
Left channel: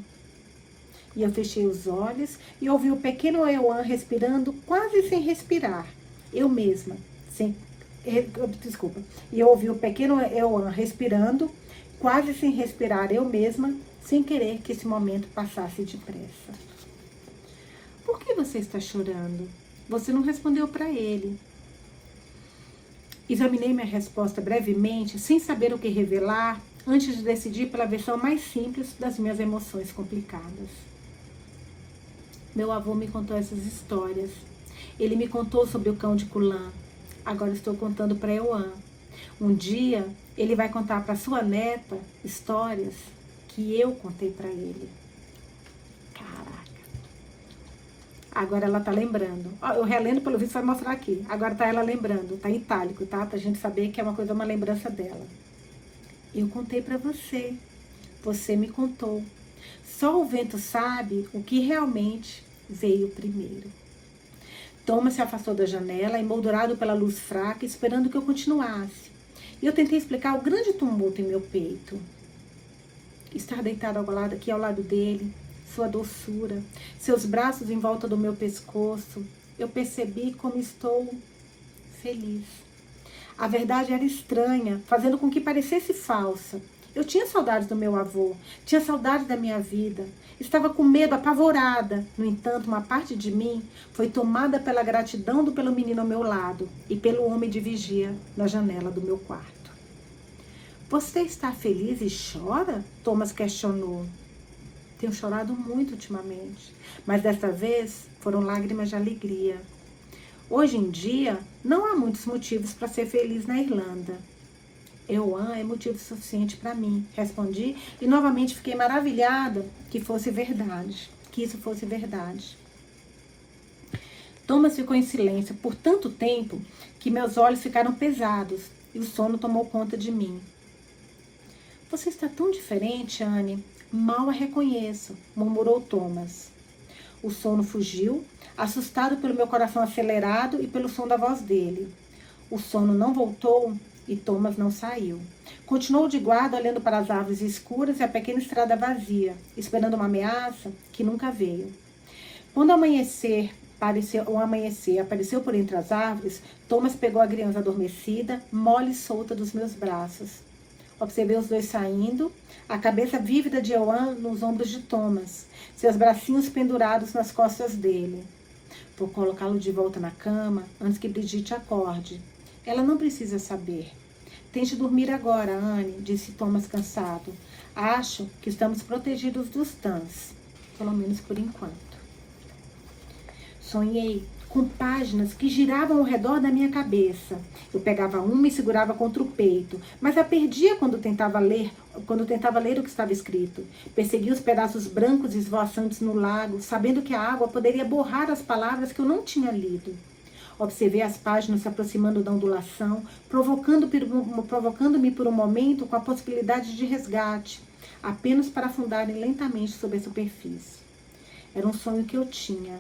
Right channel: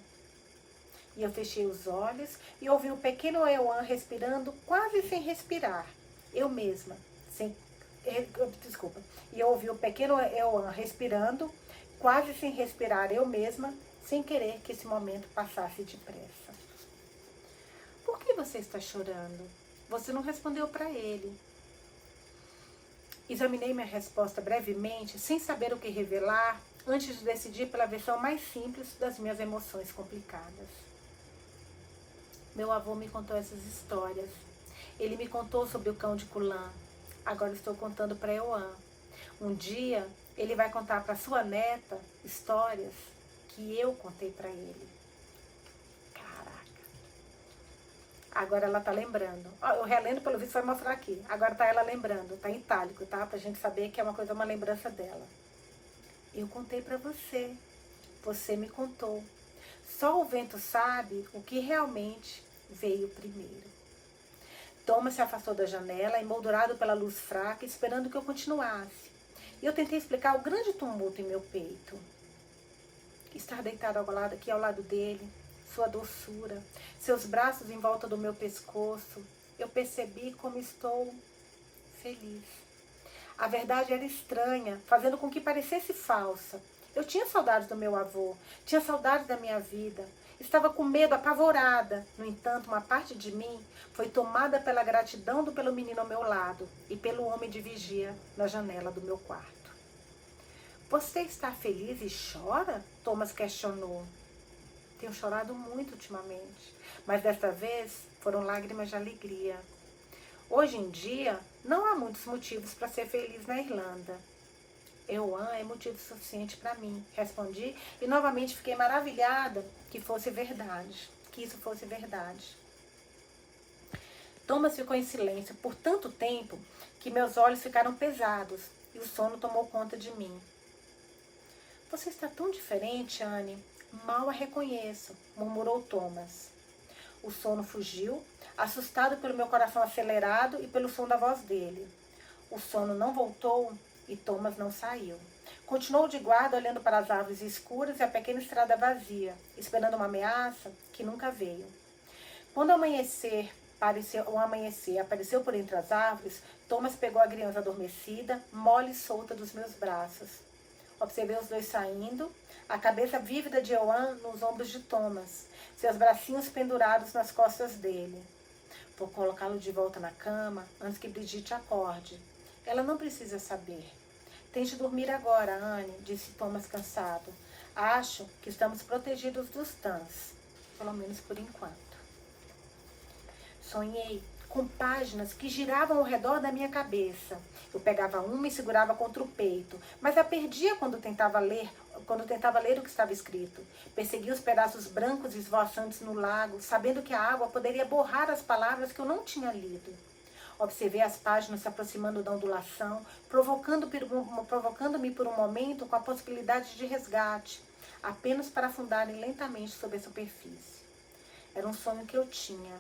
E eu fechei os olhos e ouvi o pequeno Euan respirando quase sem respirar. Eu mesma, E eu ouvi o pequeno Euan respirando quase sem respirar, eu mesma, sem querer que esse momento passasse depressa. Por que você está chorando? Você não respondeu para ele. Examinei minha resposta brevemente, sem saber o que revelar, antes de decidir pela versão mais simples das minhas emoções complicadas. Meu avô me contou essas histórias. Ele me contou sobre o cão de Kulan. Agora estou contando para Euan. Um dia, ele vai contar para sua neta histórias que eu contei para ele. Caraca. Agora ela tá lembrando. Eu relendo, pelo visto vai mostrar aqui. Agora tá ela lembrando. Tá em itálico, tá? Pra gente saber que é uma lembrança dela. Eu contei pra você. Você me contou. Só o vento sabe o que realmente veio primeiro. Thomas se afastou da janela, emoldurado pela luz fraca, esperando que eu continuasse. E eu tentei explicar o grande tumulto em meu peito. Estar deitado aqui ao lado dele, sua doçura, seus braços em volta do meu pescoço. eu percebi como estou feliz. A verdade era estranha, fazendo com que parecesse falsa. Eu tinha saudades do meu avô, tinha saudades da minha vida. Estava com medo, apavorada. No entanto, uma parte de mim foi tomada pela gratidão pelo menino ao meu lado e pelo homem de vigia na janela do meu quarto. Você está feliz e chora? Thomas questionou. Tenho chorado muito ultimamente, mas desta vez foram lágrimas de alegria. Hoje em dia, não há muitos motivos para ser feliz na Irlanda. Euan é motivo suficiente para mim, respondi e novamente fiquei maravilhada que isso fosse verdade. Thomas ficou em silêncio por tanto tempo que meus olhos ficaram pesados e o sono tomou conta de mim. Você está tão diferente, Anne. Mal a reconheço, murmurou Thomas. O sono fugiu, assustado pelo meu coração acelerado e pelo som da voz dele. O sono não voltou e Thomas não saiu. Continuou de guarda, olhando para as árvores escuras e a pequena estrada vazia, esperando uma ameaça que nunca veio. Quando o amanhecer apareceu por entre as árvores, Thomas pegou a criança adormecida, mole e solta dos meus braços. Observei os dois saindo, a cabeça vívida de Euan nos ombros de Thomas, seus bracinhos pendurados nas costas dele. Vou colocá-lo de volta na cama antes que Brigitte acorde. Ela não precisa saber. Tente dormir agora, Anne, disse Thomas cansado. Acho que estamos protegidos dos Tans, pelo menos por enquanto. Sonhei com páginas que giravam ao redor da minha cabeça. Eu pegava uma e segurava contra o peito, mas a perdia quando tentava ler o que estava escrito. Perseguia os pedaços brancos esvoaçantes no lago, sabendo que a água poderia borrar as palavras que eu não tinha lido. Observei as páginas se aproximando da ondulação, provocando-me por um momento com a possibilidade de resgate, apenas para afundarem lentamente sob a superfície. Era um sonho que eu tinha.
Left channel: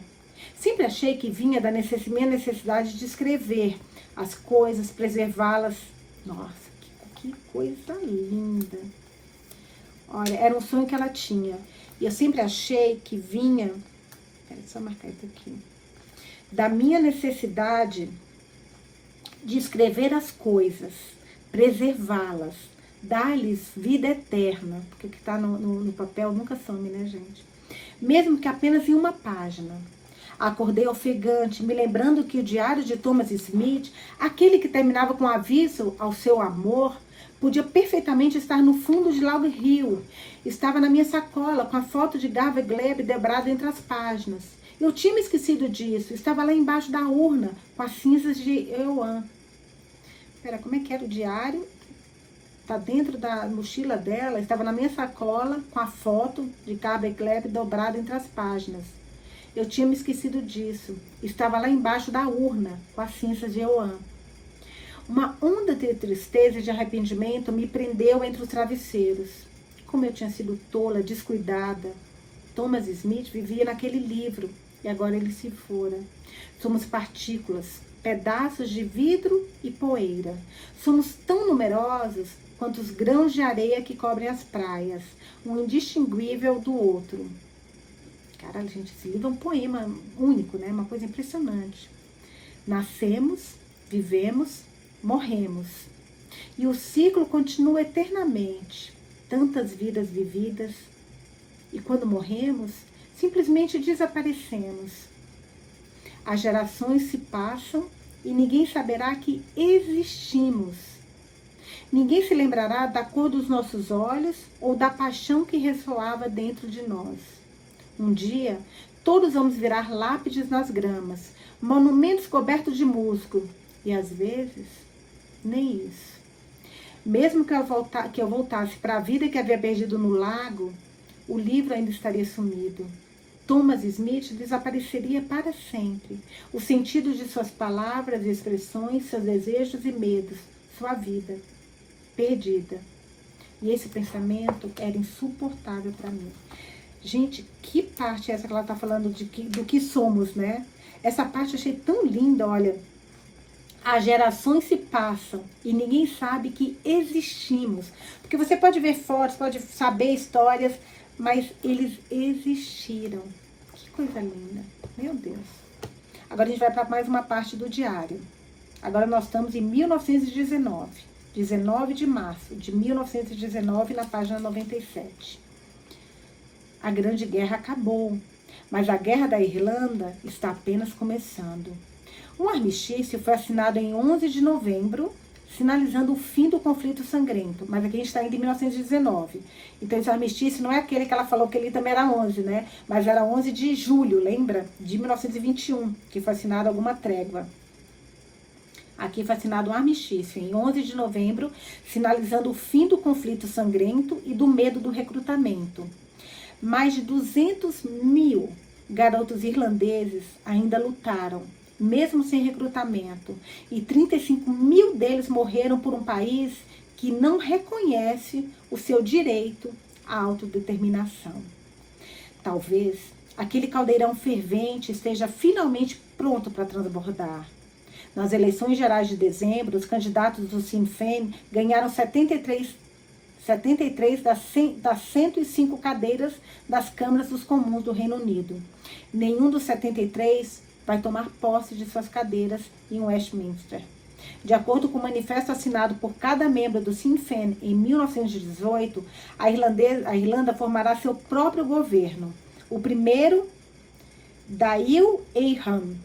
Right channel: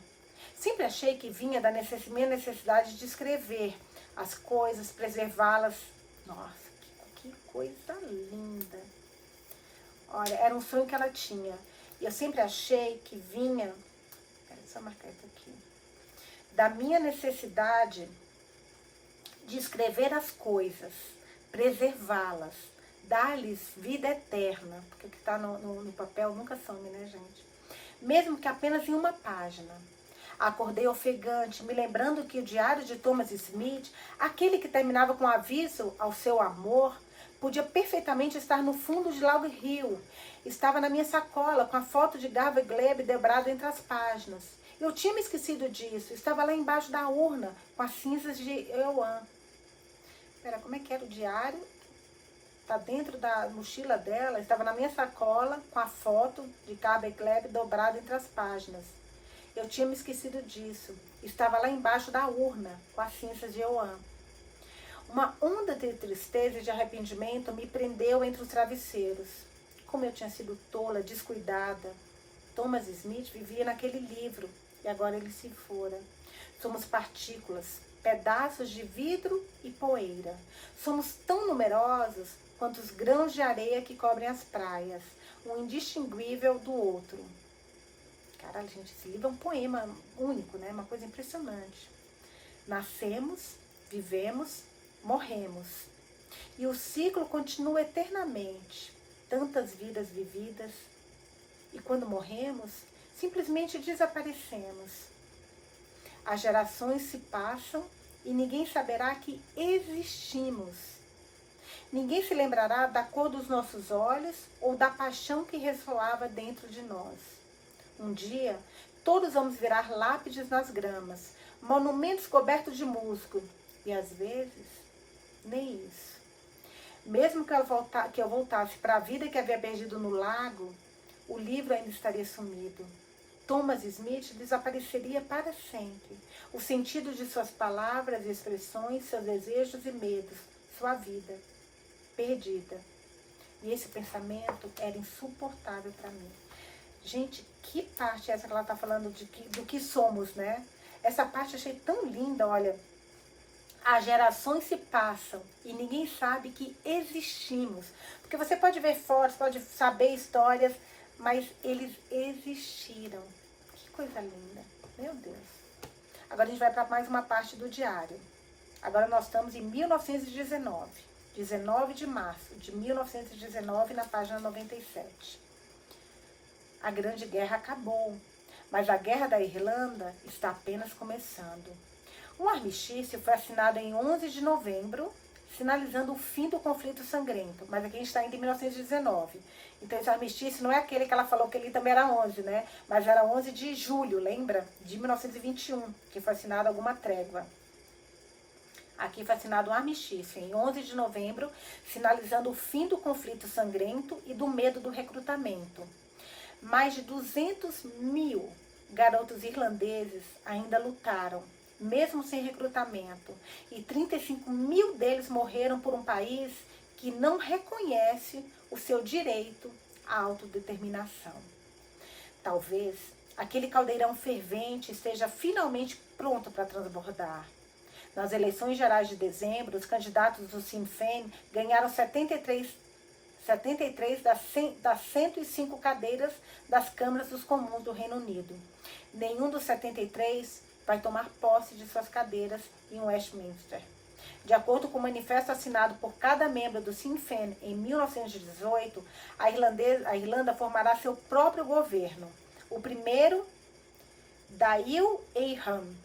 Sempre achei que vinha da minha necessidade de escrever as coisas, preservá-las. Nossa, que coisa linda! Olha, era um sonho que ela tinha. E eu sempre achei que vinha... Peraí, só marcar isso aqui. Da minha necessidade de escrever as coisas, preservá-las, dar-lhes vida eterna. Porque o que está no papel nunca some, né, gente? Mesmo que apenas em uma página. Acordei ofegante, me lembrando que o diário de Thomas Smith, aquele que terminava com aviso ao seu amor, podia perfeitamente estar no fundo de Log Hill. Estava na minha sacola, com a foto de Garvey Gleb dobrada entre as páginas. Eu tinha me esquecido disso. Estava lá embaixo da urna, com as cinzas de Euan. Espera, como é que era o diário? Está dentro da mochila dela. Estava na minha sacola, com a foto de Garvey Gleb dobrada entre as páginas. Eu tinha me esquecido disso. Estava lá embaixo da urna, com as cinzas de Euan. Uma onda de tristeza e de arrependimento me prendeu entre os travesseiros. Como eu tinha sido tola, descuidada. Thomas Smith vivia naquele livro e agora ele se fora. Somos partículas, pedaços de vidro e poeira. Somos tão numerosos quanto os grãos de areia que cobrem as praias, um indistinguível do outro. Caralho, gente, esse livro é um poema único, né? Uma coisa impressionante. Nascemos, vivemos, morremos. E o ciclo continua eternamente. Tantas vidas vividas. E quando morremos, simplesmente desaparecemos. As gerações se passam e ninguém saberá que existimos. Ninguém se lembrará da cor dos nossos olhos ou da paixão que ressoava dentro de nós. Um dia, todos vamos virar lápides nas gramas, monumentos cobertos de musgo. E às vezes, nem isso. Mesmo que eu voltasse para a vida que havia perdido no lago, o livro ainda estaria sumido. Thomas Smith desapareceria para sempre. O sentido de suas palavras e expressões, seus desejos e medos, sua vida, perdida. E esse pensamento era insuportável para mim. Gente, que parte é essa que ela está falando do que somos, né? Essa parte eu achei tão linda, olha. As gerações se passam e ninguém sabe que existimos. Porque você pode ver fotos, pode saber histórias, mas eles existiram. Que coisa linda. Meu Deus. Agora a gente vai para mais uma parte do diário. Agora nós estamos em 1919, 19 de março de 1919, na página 97. A Grande Guerra acabou, mas a Guerra da Irlanda está apenas começando. Um armistício foi assinado em 11 de novembro, sinalizando o fim do conflito sangrento. Mas aqui a gente está indo em 1919. Então esse armistício não é aquele que ela falou que ele também era 11, né? Mas era 11 de julho, lembra? De 1921, que foi assinado alguma trégua. Aqui foi assinado um armistício em 11 de novembro, sinalizando o fim do conflito sangrento e do medo do recrutamento. Mais de 200 mil garotos irlandeses ainda lutaram, mesmo sem recrutamento, e 35 mil deles morreram por um país que não reconhece o seu direito à autodeterminação. Talvez aquele caldeirão fervente esteja finalmente pronto para transbordar. Nas eleições gerais de dezembro, os candidatos do Sinn Féin ganharam 73 das 105 cadeiras das câmaras dos comuns do Reino Unido. Nenhum dos 73 vai tomar posse de suas cadeiras em Westminster. De acordo com o manifesto assinado por cada membro do Sinn Féin em 1918, a Irlanda formará seu próprio governo. O primeiro, Dáil Éireann.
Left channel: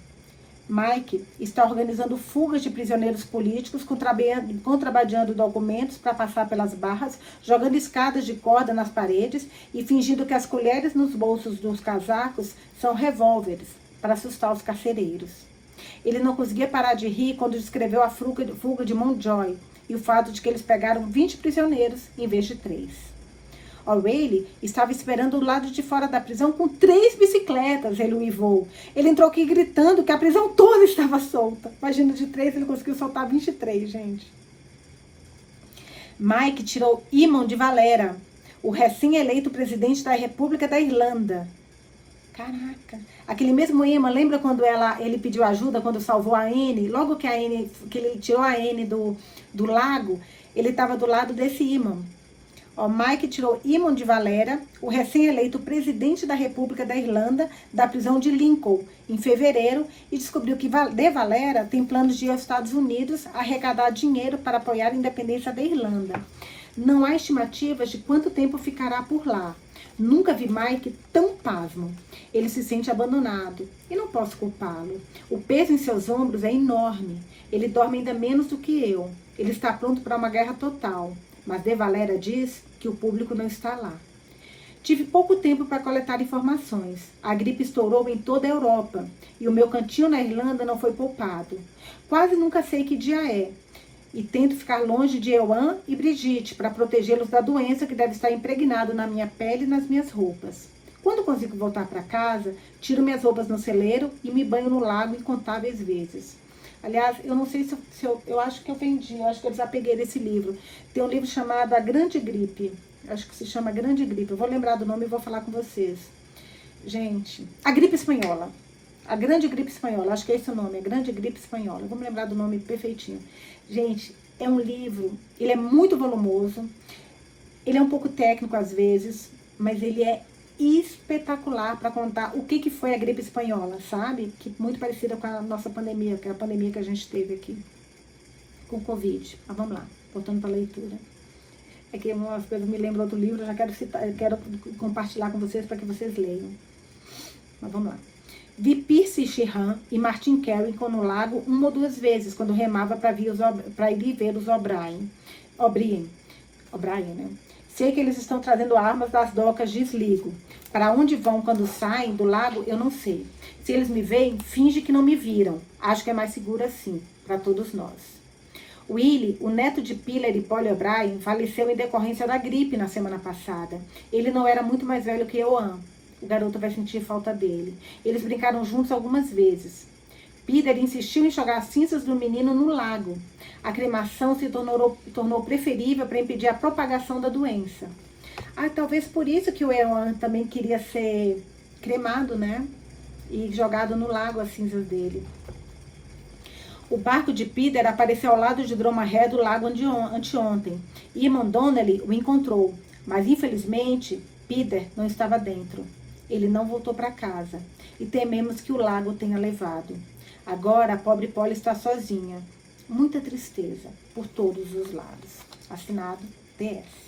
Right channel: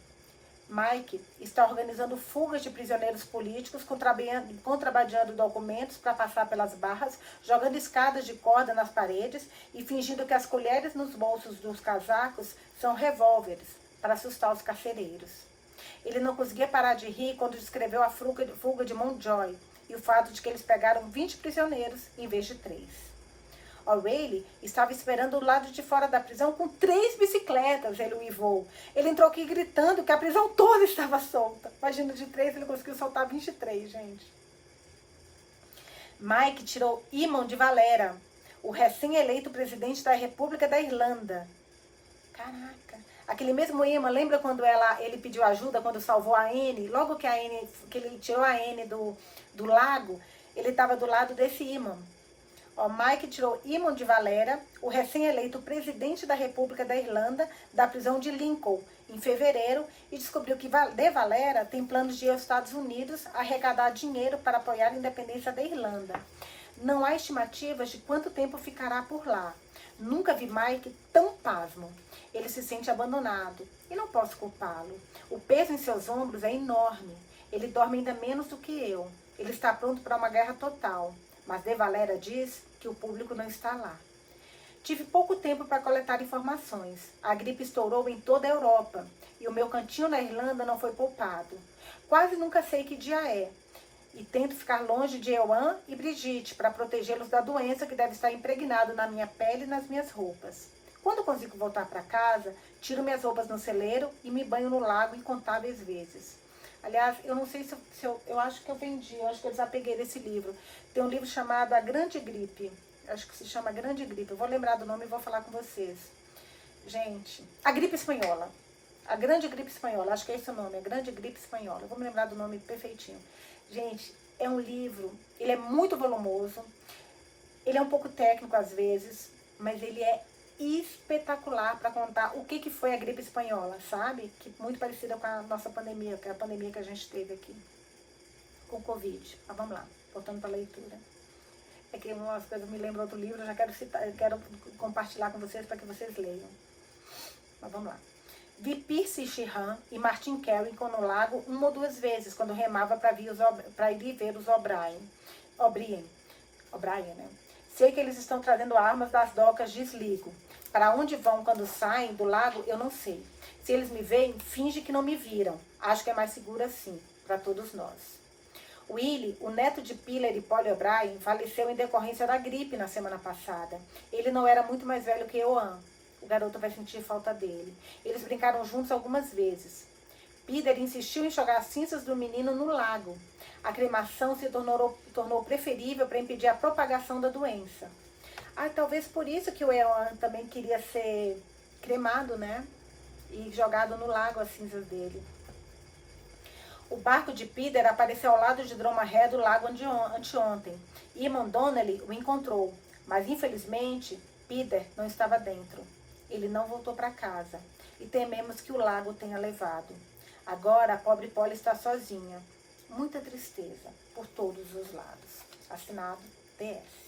Mike está organizando fugas de prisioneiros políticos, contrabandeando documentos para passar pelas barras, jogando escadas de corda nas paredes e fingindo que as colheres nos bolsos dos casacos são revólveres para assustar os carcereiros. Ele não conseguia parar de rir quando descreveu a fuga de Mountjoy e o fato de que eles pegaram 20 prisioneiros em vez de 3. O'Reilly estava esperando do lado de fora da prisão com 3 bicicletas, ele uivou. Ele entrou aqui gritando que a prisão toda estava solta. Imagina, de 3 ele conseguiu soltar 23, gente. Mike tirou Eamon de Valera, o recém-eleito presidente da República da Irlanda. Caraca! Aquele mesmo Eamon, lembra quando ele pediu ajuda, quando salvou a Anne? Logo que ele tirou a Anne do lago, ele estava do lado desse Eamon. O Mike tirou Eamon de Valera, o recém-eleito presidente da República da Irlanda, da prisão de Lincoln, em fevereiro, e descobriu que de Valera tem planos de ir aos Estados Unidos arrecadar dinheiro para apoiar a independência da Irlanda. Não há estimativas de quanto tempo ficará por lá. Nunca vi Mike tão pasmo. Ele se sente abandonado e não posso culpá-lo. O peso em seus ombros é enorme. Ele dorme ainda menos do que eu. Ele está pronto para uma guerra total. Mas De Valera diz que o público não está lá. Tive pouco tempo para coletar informações. A gripe estourou em toda a Europa e o meu cantinho na Irlanda não foi poupado. Quase nunca sei que dia é. E tento ficar longe de Ewan e Brigitte para protegê-los da doença que deve estar impregnado na minha pele e nas minhas roupas. Quando consigo voltar para casa, tiro minhas roupas no celeiro e me banho no lago incontáveis vezes. Aliás, eu não sei se eu acho que eu vendi, eu acho que eu desapeguei desse livro. Tem um livro chamado A Grande Gripe. Acho que se chama Grande Gripe. Eu vou lembrar do nome e vou falar com vocês. Gente, a gripe espanhola. A Grande Gripe Espanhola. Acho que é esse o nome, a Grande Gripe Espanhola. Vamos lembrar do nome perfeitinho. Gente, é um livro, ele é muito volumoso. Ele é um pouco técnico às vezes, mas ele é espetacular para contar o que foi a gripe espanhola, sabe? Que muito parecida com a nossa pandemia, que é a pandemia que a gente teve aqui com o Covid. Mas vamos lá, voltando para a leitura. É que umas coisas me lembram outro livro, eu já quero citar, eu quero compartilhar com vocês para que vocês leiam. Mas vamos lá. Vi Percy Sheehan e Martin Carrington no lago 1 ou 2 vezes, quando remava para ir ver os O'Brien, né? Sei que eles estão trazendo armas das docas de Sligo. Para onde vão quando saem do lago, eu não sei. Se eles me veem, finge que não me viram. Acho que é mais seguro assim, para todos nós. Willie, o neto de Piller e Polly O'Brien, faleceu em decorrência da gripe na semana passada. Ele não era muito mais velho que Ewan. O garoto vai sentir falta dele. Eles brincaram juntos algumas vezes. Peter insistiu em jogar as cinzas do menino no lago. A cremação se tornou preferível para impedir a propagação da doença. Talvez por isso que o Ewan também queria ser cremado, né? E jogado no lago as cinzas dele. O barco de Peter apareceu ao lado de Dromahead do lago anteontem. Eamon Donnelly o encontrou, mas infelizmente Peter não estava dentro. Ele não voltou para casa e tememos que o lago tenha levado. Agora a pobre Polly está sozinha. Muita tristeza por todos os lados. Assinado PS.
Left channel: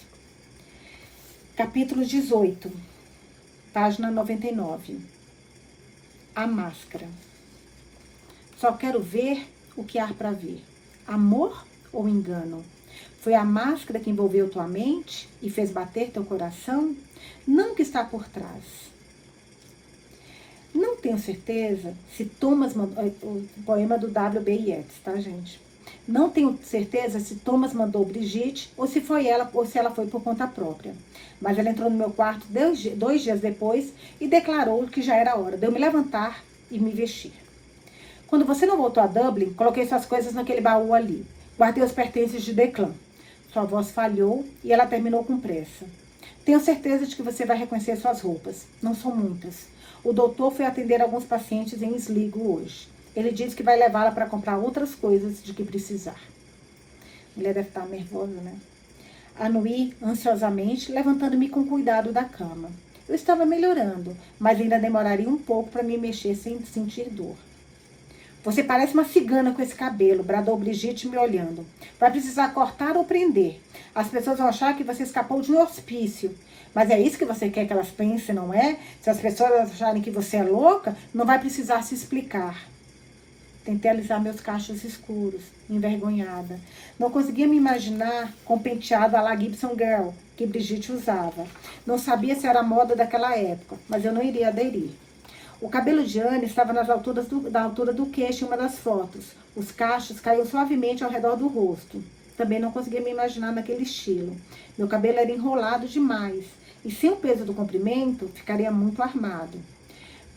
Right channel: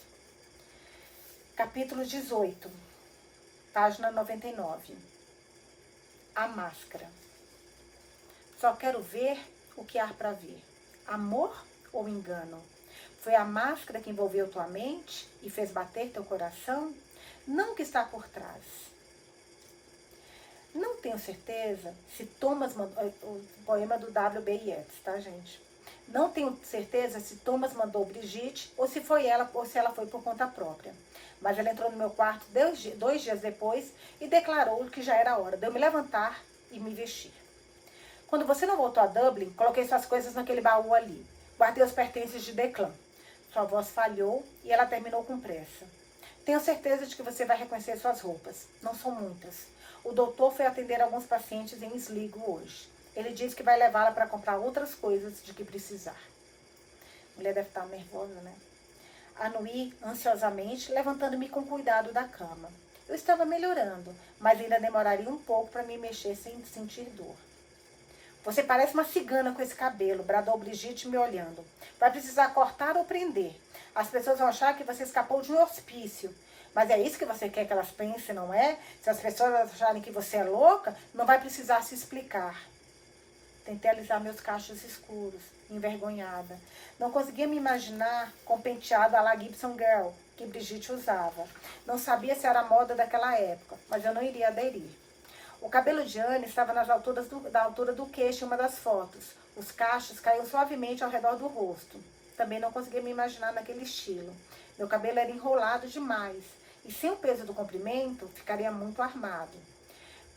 Capítulo 18, página 99. A máscara. Só quero ver o que há para ver. Amor ou engano? Foi a máscara que envolveu tua mente e fez bater teu coração? Não o que está por trás. Não tenho certeza se Thomas mandou... O poema do W.B. Yeats, tá, gente? Não tenho certeza se Thomas mandou Brigitte ou se foi ela ou se ela foi por conta própria. Mas ela entrou no meu quarto 2 dias depois e declarou que já era hora de eu me levantar e me vestir. Quando você não voltou a Dublin, coloquei suas coisas naquele baú ali. Guardei os pertences de Declan. Sua voz falhou e ela terminou com pressa. Tenho certeza de que você vai reconhecer suas roupas. Não são muitas. O doutor foi atender alguns pacientes em Sligo hoje. Ele disse que vai levá-la para comprar outras coisas de que precisar. A mulher deve estar nervosa, né? Anuí ansiosamente, levantando-me com cuidado da cama. Eu estava melhorando, mas ainda demoraria um pouco para me mexer sem sentir dor. Você parece uma cigana com esse cabelo, bradou Brigitte me olhando. Vai precisar cortar ou prender. As pessoas vão achar que você escapou de um hospício. Mas é isso que você quer que elas pensem, não é? Se as pessoas acharem que você é louca, não vai precisar se explicar. Tentei alisar meus cachos escuros, envergonhada. Não conseguia me imaginar com o penteado à la Gibson Girl, que Brigitte usava. Não sabia se era a moda daquela época, mas eu não iria aderir. O cabelo de Anne estava da altura do queixo em uma das fotos. Os cachos caíam suavemente ao redor do rosto. Também não conseguia me imaginar naquele estilo. Meu cabelo era enrolado demais, e sem o peso do comprimento, ficaria muito armado.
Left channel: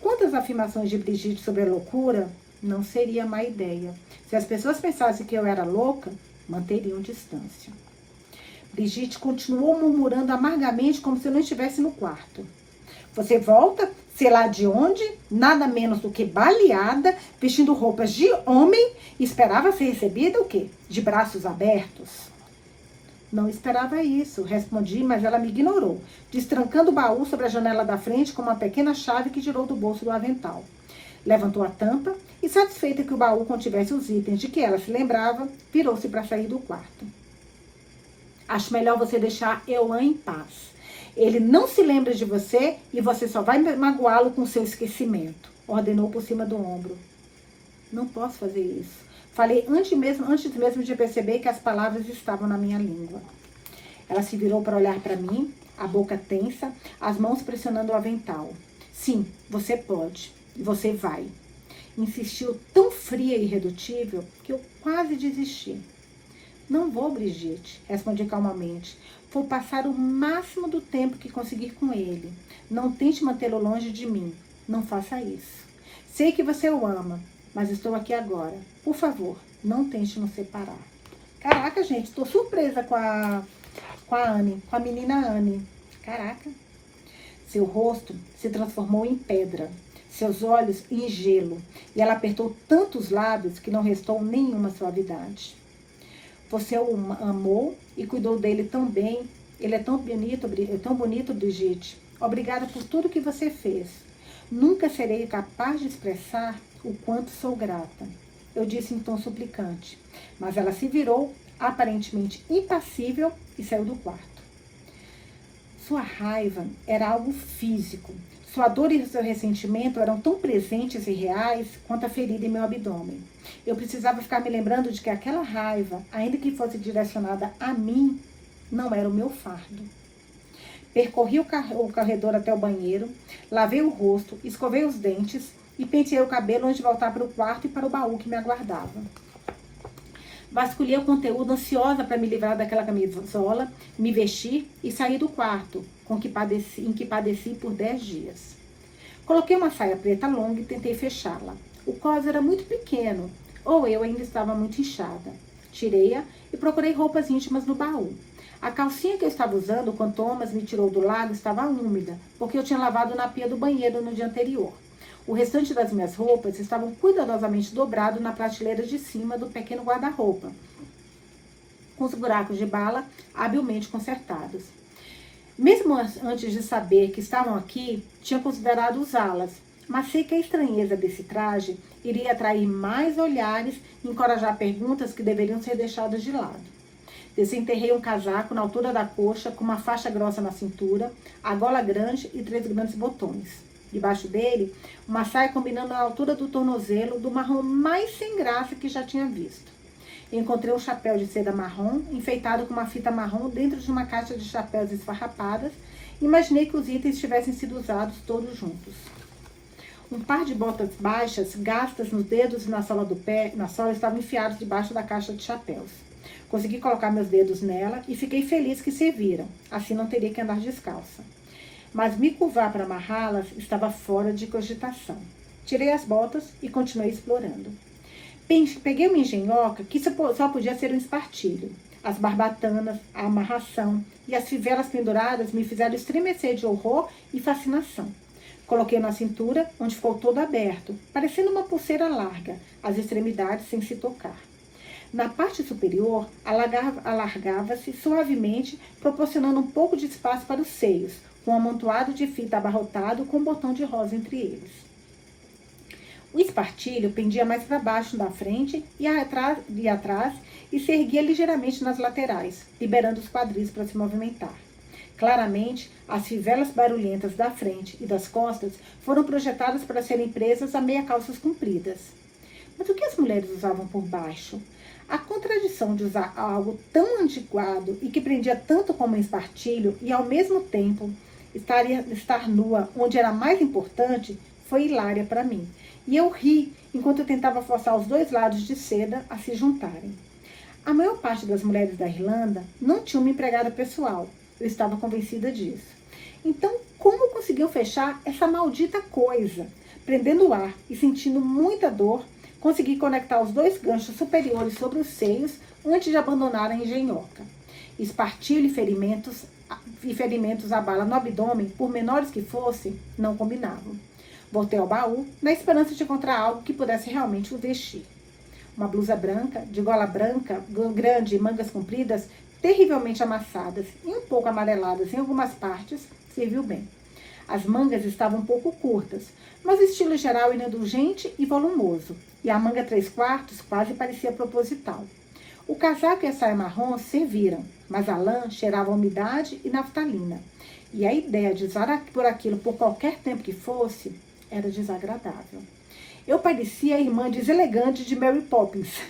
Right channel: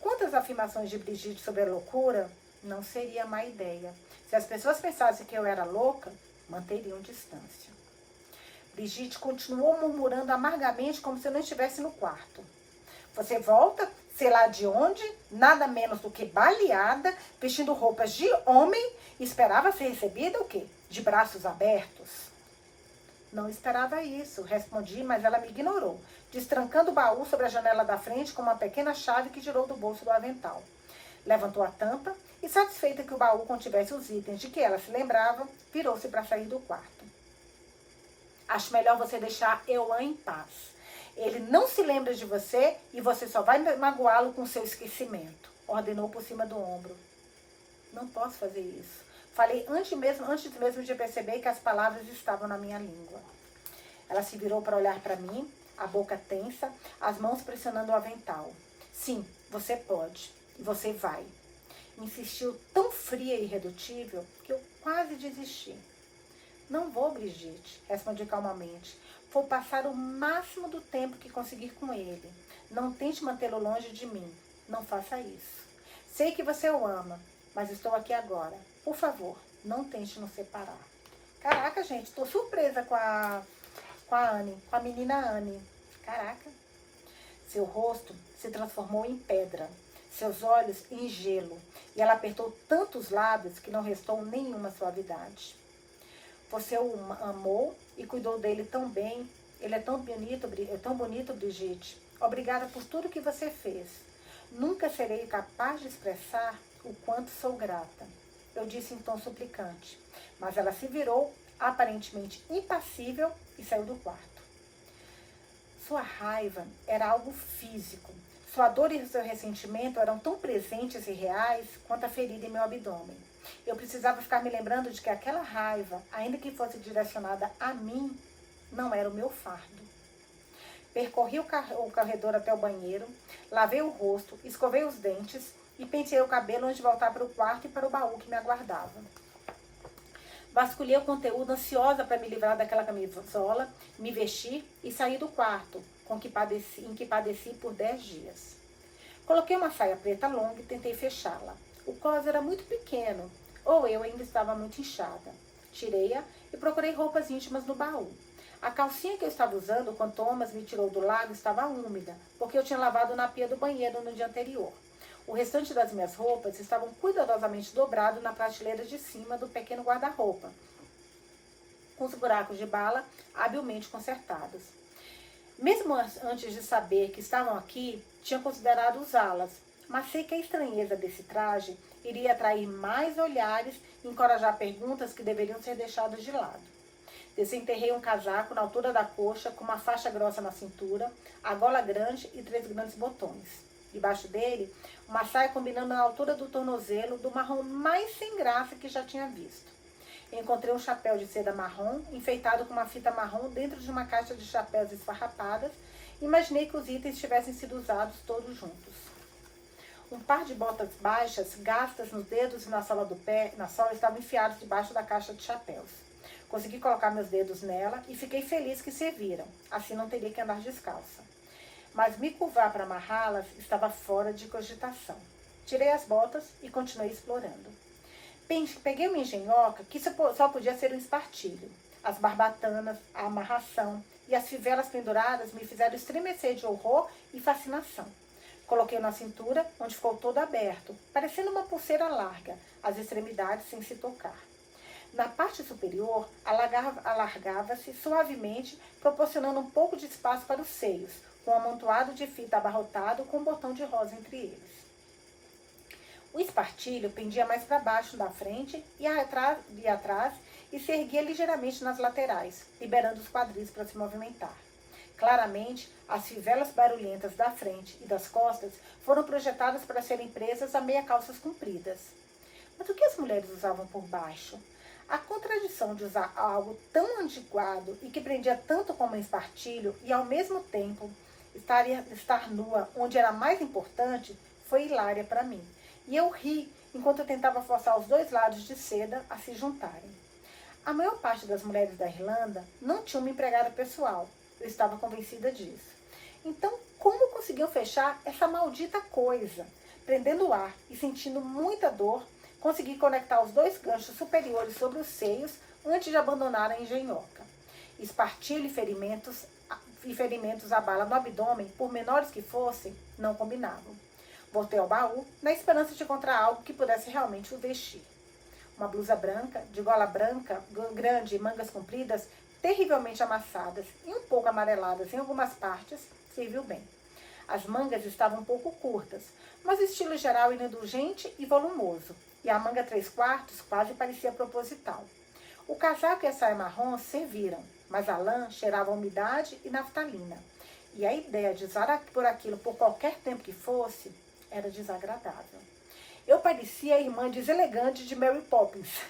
Quantas afirmações de Brigitte sobre a loucura... Não seria má ideia. Se as pessoas pensassem que eu era louca, manteriam distância. Brigitte continuou murmurando amargamente como se eu não estivesse no quarto. Você volta, sei lá de onde, nada menos do que baleada, vestindo roupas de homem, e esperava ser recebida o quê? De braços abertos? Não esperava isso, respondi, mas ela me ignorou, destrancando o baú sobre a janela da frente com uma pequena chave que tirou do bolso do avental. Levantou a tampa e, satisfeita que o baú contivesse os itens de que ela se lembrava, virou-se para sair do quarto. Acho melhor você deixar Ewan em paz. Ele não se lembra de você e você só vai magoá-lo com seu esquecimento, ordenou por cima do ombro. Não posso fazer isso. Falei antes mesmo de perceber que as palavras estavam na minha língua. Ela se virou para olhar para mim, a boca tensa, as mãos pressionando o avental. Sim, você pode. E você vai. Insistiu tão fria e irredutível que eu quase desisti. Não vou, Brigitte, respondi calmamente. Vou passar o máximo do tempo que conseguir com ele. Não tente mantê-lo longe de mim. Não faça isso. Sei que você o ama, mas estou aqui agora. Por favor, não tente nos separar. Caraca, gente, estou surpresa com a Anne, com a menina Anne. Caraca. Seu rosto se transformou em pedra. Seus olhos em gelo, e ela apertou tanto os lábios que não restou nenhuma suavidade. Você o amou e cuidou dele tão bem. Ele é tão bonito, Brigitte. Obrigada por tudo que você fez. Nunca serei capaz de expressar o quanto sou grata. Eu disse em tom suplicante, mas ela se virou, aparentemente impassível, e saiu do quarto. Sua raiva era algo físico. Sua dor e seu ressentimento eram tão presentes e reais quanto a ferida em meu abdômen. Eu precisava ficar me lembrando de que aquela raiva, ainda que fosse direcionada a mim, não era o meu fardo. Percorri o corredor até o banheiro, lavei o rosto, escovei os dentes e penteei o cabelo antes de voltar para o quarto e para o baú que me aguardava. Vasculhei o conteúdo ansiosa para me livrar daquela camisola, me vestir e sair do quarto, em que padeci por 10 dias. Coloquei uma saia preta longa e tentei fechá-la. O cós era muito pequeno, ou eu ainda estava muito inchada. Tirei-a e procurei roupas íntimas no baú. A calcinha que eu estava usando quando Thomas me tirou do lago estava úmida, porque eu tinha lavado na pia do banheiro no dia anterior. O restante das minhas roupas estavam cuidadosamente dobrado na prateleira de cima do pequeno guarda-roupa, com os buracos de bala habilmente consertados. Mesmo antes de saber que estavam aqui, tinha considerado usá-las, mas sei que a estranheza desse traje iria atrair mais olhares e encorajar perguntas que deveriam ser deixadas de lado. Desenterrei um casaco na altura da coxa, com uma faixa grossa na cintura, a gola grande e 3 grandes botões. Debaixo dele, uma saia combinando a altura do tornozelo, do marrom mais sem graça que já tinha visto. Encontrei um chapéu de seda marrom, enfeitado com uma fita marrom dentro de uma caixa de chapéus esfarrapadas. Imaginei que os itens tivessem sido usados todos juntos. Um par de botas baixas, gastas nos dedos e na sola do pé, estavam enfiados debaixo da caixa de chapéus. Consegui colocar meus dedos nela e fiquei feliz que serviram, assim não teria que andar descalça. Mas me curvar para amarrá-las estava fora de cogitação. Tirei as botas e continuei explorando. Peguei uma engenhoca que só podia ser um espartilho. As barbatanas, a amarração e as fivelas penduradas me fizeram estremecer de horror e fascinação. Coloquei na cintura, onde ficou todo aberto, parecendo uma pulseira larga, as extremidades sem se tocar. Na parte superior, alargava-se suavemente, proporcionando um pouco de espaço para os seios, com um amontoado de fita abarrotado com um botão de rosa entre eles. O espartilho pendia mais para baixo da frente e atrás e se erguia ligeiramente nas laterais, liberando os quadris para se movimentar. Claramente, as fivelas barulhentas da frente e das costas foram projetadas para serem presas a meia calças compridas. Mas o que as mulheres usavam por baixo? A contradição de usar algo tão antiquado e que prendia tanto como um espartilho e, ao mesmo tempo, estar nua onde era mais importante foi hilária para mim. E eu ri enquanto eu tentava forçar os dois lados de seda a se juntarem. A maior parte das mulheres da Irlanda não tinha uma empregada pessoal. Eu estava convencida disso. Então, como conseguiu fechar essa maldita coisa? Prendendo o ar e sentindo muita dor, consegui conectar os 2 ganchos superiores sobre os seios antes de abandonar a engenhoca. Espartilho e ferimentos à bala no abdômen, por menores que fossem, não combinavam. Voltei ao baú, na esperança de encontrar algo que pudesse realmente o vestir. Uma blusa branca, de gola branca, grande e mangas compridas, terrivelmente amassadas e um pouco amareladas em algumas partes, serviu bem. As mangas estavam um pouco curtas, mas o estilo geral era indulgente e volumoso, e a manga 3/4 quase parecia proposital. O casaco e a saia marrom serviram, mas a lã cheirava a umidade e naftalina, e a ideia de usar por aquilo por qualquer tempo que fosse era desagradável. Eu parecia a irmã deselegante de Mary Poppins.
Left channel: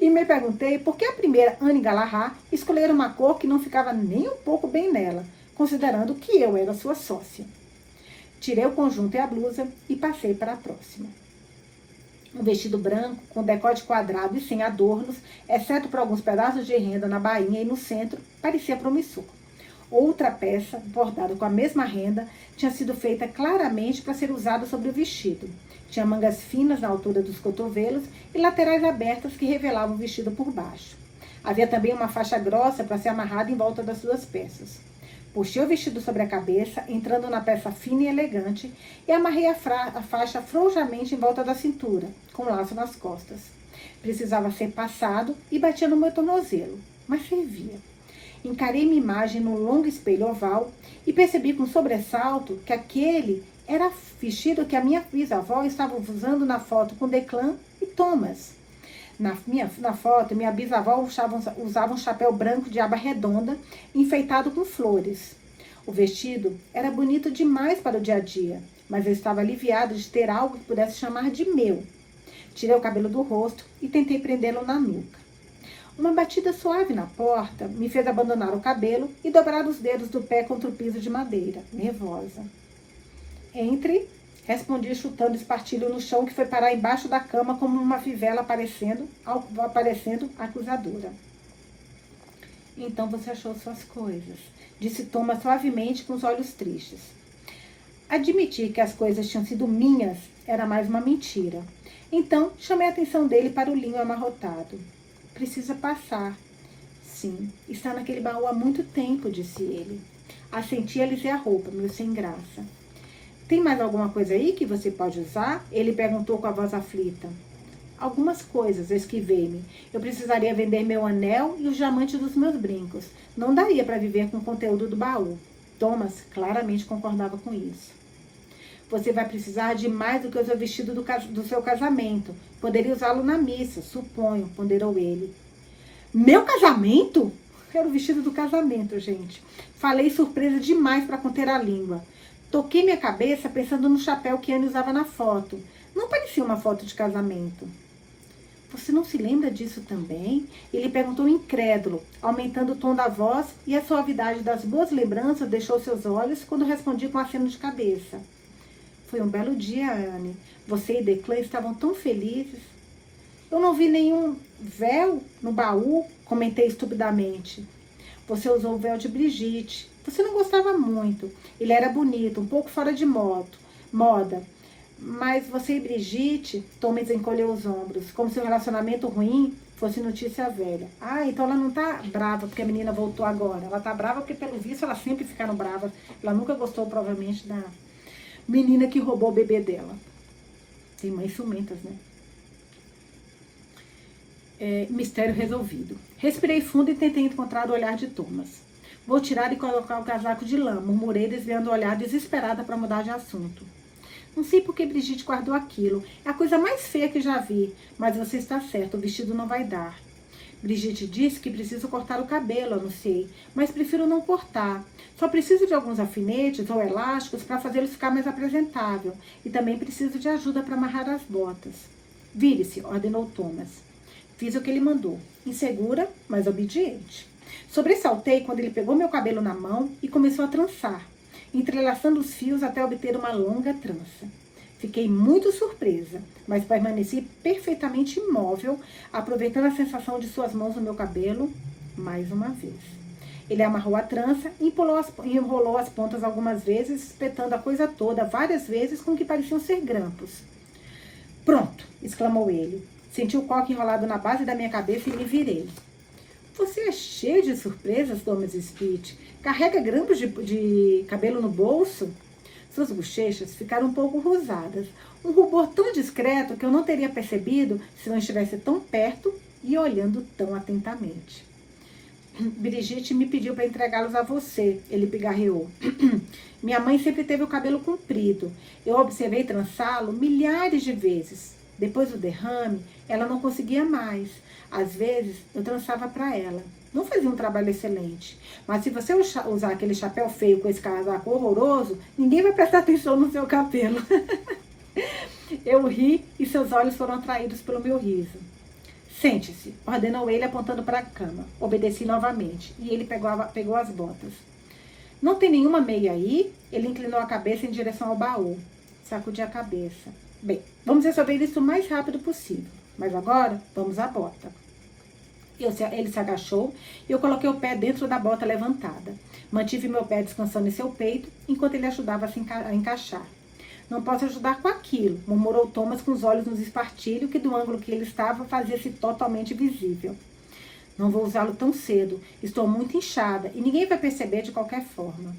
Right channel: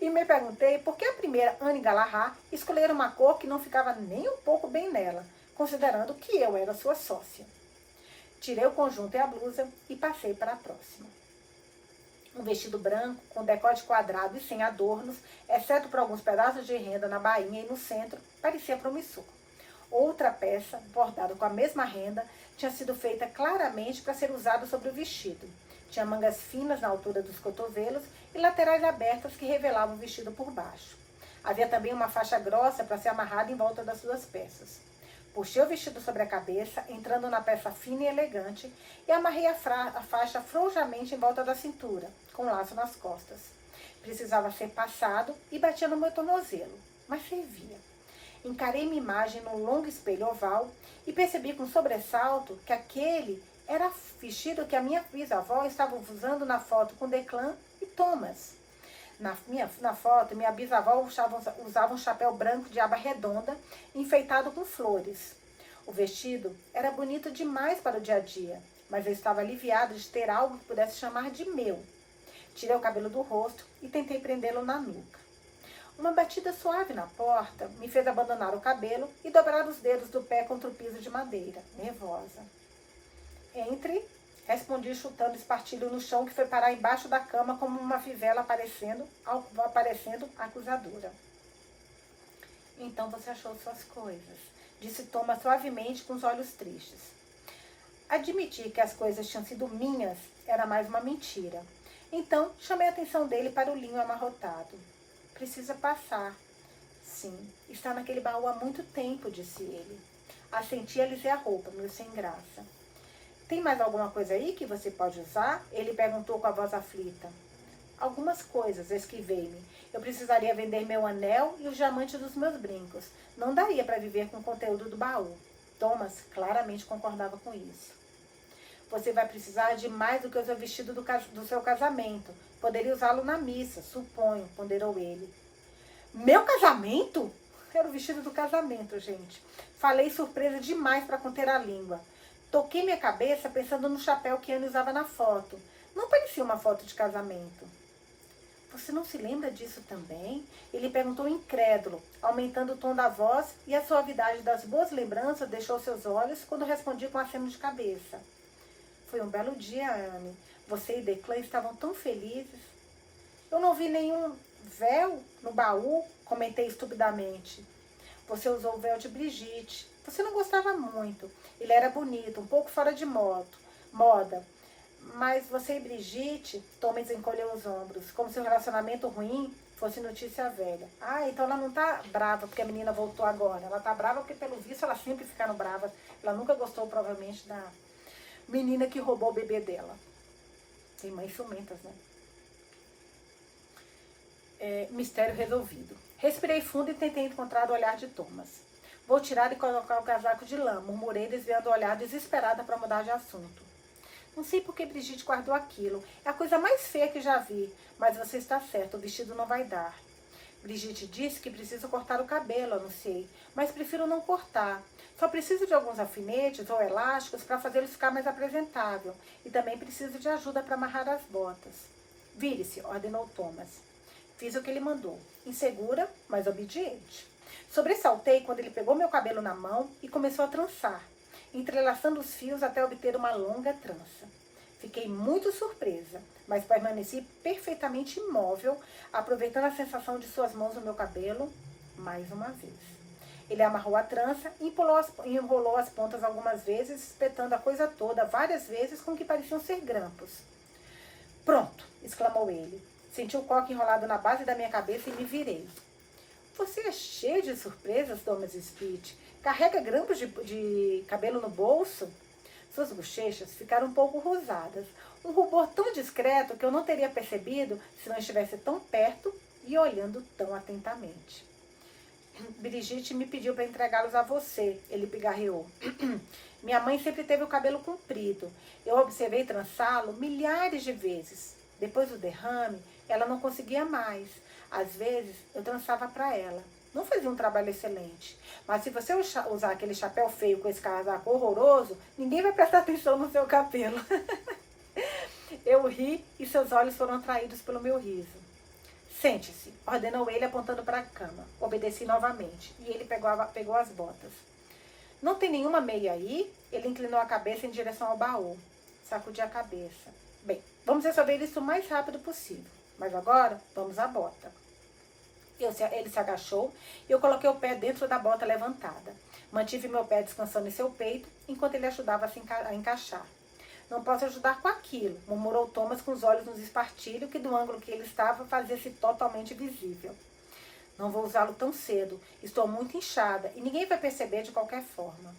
E me perguntei por que a primeira Anne Galahad escolhera uma cor que não ficava nem um pouco bem nela, considerando que eu era sua sócia. Tirei o conjunto e a blusa e passei para a próxima. Um vestido branco, com decote quadrado e sem adornos, exceto por alguns pedaços de renda na bainha e no centro, parecia promissor. Outra peça, bordada com a mesma renda, tinha sido feita claramente para ser usada sobre o vestido. Tinha mangas finas na altura dos cotovelos e laterais abertas que revelavam o vestido por baixo. Havia também uma faixa grossa para ser amarrada em volta das 2 peças. Puxei o vestido sobre a cabeça, entrando na peça fina e elegante, e amarrei a faixa frouxamente em volta da cintura, com um laço nas costas. Precisava ser passado e batia no meu tornozelo, mas servia. Encarei minha imagem num longo espelho oval e percebi com sobressalto que aquele era vestido que a minha bisavó estava usando na foto com Declan e Thomas. Na foto, minha bisavó usava um chapéu branco de aba redonda, enfeitado com flores. O vestido era bonito demais para o dia a dia, mas eu estava aliviada de ter algo que pudesse chamar de meu. Tirei o cabelo do rosto e tentei prendê-lo na nuca. Uma batida suave na porta me fez abandonar o cabelo e dobrar os dedos do pé contra o piso de madeira, nervosa. Entre, respondi chutando espartilho no chão que foi parar embaixo da cama como uma fivela aparecendo acusadora. Então você achou suas coisas, disse Thomas suavemente com os olhos tristes. Admitir que as coisas tinham sido minhas era mais uma mentira. Então chamei a atenção dele para o linho amarrotado. Precisa passar. Sim, está naquele baú há muito tempo, disse ele. Assenti a alisei a roupa, meio sem graça. Tem mais alguma coisa aí que você pode usar? Ele perguntou com a voz aflita. Algumas coisas, eu esquivei-me. Eu precisaria vender meu anel e os diamantes dos meus brincos. Não daria para viver com o conteúdo do baú. Thomas claramente concordava com isso. Você vai precisar de mais do que o seu vestido do seu casamento. Poderia usá-lo na missa, suponho, ponderou ele. Meu casamento? Era o vestido do casamento, gente. Falei surpresa demais para conter a língua. Toquei minha cabeça pensando no chapéu que Anne usava na foto. Não parecia uma foto de casamento. Você não se lembra disso também? Ele perguntou incrédulo, aumentando o tom da voz, e a suavidade das boas lembranças deixou seus olhos quando respondi com aceno de cabeça. Foi um belo dia, Anne. Você e Declan estavam tão felizes. Eu não vi nenhum véu no baú, comentei estupidamente. Você usou o véu de Brigitte. Você não gostava muito. Ele era bonito, um pouco fora de moda. Mas você e Brigitte, Thomas encolheu os ombros, como se o relacionamento ruim fosse notícia velha. Ah, então ela não tá brava porque a menina voltou agora. Ela tá brava porque, pelo visto, elas sempre ficaram bravas. Ela nunca gostou, provavelmente, da menina que roubou o bebê dela. Tem mães ciumentas, né? Mistério resolvido. Respirei fundo e tentei encontrar o olhar de Thomas. Vou tirar e colocar o casaco de lã, murmurei, desviando o olhar desesperada para mudar de assunto. Não sei por que Brigitte guardou aquilo. É a coisa mais feia que já vi. Mas você está certo, o vestido não vai dar. Brigitte disse que preciso cortar o cabelo, anunciei. Mas prefiro não cortar. Só preciso de alguns alfinetes ou elásticos para fazê-lo ficar mais apresentável. E também preciso de ajuda para amarrar as botas. Vire-se, ordenou Thomas. Fiz o que ele mandou. Insegura, mas obediente. Sobressaltei quando ele pegou meu cabelo na mão e começou a trançar, entrelaçando os fios até obter uma longa trança. Fiquei muito surpresa, mas permaneci perfeitamente imóvel, aproveitando a sensação de suas mãos no meu cabelo mais uma vez. Ele amarrou a trança e enrolou as pontas algumas vezes, espetando a coisa toda várias vezes com o que pareciam ser grampos. Pronto, exclamou ele. Senti o coque enrolado na base da minha cabeça e me virei. Você é cheio de surpresas, Thomas Spitz. Carrega grampos de cabelo no bolso? Suas bochechas ficaram um pouco rosadas. Um rubor tão discreto que eu não teria percebido se não estivesse tão perto e olhando tão atentamente. Brigitte me pediu para entregá-los a você, ele pigarreou. Minha mãe sempre teve o cabelo comprido. Eu observei trançá-lo milhares de vezes. Depois do derrame, ela não conseguia mais. Às vezes, eu trançava para ela. Não fazia um trabalho excelente. Mas se você usar aquele chapéu feio com esse casaco horroroso, ninguém vai prestar atenção no seu cabelo. Eu ri e seus olhos foram atraídos pelo meu riso. Sente-se, ordenou ele apontando para a cama. Obedeci novamente e ele pegou as botas. Não tem nenhuma meia aí? Ele inclinou a cabeça em direção ao baú. Sacudi a cabeça. Bem, vamos resolver isso o mais rápido possível. Mas agora, vamos à bota. Ele se agachou e eu coloquei o pé dentro da bota levantada. Mantive meu pé descansando em seu peito, enquanto ele ajudava a encaixar. Não posso ajudar com aquilo, murmurou Thomas com os olhos nos espartilhos, que do ângulo que ele estava fazia-se totalmente visível. Não vou usá-lo tão cedo, estou muito inchada e ninguém vai perceber de qualquer forma.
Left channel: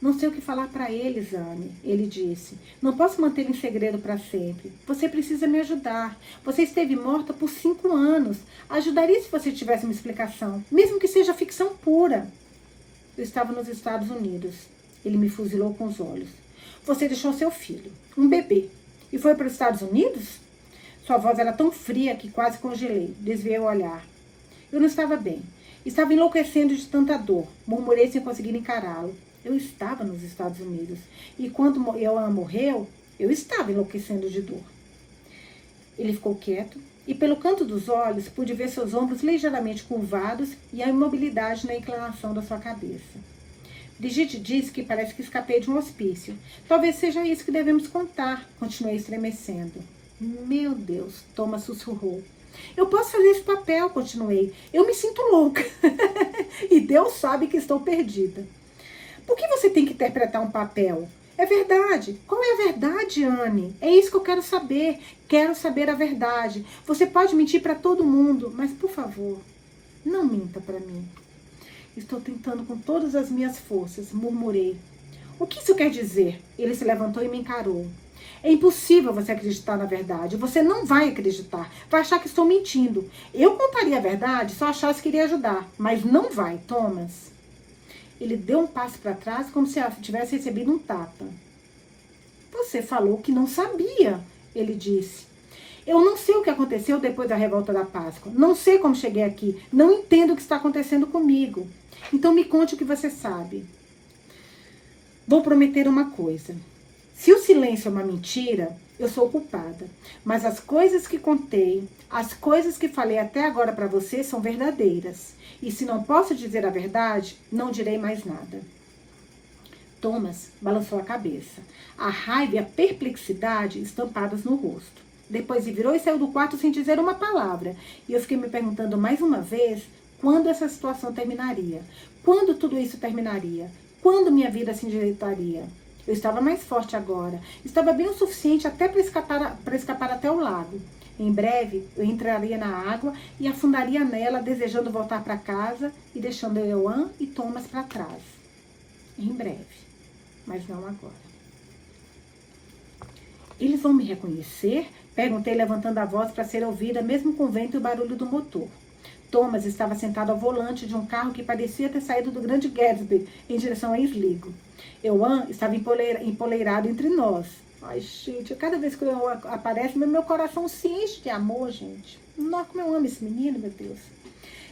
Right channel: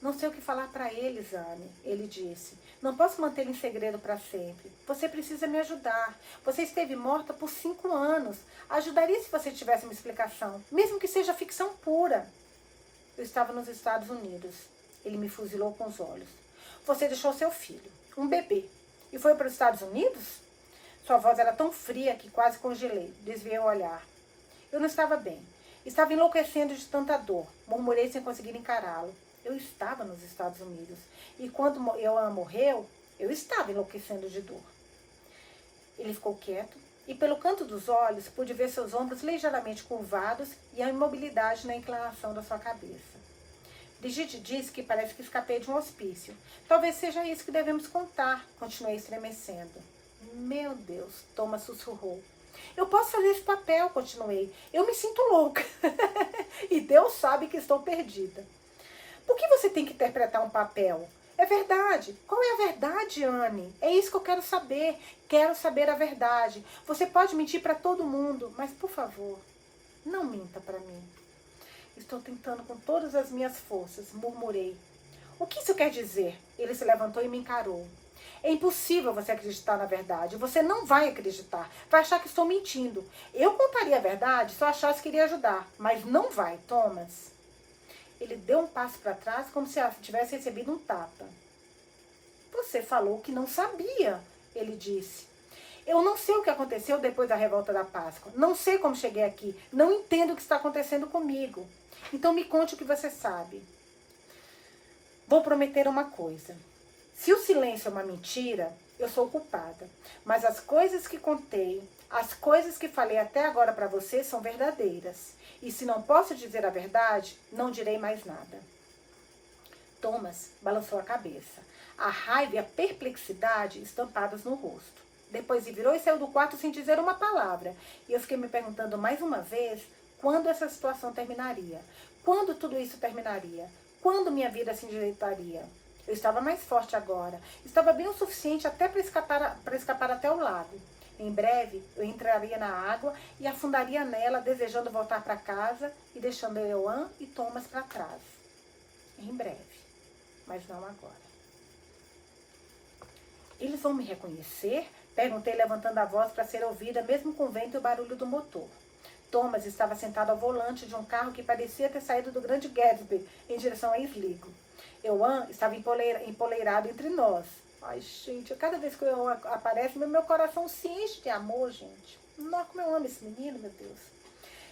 Não sei o que falar para eles, Anne, ele disse. Não posso mantê-lo em segredo para sempre. Você precisa me ajudar. Você esteve morta por 5 anos. Ajudaria se você tivesse uma explicação, mesmo que seja ficção pura. Eu estava nos Estados Unidos. Ele me fuzilou com os olhos. Você deixou seu filho, um bebê, e foi para os Estados Unidos? Sua voz era tão fria que quase congelei. Desviei o olhar. Eu não estava bem. Estava enlouquecendo de tanta dor. Murmurei sem conseguir encará-lo. Eu estava nos Estados Unidos. E quando ela morreu, eu estava enlouquecendo de dor. Ele ficou quieto e pelo canto dos olhos pude ver seus ombros ligeiramente curvados e a imobilidade na inclinação da sua cabeça. Brigitte disse que parece que escapei de um hospício. Talvez seja isso que devemos contar, continuei estremecendo. Meu Deus, Thomas sussurrou. Eu posso fazer esse papel, continuei. Eu me sinto louca. E Deus sabe que estou perdida. Por que você tem que interpretar um papel? É verdade. Qual é a verdade, Anne? É isso que eu quero saber. Quero saber a verdade. Você pode mentir para todo mundo, mas, por favor, não minta para mim. Estou tentando com todas as minhas forças, murmurei. O que isso quer dizer? Ele se levantou e me encarou. É impossível você acreditar na verdade. Você não vai acreditar. Vai achar que estou mentindo. Eu contaria a verdade se eu achasse que iria ajudar. Mas não vai, Thomas. Ele deu um passo para trás como se tivesse recebido um tapa. Você falou que não sabia, ele disse. Eu não sei o que aconteceu depois da revolta da Páscoa. Não sei como cheguei aqui. Não entendo o que está acontecendo comigo. Então me conte o que você sabe. Vou prometer uma coisa. Se o silêncio é uma mentira, eu sou culpada. Mas as coisas que contei, as coisas que falei até agora para você são verdadeiras. E se não posso dizer a verdade, não direi mais nada. Thomas balançou a cabeça. A raiva e a perplexidade estampadas no rosto. Depois se virou e saiu do quarto sem dizer uma palavra. E eu fiquei me perguntando mais uma vez quando essa situação terminaria. Quando tudo isso terminaria? Quando minha vida se endireitaria? Eu estava mais forte agora. Estava bem o suficiente até para escapar até o lago. Em breve, eu entraria na água e afundaria nela, desejando voltar para casa e deixando Euan e Thomas para trás. Em breve, mas não agora. Eles vão me reconhecer? Perguntei, levantando a voz para ser ouvida, mesmo com o vento e o barulho do motor. Thomas estava sentado ao volante de um carro que parecia ter saído do Grande Gatsby em direção a Sligo. Euan estava empoleirado entre nós. Ai, gente, cada vez que o Euan aparece, meu coração se enche de amor, gente. Nossa, como eu amo esse menino, meu Deus.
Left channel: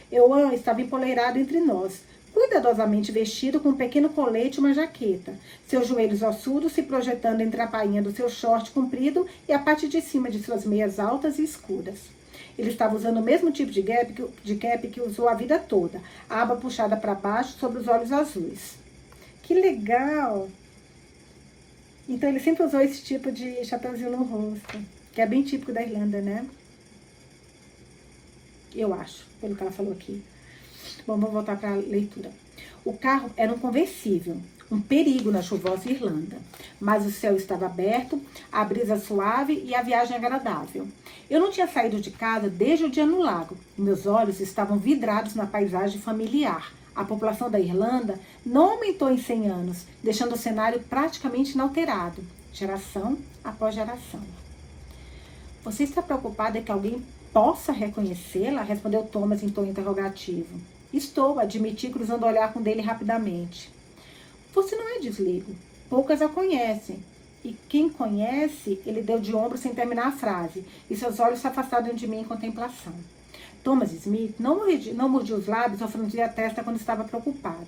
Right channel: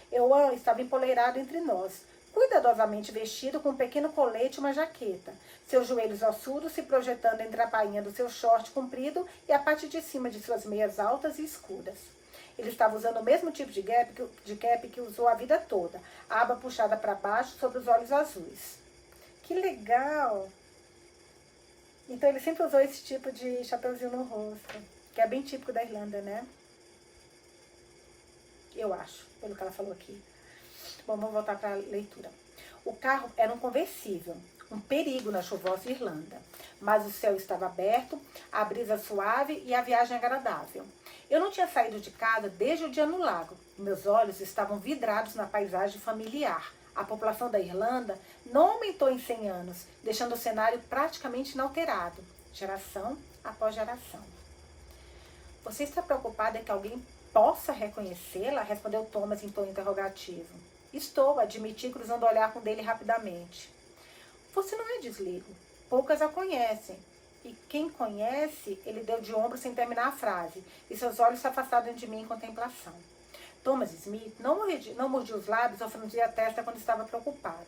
Euan estava empoleirado entre nós, cuidadosamente vestido com um pequeno colete e uma jaqueta, seus joelhos ossudos se projetando entre a bainha do seu short comprido e a parte de cima de suas meias altas e escuras. Ele estava usando o mesmo tipo de cap que usou a vida toda, a aba puxada para baixo sobre os olhos azuis. Que legal! Então ele sempre usou esse tipo de chapeuzinho no rosto, que é bem típico da Irlanda, né? Eu acho, pelo que ela falou aqui. Bom, vamos voltar para a leitura. O carro era um conversível, um perigo na chuvosa Irlanda. Mas o céu estava aberto, a brisa suave e a viagem agradável. Eu não tinha saído de casa desde o dia no lago. Meus olhos estavam vidrados na paisagem familiar. A população da Irlanda não aumentou em 100 anos, deixando o cenário praticamente inalterado, geração após geração. Você está preocupada que alguém possa reconhecê-la? Respondeu Thomas em tom interrogativo. Estou, admiti, cruzando o olhar com dele rapidamente. Você não é de Sligo. Poucas a conhecem. E quem conhece, ele deu de ombro sem terminar a frase, e seus olhos se afastaram de mim em contemplação. Thomas Smith não mordia os lábios ou franzia a testa quando estava preocupado.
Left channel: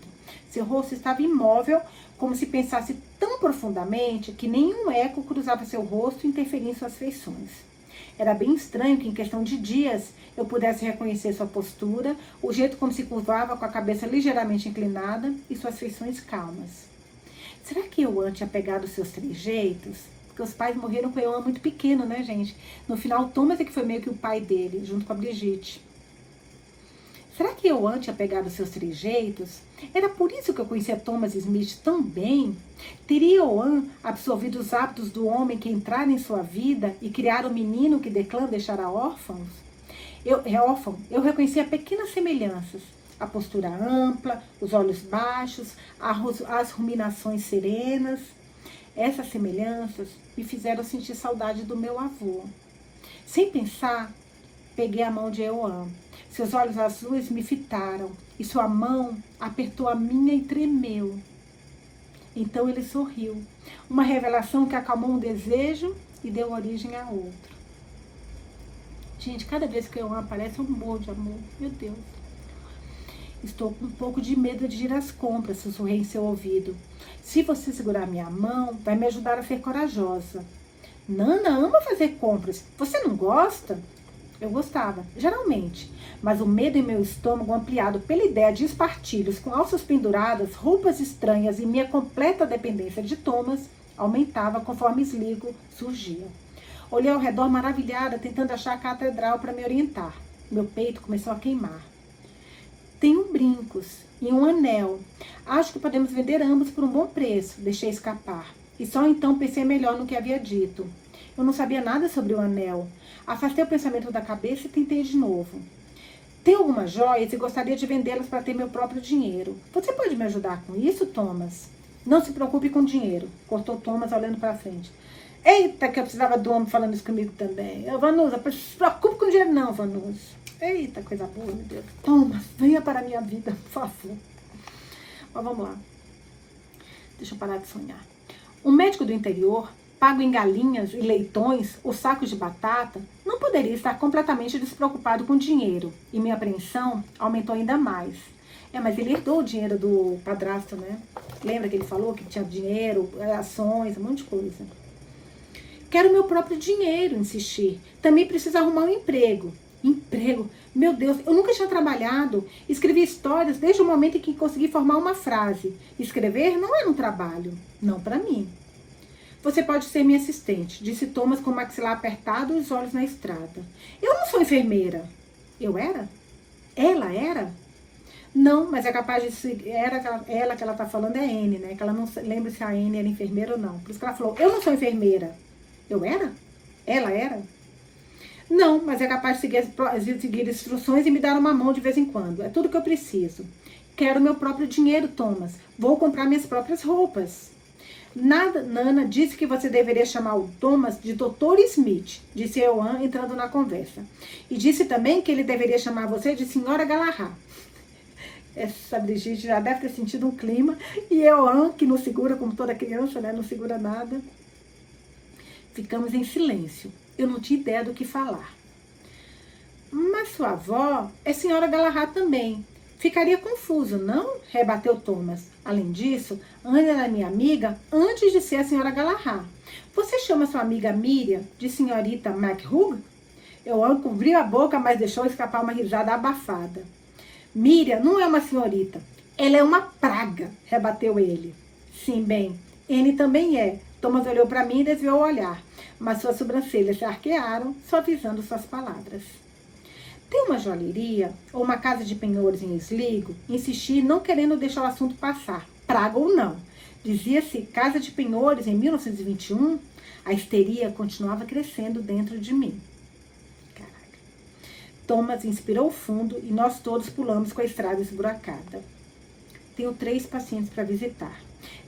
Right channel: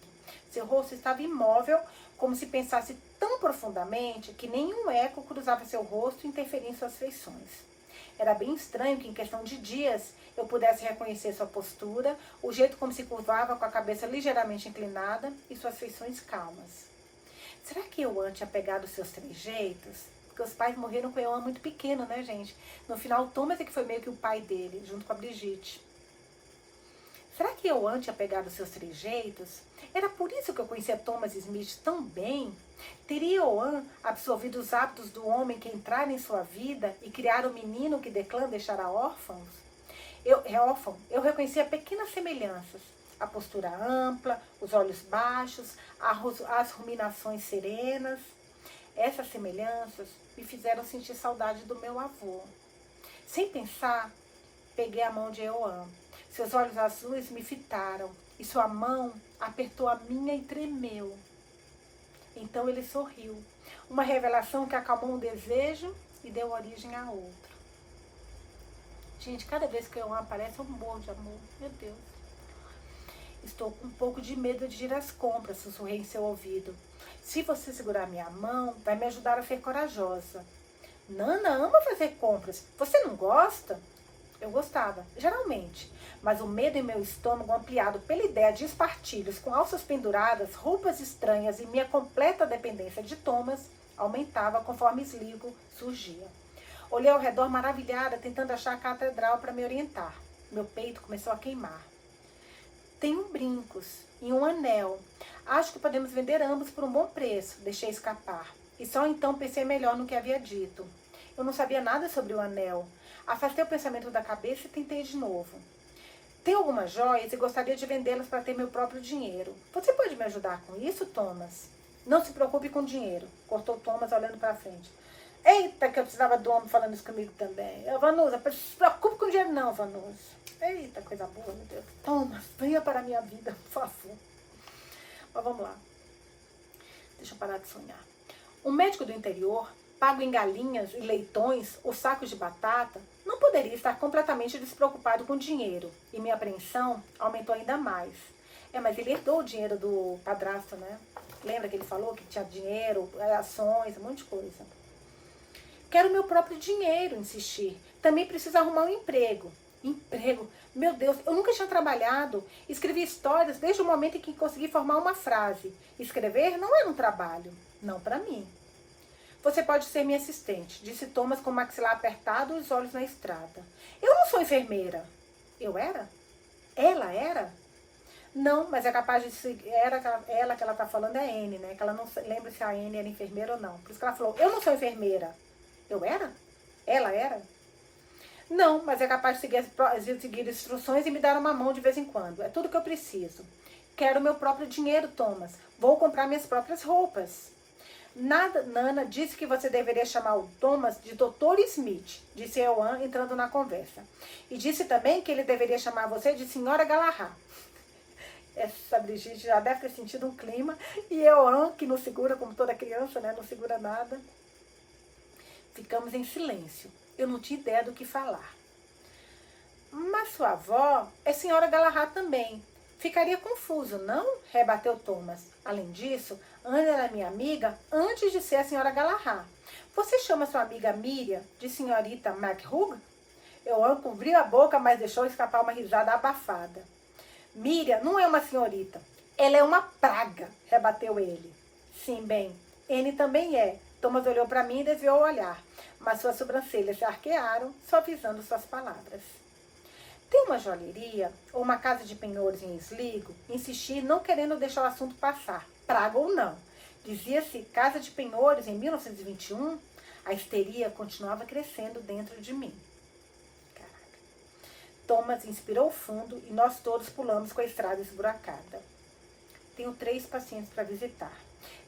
Seu rosto estava imóvel, como se pensasse tão profundamente que nenhum eco cruzava seu rosto e interferia em suas feições. Era bem estranho que em questão de dias eu pudesse reconhecer sua postura, o jeito como se curvava com a cabeça ligeiramente inclinada e suas feições calmas. Será que Euan tinha pegado seus trejeitos? Porque os pais morreram com Euan muito pequeno, né, gente? No final, Thomas é que foi meio que o pai dele, junto com a Brigitte. Será que Euan tinha pegado seus trejeitos? Era por isso que eu conhecia Thomas Smith tão bem? Teria Euan absorvido os hábitos do homem que entrara em sua vida e criara o menino que Declan deixara órfão? Eu reconhecia pequenas semelhanças. A postura ampla, os olhos baixos, as ruminações serenas. Essas semelhanças me fizeram sentir saudade do meu avô. Sem pensar, peguei a mão de Euan. Seus olhos azuis me fitaram e sua mão apertou a minha e tremeu. Então ele sorriu. Uma revelação que acalmou um desejo e deu origem a outro. Gente, cada vez que Euan aparece, eu morro de amor. Meu Deus. Estou com um pouco de medo de ir às compras, sussurrei em seu ouvido. Se você segurar minha mão, vai me ajudar a ser corajosa. Nana ama fazer compras. Você não gosta? Eu gostava, geralmente. Mas o medo em meu estômago, ampliado pela ideia de espartilhos com alças penduradas, roupas estranhas e minha completa dependência de Thomas, aumentava conforme Sligo surgia. Olhei ao redor maravilhada, tentando achar a catedral para me orientar. Meu peito começou a queimar. Tenho brincos e um anel. Acho que podemos vender ambos por um bom preço. Deixei escapar. E só então pensei melhor no que havia dito. Eu não sabia nada sobre o anel. Afastei o pensamento da cabeça e tentei de novo. Tenho algumas joias e gostaria de vendê-las para ter meu próprio dinheiro. Você pode me ajudar com isso, Thomas? Não se preocupe com dinheiro, cortou Thomas olhando para frente. Eita, que eu precisava do homem falando isso comigo também. Vanusa, não se preocupe com dinheiro não, Vanusa. Eita, coisa boa, meu Deus. Thomas, venha para a minha vida, por favor. Mas vamos lá. Deixa eu parar de sonhar. Um médico do interior pago em galinhas e leitões ou sacos de batata, não poderia estar completamente despreocupado com dinheiro, e minha apreensão aumentou ainda mais. Mas ele herdou o dinheiro do padrasto, né? Lembra que ele falou que tinha dinheiro, ações, um monte de coisa. Quero meu próprio dinheiro, insisti. Também preciso arrumar um emprego. Emprego? Meu Deus, eu nunca tinha trabalhado. Escrevi histórias desde o momento em que consegui formar uma frase. Escrever não era um trabalho. Não para mim. Você pode ser minha assistente, disse Thomas com o maxilar apertado e os olhos na estrada. Eu não sou enfermeira. Eu era? Ela era? Não, mas é capaz de ser. Ela que ela tá falando é a Anne, né? Que ela não lembra se a Anne era enfermeira ou não. Por isso que ela falou, eu não sou enfermeira. Eu era? Ela era? Não, mas é capaz de seguir instruções e me dar uma mão de vez em quando. É tudo que eu preciso. Quero meu próprio dinheiro, Thomas. Vou comprar minhas próprias roupas. Nana disse que você deveria chamar o Thomas de Dr. Smith, disse Eoan entrando na conversa. E disse também que ele deveria chamar você de Senhora Galahad. Essa Brigitte já deve ter sentido um clima. E Eoan, que não segura como toda criança, né? Não segura nada. Ficamos em silêncio. Eu não tinha ideia do que falar. Mas sua avó é Senhora Galahad também. Ficaria confuso, não? Rebateu Thomas. Além disso, Anne era minha amiga antes de ser a Senhora Galahad. Você chama sua amiga Miriam de Senhorita McHugh? Eoan cobriu a boca, mas deixou escapar uma risada abafada. Miriam não é uma senhorita. Ela é uma praga, rebateu ele. Sim, bem, Anne também é. Thomas olhou para mim e desviou o olhar, mas suas sobrancelhas se arquearam, suavizando suas palavras. Tem uma joalheria ou uma casa de penhores em Sligo? Insisti, não querendo deixar o assunto passar, praga ou não. Dizia-se casa de penhores em 1921? A histeria continuava crescendo dentro de mim. Caraca. Thomas inspirou fundo e nós todos pulamos com a estrada esburacada. Tenho 3 pacientes para visitar.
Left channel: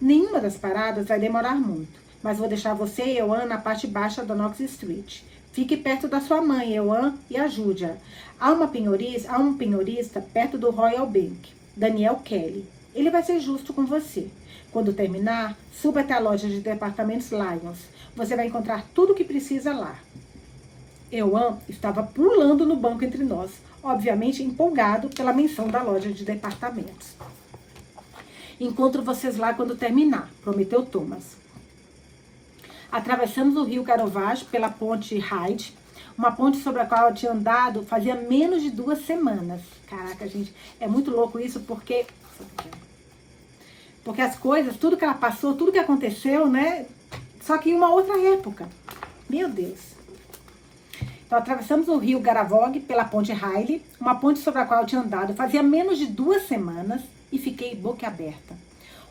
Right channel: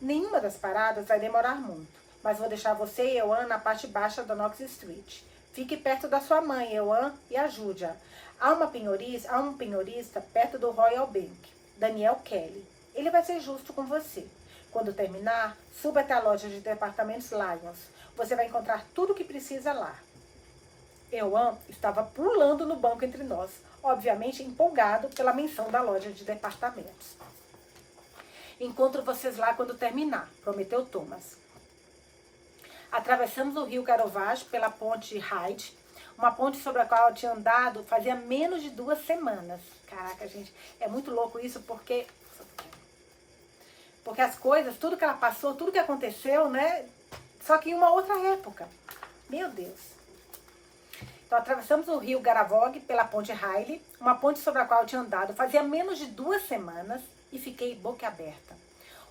Nenhuma das paradas vai demorar muito, mas vou deixar você e Eoan na parte baixa da Knox Street. Fique perto da sua mãe, Eoan, e ajude-a. Há um penhorista perto do Royal Bank, Daniel Kelly. Ele vai ser justo com você. Quando terminar, suba até a loja de departamentos Lyons. Você vai encontrar tudo o que precisa lá. Eoan estava pulando no banco entre nós, obviamente empolgado pela menção da loja de departamentos. Encontro vocês lá quando terminar, prometeu Thomas. Atravessamos o rio Carovage pela ponte Hyde, uma ponte sobre a qual eu tinha andado fazia menos de 2 semanas. Caraca, gente, é muito louco isso, porque as coisas, tudo que ela passou, tudo que aconteceu, né? Só que em uma outra época. Meu Deus. Então, atravessamos o rio Garavog pela ponte Hyde, uma ponte sobre a qual eu tinha andado fazia menos de 2 semanas e fiquei boca aberta.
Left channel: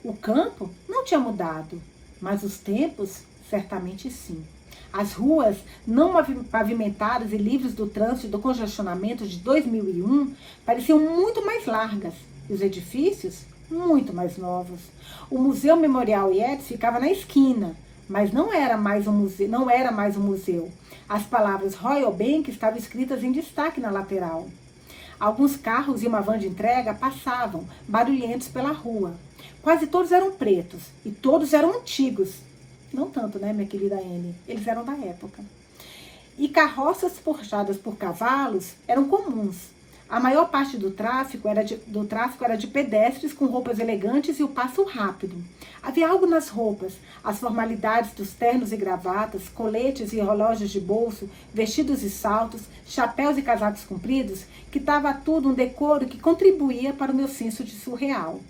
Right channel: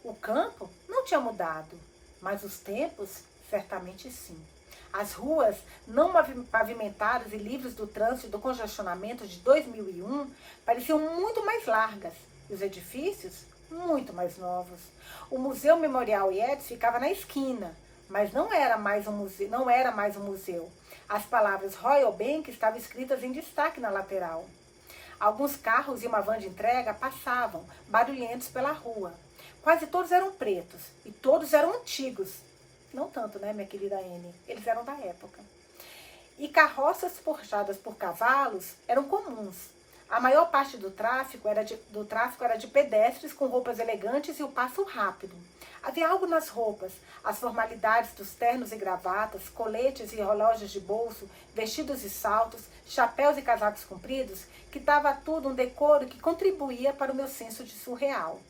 O campo não tinha mudado, mas os tempos, certamente sim. As ruas não pavimentadas e livres do trânsito e do congestionamento de 2001 pareciam muito mais largas. Os edifícios, muito mais novos. O Museu Memorial Yates ficava na esquina, mas não era mais um museu. As palavras Royal Bank estavam escritas em destaque na lateral. Alguns carros e uma van de entrega passavam, barulhentos pela rua. Quase todos eram pretos e todos eram antigos. Não tanto, né, minha querida Anne? Eles eram da época. E carroças forjadas por cavalos eram comuns. A maior parte do tráfego era de pedestres com roupas elegantes e o passo rápido. Havia algo nas roupas, as formalidades dos ternos e gravatas, coletes e relógios de bolso, vestidos e saltos, chapéus e casacos compridos, que dava tudo um decoro que contribuía para o meu senso de surreal.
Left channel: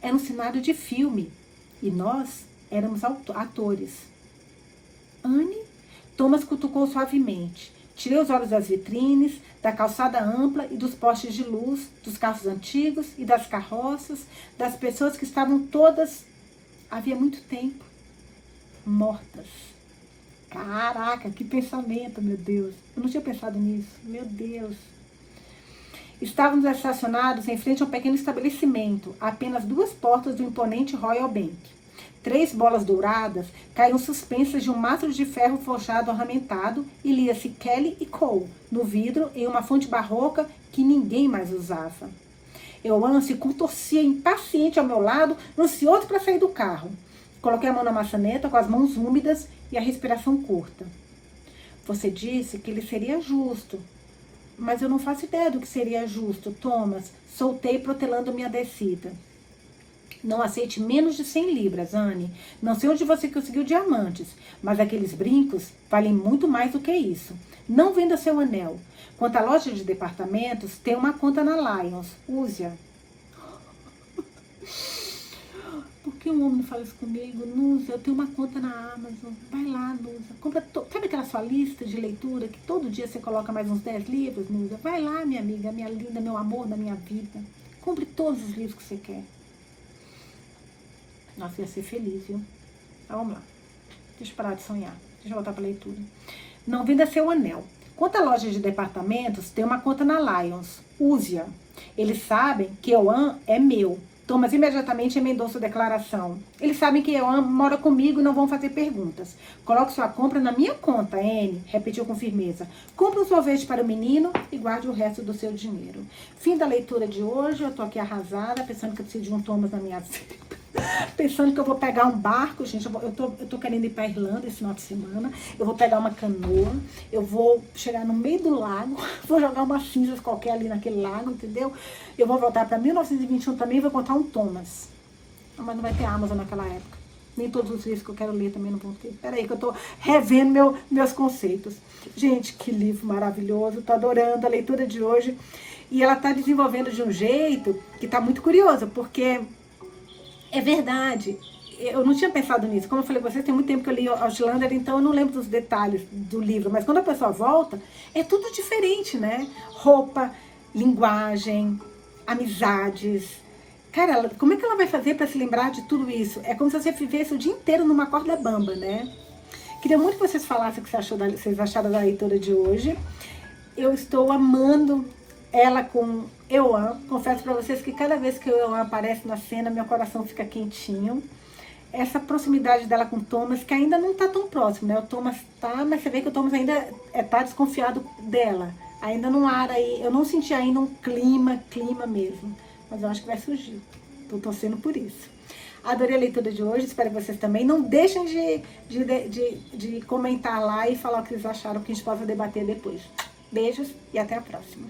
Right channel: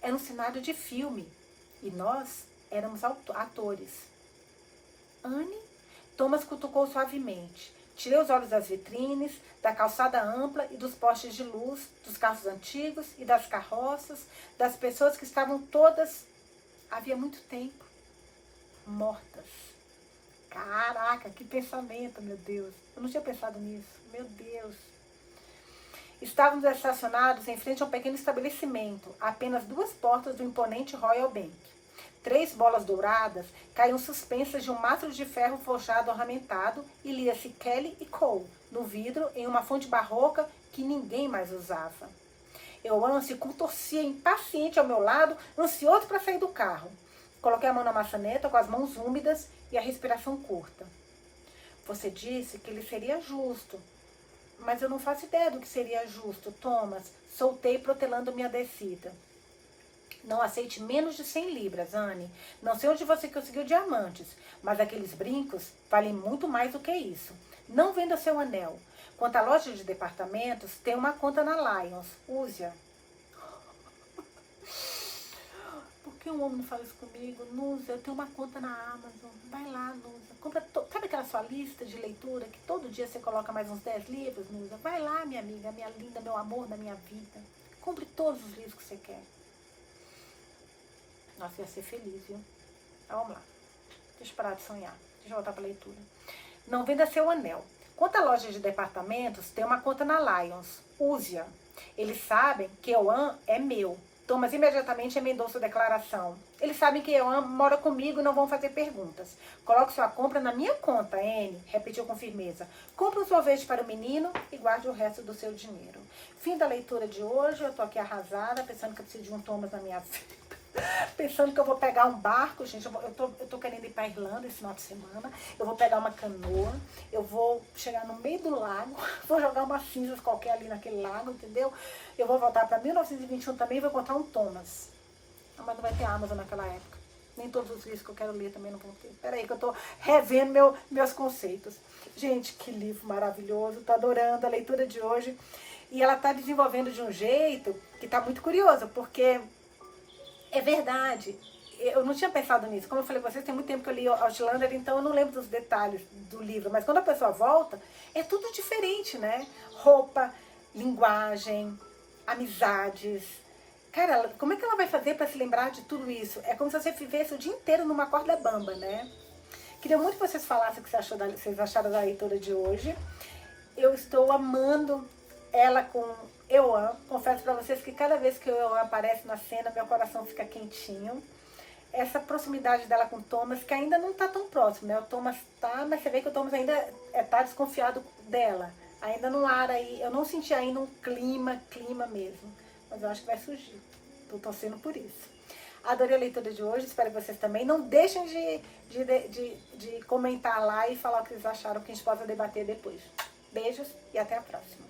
Era um cenário de filme e nós éramos atores. Anne? Thomas cutucou suavemente. Tirei os olhos das vitrines, da calçada ampla e dos postes de luz, dos carros antigos e das carroças, das pessoas que estavam todas, havia muito tempo, mortas. Caraca, que pensamento, meu Deus. Eu não tinha pensado nisso, meu Deus. Estávamos estacionados em frente a um pequeno estabelecimento, a apenas 2 portas do imponente Royal Bank. 3 bolas douradas caíram suspensas de um mastro de ferro forjado ornamentado e lia-se Kelly e Cole no vidro em uma fonte barroca que ninguém mais usava. Eoan se contorcia impaciente ao meu lado, ansioso para sair do carro. Coloquei a mão na maçaneta com as mãos úmidas e a respiração curta. Você disse que ele seria justo, mas eu não faço ideia do que seria justo, Thomas. Soltei protelando minha descida. Não aceite menos de 100 libras, Anne. Não sei onde você conseguiu diamantes, mas aqueles brincos valem muito mais do que isso. Não venda seu anel. Quanto à loja de departamentos, tem uma conta na Lions. Use-a. Por que um homem não fala isso comigo? Nusa, eu tenho uma conta na Amazon. Vai lá, Nusa. Compra sabe aquela sua lista de leitura que todo dia você coloca mais uns 10 livros, Nusa? Vai lá, minha amiga, minha linda, meu amor da minha vida. Compre todos os livros que você quer. Nossa, ia ser feliz, viu? Então, vamos lá. Deixa eu parar de sonhar. Deixa eu voltar para a leitura. Não venda seu anel. Quanto à loja de departamentos, tem uma conta na Lions. Use-a. Eles sabem que Euan é meu. Thomas imediatamente emendou sua declaração. Eles sabem que Euan mora comigo e não vão fazer perguntas. Coloque sua compra na minha conta, Anne, repetiu com firmeza. Compre um sorvete para o menino e guarde o resto do seu dinheiro. Fim da leitura de hoje. Eu tô aqui arrasada, pensando que eu preciso de um Thomas na minha vida. Pensando que eu vou pegar um barco, gente, eu tô querendo ir pra Irlanda esse final de semana, eu vou pegar uma canoa, eu vou chegar no meio do lago, vou jogar umas cinzas qualquer ali naquele lago, entendeu? Eu vou voltar pra 1921 também e vou encontrar um Thomas. Mas não vai ter Amazon naquela época. Nem todos os livros que eu quero ler também não vão ter. Peraí que eu tô revendo meus conceitos. Gente, que livro maravilhoso, tô adorando a leitura de hoje. E ela tá desenvolvendo de um jeito que tá muito curioso, porque... é verdade, eu não tinha pensado nisso. Como eu falei com vocês, tem muito tempo que eu li Outlander, então eu não lembro dos detalhes do livro. Mas quando a pessoa volta, é tudo diferente, né? Roupa, linguagem, amizades. Cara, como é que ela vai fazer para se lembrar de tudo isso? É como se você vivesse o dia inteiro numa corda bamba, né? Queria muito que vocês falassem o que vocês acharam da leitura de hoje. Eu estou amando ela com Euan. Confesso pra vocês que cada vez que o Euan aparece na cena, meu coração fica quentinho. Essa proximidade dela com o Thomas, que ainda não tá tão próximo, né? O Thomas tá, mas você vê que o Thomas ainda tá desconfiado dela. Ainda não há aí, eu não senti ainda um clima mesmo. Mas eu acho que vai surgir. Tô torcendo por isso. Adorei a leitura de hoje, espero que vocês também. Não deixem de comentar lá e falar o que vocês acharam, que a gente possa debater depois. Beijos e até a próxima.